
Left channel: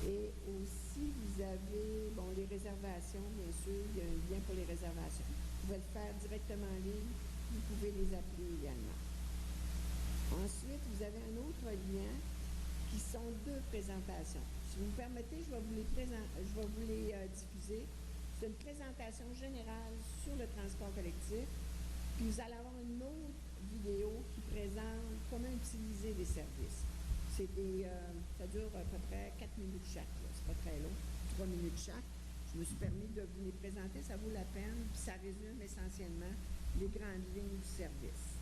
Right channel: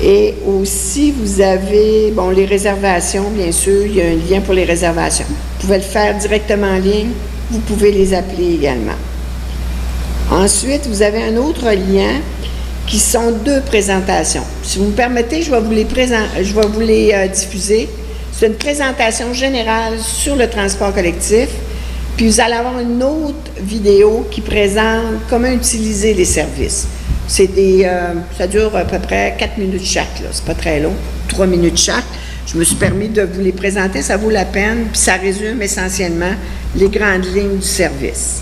Et aussi, vous avez, bon, les réservations, bien sûr. Il y a un lien pour les réservations. Vous pouvez le faire directement en ligne. Vous pouvez les appeler également. Ensuite, vous avez un autre lien qui sont 2 présentations. Si vous me permettez, je vais vous les diffuser. C'est une présentation générale sur le transport collectif, puis vous allez avoir une autre vidéo qui présente comment utiliser les services. Ça dure à peu près 4 minutes chaque, là. C'est pas très long, 3 minutes chaque. Je me suis permis de vous les présenter, ça vaut la peine, puis ça résume essentiellement les grandes lignes du service.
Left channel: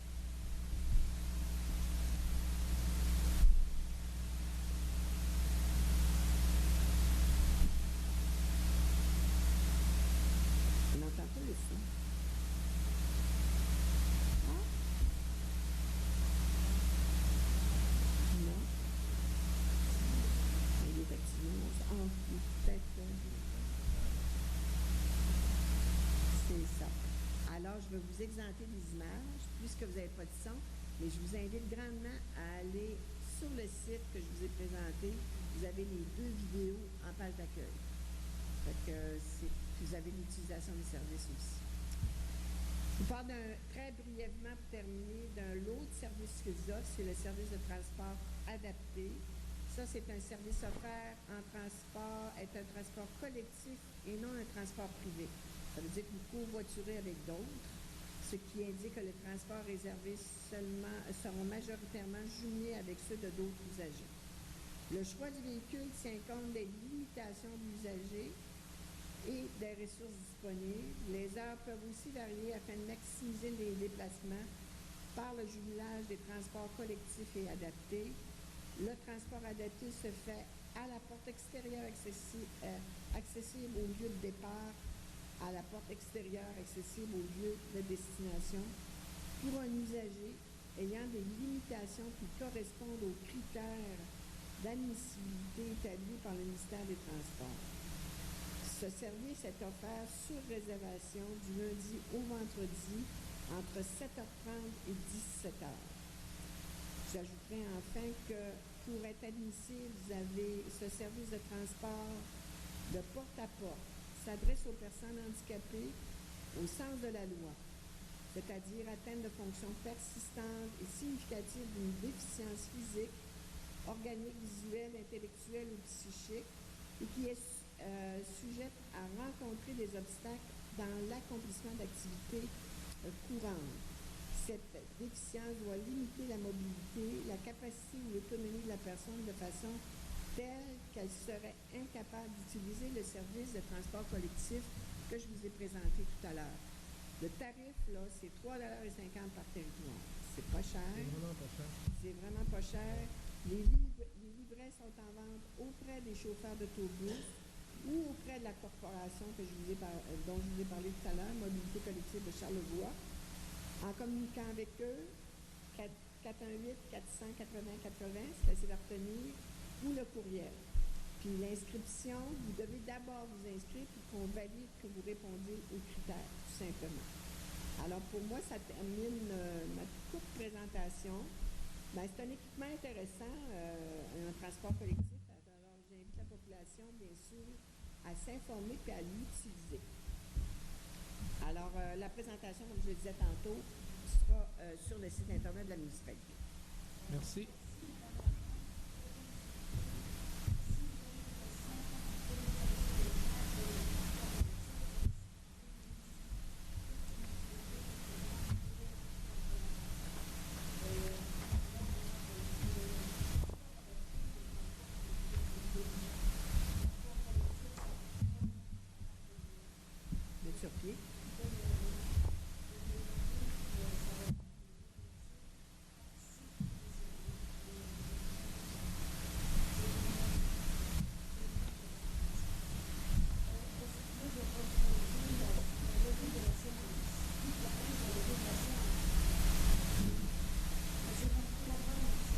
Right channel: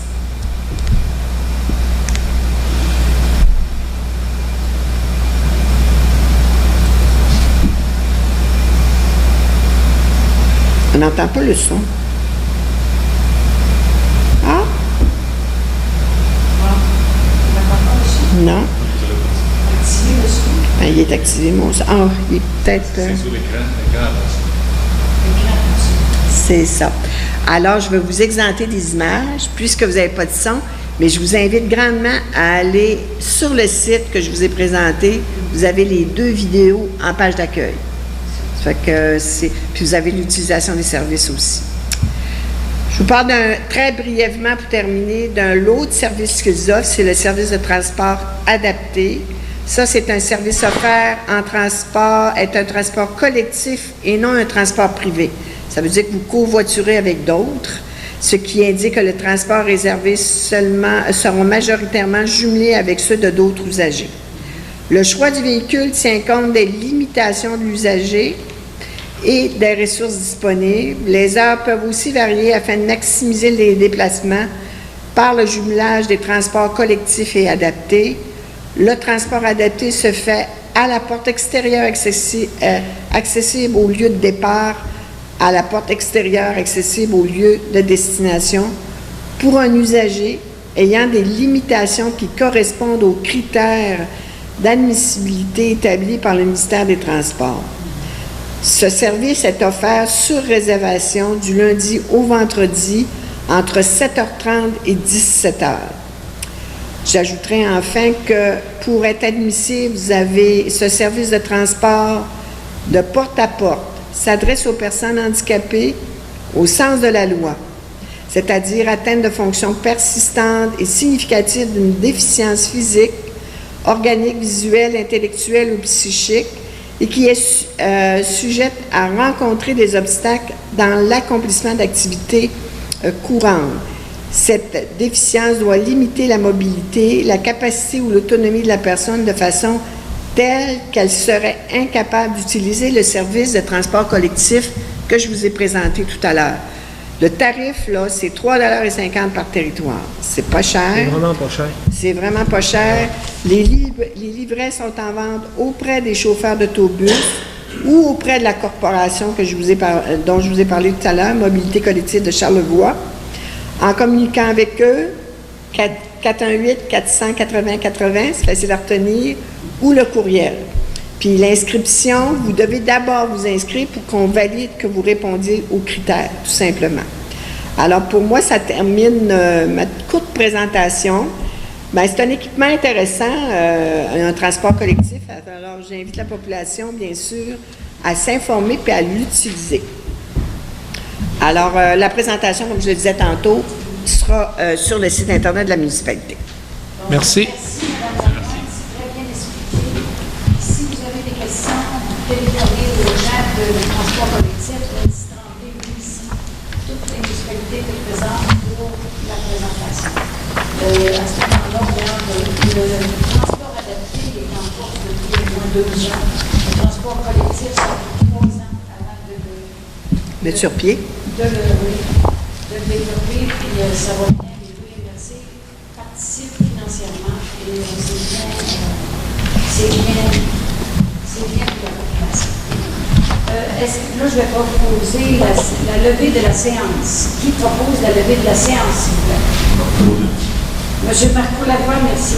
On n'entend pas le son. Ah? Non. Ben, il est activé, mon son. Ah, il est peut-être... C'est sur l'écran. C'est ça. Alors, je vais vous exempter des images, puisque vous n'avez pas de son, mais je vous invite grandement à aller sur le site que je vous ai présenté. Vous avez les 2 vidéos en page d'accueil. Ça fait que puis vous avez l'utilisation des services aussi. Je vous parle très brièvement pour terminer d'un lot de services qu'ils offrent, c'est le service de transport adapté. Ça, c'est un service offert en transport, est un transport collectif et non un transport privé. Ça veut dire que vous covoiturez avec d'autres, ce qui indique que le transport réservé seront majoritairement jumelés avec ceux de d'autres usagers. Le choix du véhicule tient compte des limitations de l'usager et des ressources disponibles. Les heures peuvent aussi varier afin de maximiser les déplacements par le jumelage des transports collectifs et adaptés. Le transport adapté se fait à la porte extérieure accessible au lieu de départ, à la porte extérieure accessible au lieu de destination, pour un usager ayant des limitations qui correspondent aux critères d'admissibilité établis par le ministère des Transports. Ce service est offert sur réservation du lundi au vendredi entre 7h30 et 17h. J'ajouterai enfin que pour être admissible, vous avez ce service de transport de porte à porte, s'adresse aux personnes handicapées au sens de la loi, c'est-à-dire atteintes de fonctions persistantes et significatives d'une déficience physique, organique, visuelle, intellectuelle ou psychique, et qui est sujette à rencontrer des obstacles dans l'accomplissement d'activités courantes. Cette déficience doit limiter la mobilité, la capacité ou l'autonomie de la personne de façon telle qu'elle serait incapable d'utiliser le service de transport collectif que je vous ai présenté tout à l'heure. Le tarif, là, c'est 3,50 $ par territoire. C'est pas cher. C'est vraiment pas cher. C'est vraiment pas cher. Les livrets sont en vente auprès des chauffeurs d'autobus ou auprès de la corporation dont je vous ai parlé tout à l'heure, Mobilité collective de Charlevoix. En communiquant avec eux, 418-480-80, c'est facile à retenir, ou le courriel. Puis l'inscription, vous devez d'abord vous inscrire pour qu'on valide que vous répondiez aux critères, tout simplement. Alors pour moi, ça termine ma courte présentation. Bien, c'est un équipement intéressant, un transport collectif. Alors j'invite la population, bien sûr, à s'informer puis à l'utiliser. Alors, la présentation, comme je le disais tantôt, sera sur le site Internet de la municipalité. Merci. Merci, Mme Laurent. C'est très bien expliqué. Si vous avez des questions, vous téléphonez aux gens de transport collectif, Nancy Tremblay, ici. Toute la municipalité est présente pour la présentation. À ce moment-là, le transport adapté est en cours depuis au moins 2 ans. Le transport collectif, ça fait 3 ans avant Mettre sur pied. de le développer, puis ça va bien, les deux MRC participent financièrement et c'est bien pour la population. Là, je vais proposer la levée de la séance. Qui propose la levée de la séance, s'il vous plaît? Monsieur Marco Lavoie, merci.